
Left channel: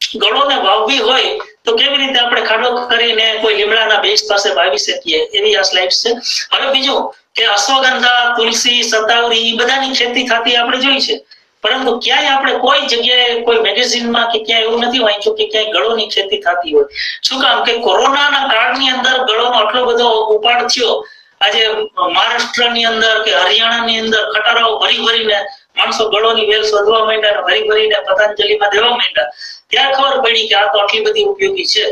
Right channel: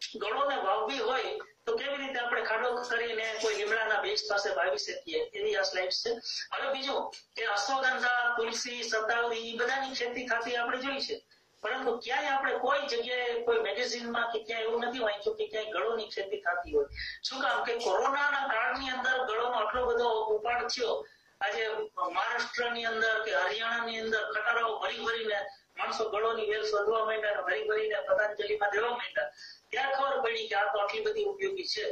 ગળોને વાવવી હોય તો કેવી રીતે આપણે ખાડો કરીને કોઈ લીમડાના બેઝ પાસે વાવી શકીએ એવી આ સ્લાઇડ્સ છે. હવે બીજું કે અશ્વગંધા, તુલસી, સતાવરી એ બધાની ખેતી થતી આપણે જોઈ છે, પરંતુ ક્યાંય આપણે કોઈ જગ્યાએ કોઈ મેગેઝિનમાં કે ક્યાંય એવું નથી વાંચ્યું કે ક્યાંય ગળોની ખેતી થતી હોય. શું કામ કે કોરોનાના કાળની અંદર ગળોનો આટલો બધો ઉપાડ થયો. આજે મહારાષ્ટ્રની અંદર કે હરિયાણાની અંદર ખટારાઓ ભરી ભરીને માણસો ગળોની વેલ શોધવા માંડ્યા, ભરી ભરીને પતંજલિમાં દેવા માંડ્યા. ત્યાં ખબર પડી કે આ તો આટલી બધી ઉપયોગી છે.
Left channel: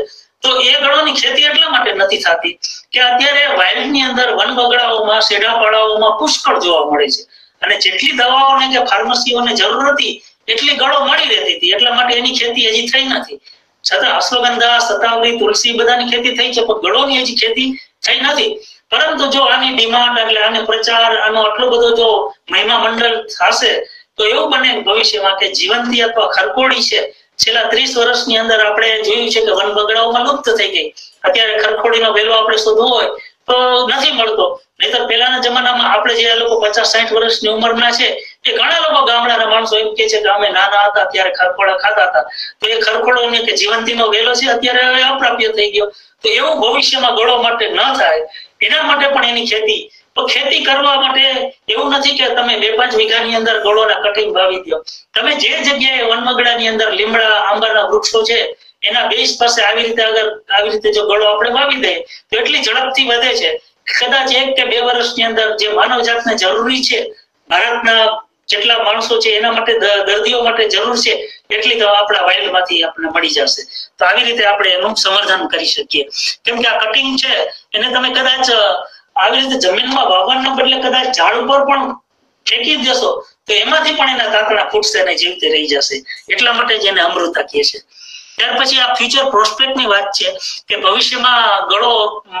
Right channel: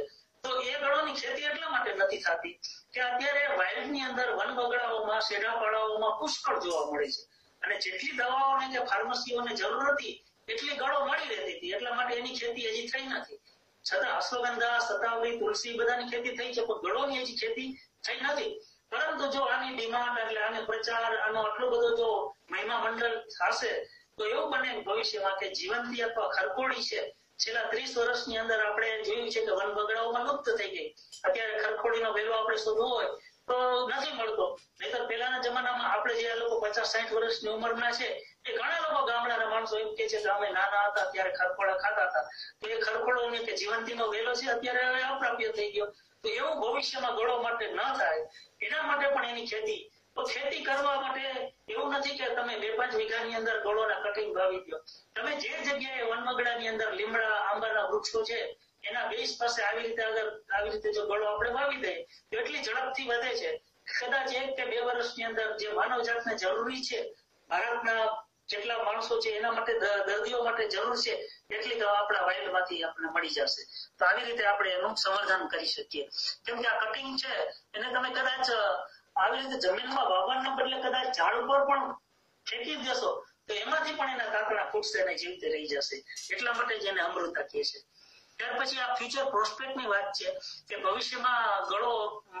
તો એ ગળોની ખેતી એટલા માટે નથી થતી કે અત્યારે વાઇલ્ડની અંદર વન બગડાઓમાં, શેઢાપાડાઓમાં પુષ્કળ જોવા મળે છે અને જેટલી દવાઓને કે ફાર્મસીઓને જરૂર હતી એટલી ગળો મળી રહેતી હતી, એટલા માટે એની ખેતી હજી થઈ નથી. છતાં અશ્વગંધા, સતાવરી, તુલસી બધાની ખેતી થઈ છે, પણ ગળોની હજી ખેતી થઈ નથી. પરંતુ જો આની ડિમાન્ડ એટલે આને પ્રચાર, આનો આટલો બધો જો મહિમા મંડળ થશે તો એવું બને ભવિષ્યમાં કે જીવંતી અથવા ખરકોડી છે છેલ્લા 30 વર્ષની અંદર આપણે જોયું છે કે વન બગડાઓમાં લુપ્ત થઈ ગઈ. અત્યારે ખરખોડીનો વેલો આપણે શોધવો હોય તો નથી મળતો. નહીતર પહેલાના જમાનામાં આપણે જે લોકો 50-60 વર્ષની ઉંમરના છે એ ઘણા લોકો ગામડાના માણસો એમ કે છે કે અમે નાના હતા ત્યારે ખરખોડા ખાતા હતા. તો એ ખરખોડોને કે જીવંતીનો વેલો છે અત્યારે હવે અપ્રાપ્ય થઈ ગયો. તો એવું ભવિષ્યમાં ગળો માટે ન થાય એના માટે પણ એની ખેતી તો ખેતી કરવા માટે એવું નથી કે તમે 2-5 વીઘાની અંદર ગળોના કટિંગ વાવી દો. તમે જે જગ્યાએ વનમગડાની અંદર લીમડા આંબાના વૃક્ષો છે એના બેઝ પાસે આવી રીતે જો ગળો આપણે વાવી દઈએ તો એટલી ઝડપથી વધે છે કદાચ 1 કે 2 વર્ષની અંદર જે માનવ જાતને જરૂરી છે, ભારતના જેટલા માણસો છે એના માટે, દર્દીઓ માટે જરૂર છે એટલી તો આપણા વાઇલ્ડમાંથી આપણને મળી જશે. તો આવી રીતે આપણે એનું સંવર્ધન કરી શકીએ. કેમ કે આ કટિંગ છે એને તમે કદાચ આવી રીતે જમીનમાં વાવવાના બદલે કદાચ ઝાડ ઉપર પણ ફેંકી દેશો તો એમાંથી પણ એના તાંતણા ફૂટશે અને જીવતે રહી જશે. એટલા માટે જ એને અમૃતા કહે છે. ત્યાર પછી આ ફ્યુચર પ્રોસ્પેક્ટ ની વાત છે કે ભવિષ્યમાં ગળો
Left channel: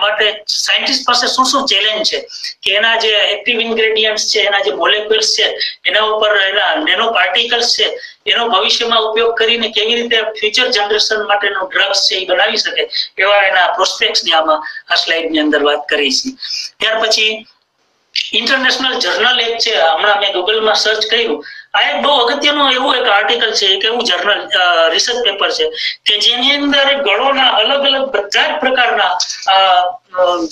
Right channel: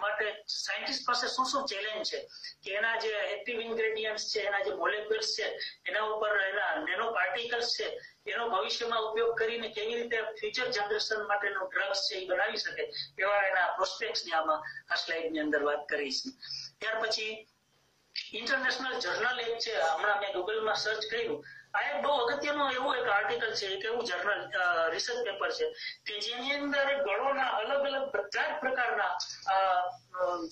માટે સાયન્ટિસ્ટ પાસે શું ચેલેન્જ છે કે એના જે એક્ટિવ ઇન્ગ્રેડિયન્ટ્સ છે, એના જે મોલેક્યુલ્સ છે, એના ઉપર એના નેનો પાર્ટિકલ્સ છે, એનો ભવિષ્યમાં ઉપયોગ કરીને કેવી રીતે ફ્યુચર જનરેશન માટેનું ડ્રગ્સ છે એ બનાવી શકે એવા એના પ્રોસ્પેક્ટ્સ ની આમાં આ સ્લાઇડ ની અંદર વાત કરી છે. ત્યાર પછી ઇન્ટરનેશનલ જર્નલ એક છે, હમણાં મેં ગૂગલમાં સર્ચ કર્યું, આ એક બહુ અગત્યનું એવું એક આર્ટિકલ છે, એક એવું જર્નલ રિસર્ચ પેપર છે કે જેની અંદર ગળોના અલગ અલગ બધા જ પ્રકારના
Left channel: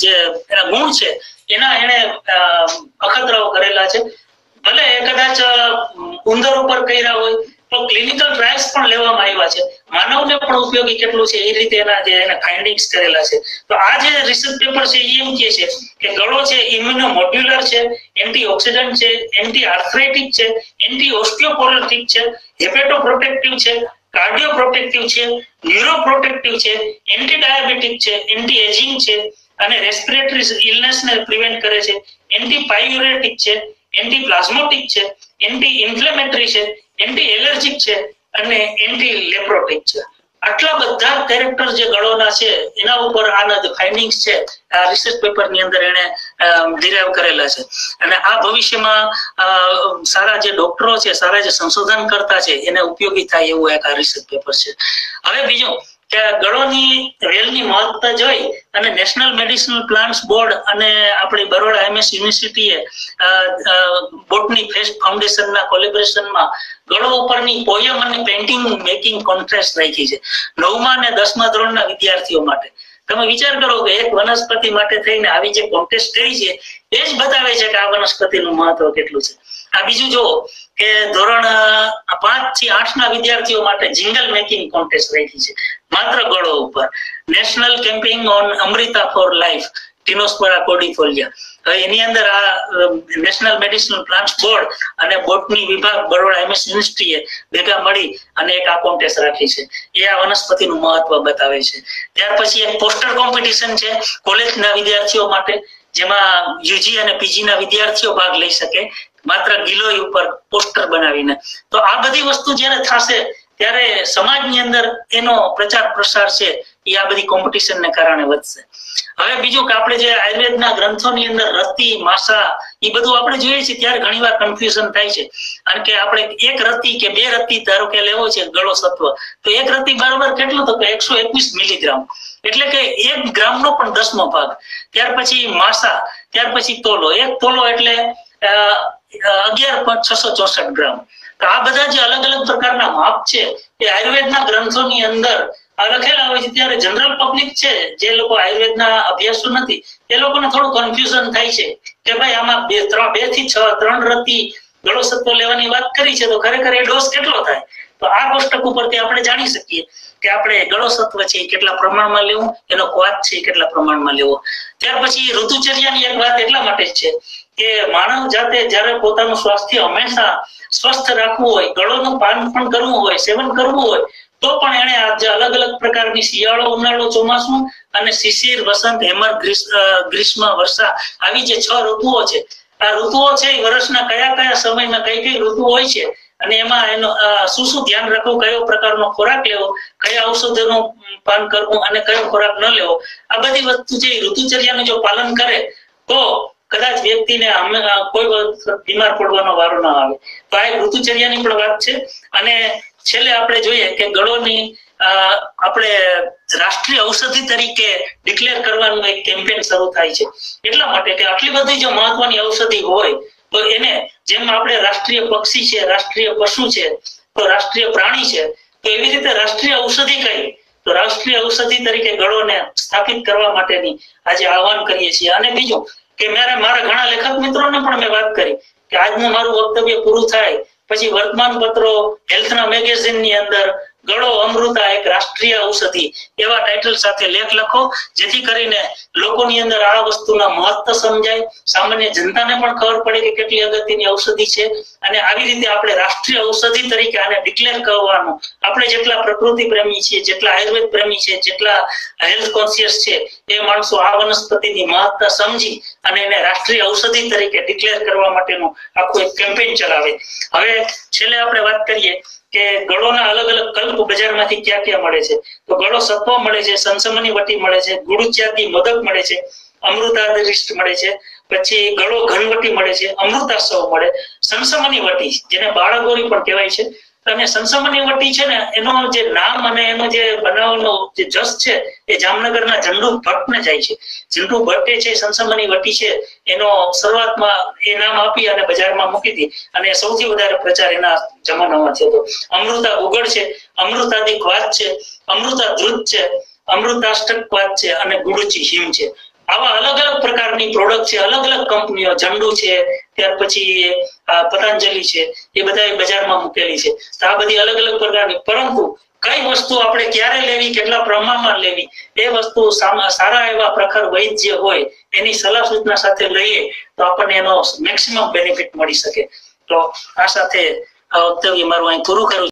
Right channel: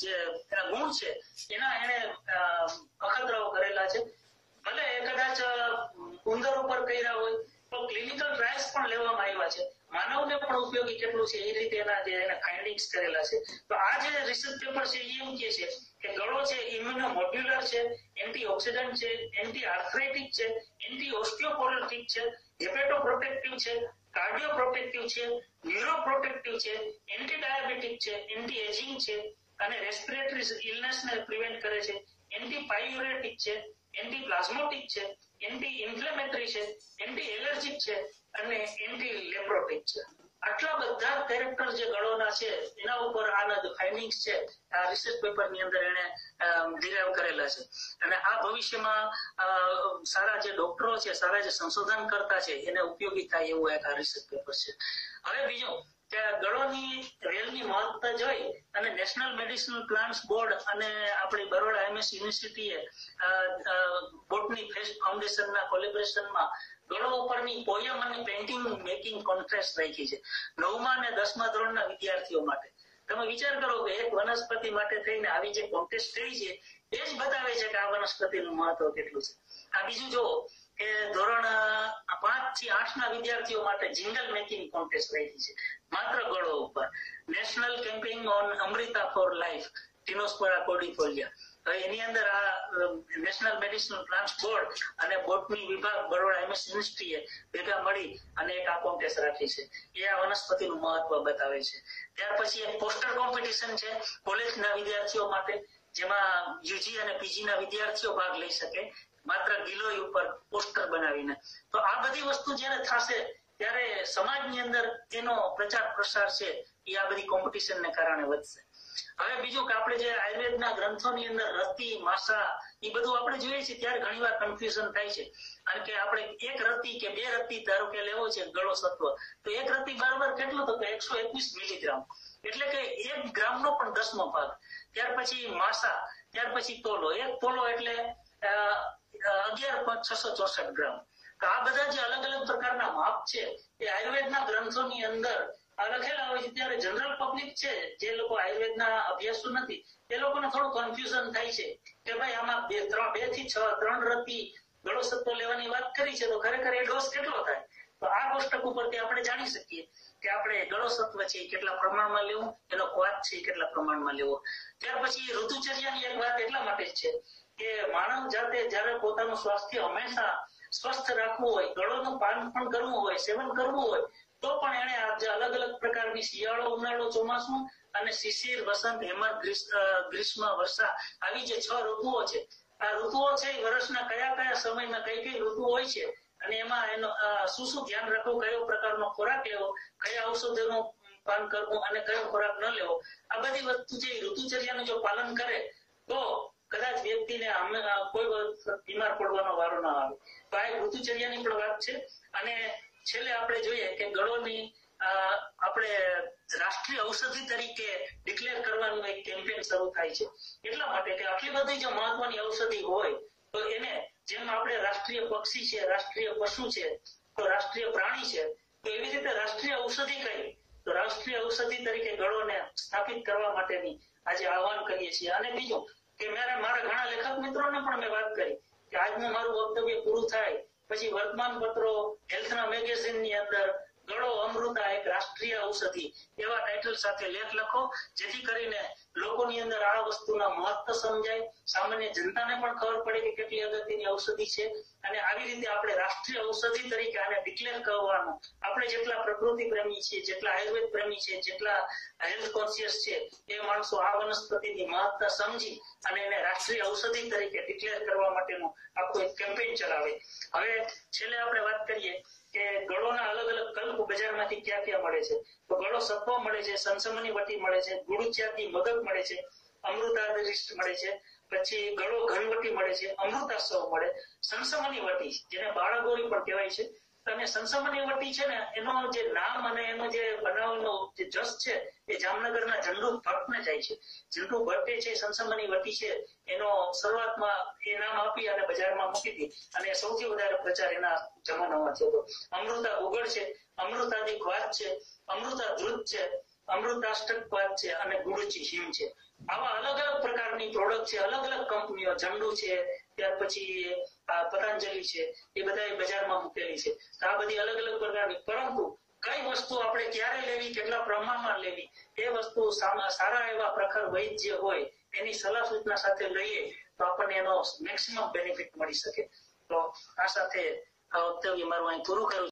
જે એના ગુણ છે એના એને અખતરાઓ કરેલા છે. ભલે કદાચ ઉંદર ઉપર કર્યા હોય તો ક્લિનિકલ ટ્રાયલ્સ પણ લેવામાં આવ્યા છે, માનવને પણ ઉપયોગી કેટલું છે એ રીતે એના જે એના ફાઇન્ડિંગ્સ કરેલા છે. તો આ જે રિસર્ચ પેપર છે એ એમ કહે છે કે ગળો છે ઇમ્યુનો મોડ્યુલર છે, એન્ટીઓક્સિડન્ટ છે, એન્ટી આર્થરાઇટિક છે, એન્ટી ઓસ્ટિયોપોરોટિક છે, હેપેટો પ્રોટેક્ટિવ છે, કાર્ડિયો પ્રોટેક્ટિવ છે, ન્યુરો પ્રોટેક્ટિવ છે, એન્ટી ડાયાબિટીક છે, એન્ટી એજિંગ છે અને રેસ્પિરેટરી ઇલનેસ ને પ્રિવેન્ટ કરે છે, એન્ટી પાયુરેટિક છે, એન્ટી પ્લાઝ્મોટિક છે, એન્ટી ઇન્ફ્લેમેટરી છે, એન્ટી એલર્જીક છે અને એન્ટી લેપ્રોટિક છે. આટલા બધા કેરેક્ટર જે ગળોના છે એના ઉપર આના જે ફાઇન્ડિંગ્સ છે આ રિસર્ચ પેપર ની અંદર એને ડિરાઇવ કરેલા છે. અને આ ભવિષ્યમાં સારા જે ડોક્ટરો છે, સારા જે સંશોધન કરતા છે એને ઉપયોગી થાય એવું એક આ રિસર્ચ પેપર છે. હવે બીજું કે ગળોની વેલની મહત્તા જોઈ અને નેશનલ મેડિસિનલ પ્લાન્ટ્સ બોર્ડ અને આપણી બરોડા MS યુનિવર્સિટીએ બોટની ફેસ્ટ ફાઉન્ડેશનના કોલેબોરેશનમાં ગળો ઉપરની પોયમ અને પેઇન્ટિંગ મેકિંગ કોન્ટેસ્ટ રાખી છે 9મા અને 10મા ધોરણના વિદ્યાર્થીઓ માટે. તમે વિચાર કરો કે એક વનસ્પતિ માટે થઈને આવી જે કોન્ટેસ્ટ કરી છે એ જ બતાવે છે કે આ વનસ્પતિનું મહત્વ કેટલું છે. આ બીજું જો કે ધોરણ 5 થી 8 ના વિદ્યાર્થીઓ માટે જિંગલ મેકિંગ કોન્ટેસ્ટ રાખી છે માત્ર ગળો ઉપર. National campaign on Amrita for life tinospora cordifolia. હવે એની અંદર આ નેશનલ મેડિસિનલ પ્લાન્ટ્સ બોર્ડ અને બોટની વિભાગ બરોડા MS યુનિવર્સિટીએ ભેગા મળી અને એક આ કોન્ટેસ્ટ રાખી છે. એ આ વનસ્પતિનું મહત્વ બતાવે છે. ત્યાર પછી એક પોસ્ટર કોમ્પિટિશન છે કોલેજના વિદ્યાર્થીઓ માટે, જેમાં UG અને PG ના વિદ્યાર્થીઓ ભાગ લઈ શકે માત્ર ગિલોય ઉપર પોસ્ટર બનાવીને. તો આ બધી વસ્તુ જ્યારે થશે ત્યારે સમાજની અંદર એનો પ્રચાર પ્રસાર છે એ આ બધી કોમ્પિટિશનને કારણે વધશે. હવે બીજું કે આપણે જે આયુર્વેદના ગ્રંથોની અંદર રતિ, માસા એ બધું આપણે જોઈએ છીએ ત્યારે ઘણીવાર કન્ફ્યુઝન થાય છે. કારણ કે આપણે એક રતિ કે 2 રતિ ધારો કે લેવો છે ગળો સત્વ, તો એક રતિ બરાબર કેટલું તો કે 121 મિલીગ્રામ, એટલે કે 1 ગ્રામનો પણ 10મો ભાગ. ત્યાર પછી માસા, ત્યાર પછી તોલો, 1 તોલો એટલે 11.664 ગ્રામ. તો આ બધા જે અલગ અલગ પ્રકારના માપ છે એ આયુર્વેદના ગ્રંથોની અંદર લખેલા હોય છે. ત્યારે જનરલ પબ્લિક છે જે લોકો આયુર્વેદના અભ્યાસો નથી એ લોકોને થોડું કન્ફ્યુઝન થાય છે કે ભાઈ આમાં 2 થી 6 3 રતિ ગળો સત્વ લેવાની વાત કરી છે તો ખરેખર એ ડોઝ કેટલો થાય? તો આ કોષ્ટક ઉપરથી આપણે જાણી શકીએ કે આપણે ગળો સત્વ છે કેટલા પ્રમાણમાં લેવું, એનો ક્વાથ છે કેટલા પ્રમાણમાં લેવો. ત્યાર પછી ઋતુચર્યાની એક વાત એટલા માટે છે કે માનવ જાતે જ્યારે પોતાનું સ્વાસ્થ્ય હંમેશા સ્વસ્થ રાખવું હોય, ગળોનું પાન પણ કરવું હોય, સેવન કરવું હોય તો પણ એને જે અલગ અલગ પ્રકારની શિયાળો, ઉનાળો, ચોમાસું અને શિશિર, વસંત, હેમંત, ગ્રીષ્મ, વર્ષા આવી જે 6 ઋતુઓ છે, આ ઋતુઓ છે એ વર્ષના કયા કયા સમયમાં કઈ ઋતુ હોય છે અને એમાં એનો શું ધ્યાન રાખવું, કયો પ્રકારનો ખોરાક લેવો, કયા ઔષધોનું પાન કરવું અને કયો ખોરાક ન લેવો, આ બધી વસ્તુ છે ઋતુચર્યાનું જો પાલન કરે તો કદાચ વ્યક્તિને કોઈ બીમાર પડવાનો વારો ના આવે. તો આ એક ઋતુચર્યાની પણ વાત છે. અને છેલ્લે આપણે જોઈએ કે ગળોની આપણે રાષ્ટ્રીય ઔષધિ તરીકે ડિક્લેર કરવાનું એક કેમ્પેન શરૂ થાય છે. એટલા માટે કે આટલી બધી જો મહત્વની ઔષધિ હોય તો એને જેમ આપણે રાષ્ટ્રીય પક્ષી છે, રાષ્ટ્રીય પશુ છે, તો રાષ્ટ્રીય પ્રાણી છે, તો એવી રીતે રાષ્ટ્રીય ઔષધિ કઈ તો રાષ્ટ્રીય ઔષધિ તરીકે ગળોને સ્થાપિત કરવા માટેની આજે આહવાન કરીએ છીએ. અને બીજું કે મારા ઘણા લેખક મિત્રોને પણ મેં વાત કરી કે આજનું મારું વક્તવ્ય પૂરું થાય પછી વર્તમાન પત્રો, હેલ્થના મેગેઝિનની અંદર ગળો અમૃતા એક રાષ્ટ્રીય ઔષધિ એવા ટાઇટલ સાથે લેખ લખો, જેથી કરીને લોકોની અંદર આ વસ્તુના મહત્વ સમજાય, સામાન્ય જનતાને પણ ખબર પડે કે કેટલી અગત્યની ઔષધિ છે. અને આવી રીતે આપણે રાષ્ટ્રીય ઔષધિ તરીકે આને ડિક્લેર કરવાનું. આપણે જેટલા પ્રકૃતિ પ્રેમી છીએ, જેટલા આયુર્વેદ પ્રેમી છે, જેટલા હેલ્થ કોન્શિયસ છે, એ માણસો આ વનસ્પતિની મહત્તા સમજી અને એને રાષ્ટ્રીય ઔષધિ તરીકે ડિક્લેર કરવા માટેનું આખું એક કેમ્પેઇન ચલાવે. હવે છેલ્લે આપણે વાત કરીએ કે ગળોના અલગ અલગ કલ્પ બજારમાંથી ક્યાં ક્યાં મળે છે. તો ગળો સત્વ મળે છે, સંસમની વટી મળે છે, ગુડુચ્યાદી મોદક મળે છે, અમૃતાદિષ્ટ મળે છે, પછી ગળો ઘનવટી મળે છે, અમૃતાસવ મળે, સંસમની વટી જેને બાળગોરી પણ કહેવાય છે. અને સંસમની વટી છે ને, એનો જે નામ અને એનો જે બનાવવાનો જે જસ છે એ જામનગરના ઝંડુ ભટ્ટને જાય છે. ઝંડુ ભટ્ટે છે સંસમની વટી છે એનો શરૂઆતમાં એ નામ આપી અને બજારમાં મૂકી હતી અને સૌથી વધારે પ્રચાર એના જમાનામાં થયો હતો. અમૃતા ગુગળ છે, અમૃતાદિક વાત છે, અમૃતા ધ્રુત છે, અમૃતાષ્ટક વાત છે અને ગુડુચી હિમ છે. આવા અલગ અલગ પ્રકારની પ્રોડક્ટ છે, અલગ અલગ કંપનીઓ, ઝંડુ છે, ત્યાર પછી પતંજલિ છે, એ બધા બજારમાં મૂકેલી છે. તો આ બધી અલગ અલગ પ્રકારની, પરંતુ કઈ વસ્તુ આપણે ક્યારે લેવી, કેટલા પ્રમાણમાં લેવી, એ વસ્તુ સારા એવા પ્રખર વૈદ્ય હોય એની સલાહ સૂચના સાથે લઈએ તો આપણને એનો મેક્સિમમ બેનિફિટ મળી શકે. તો આ સાથે આ વક્તવ્ય મારું અહીં પૂરું કરું.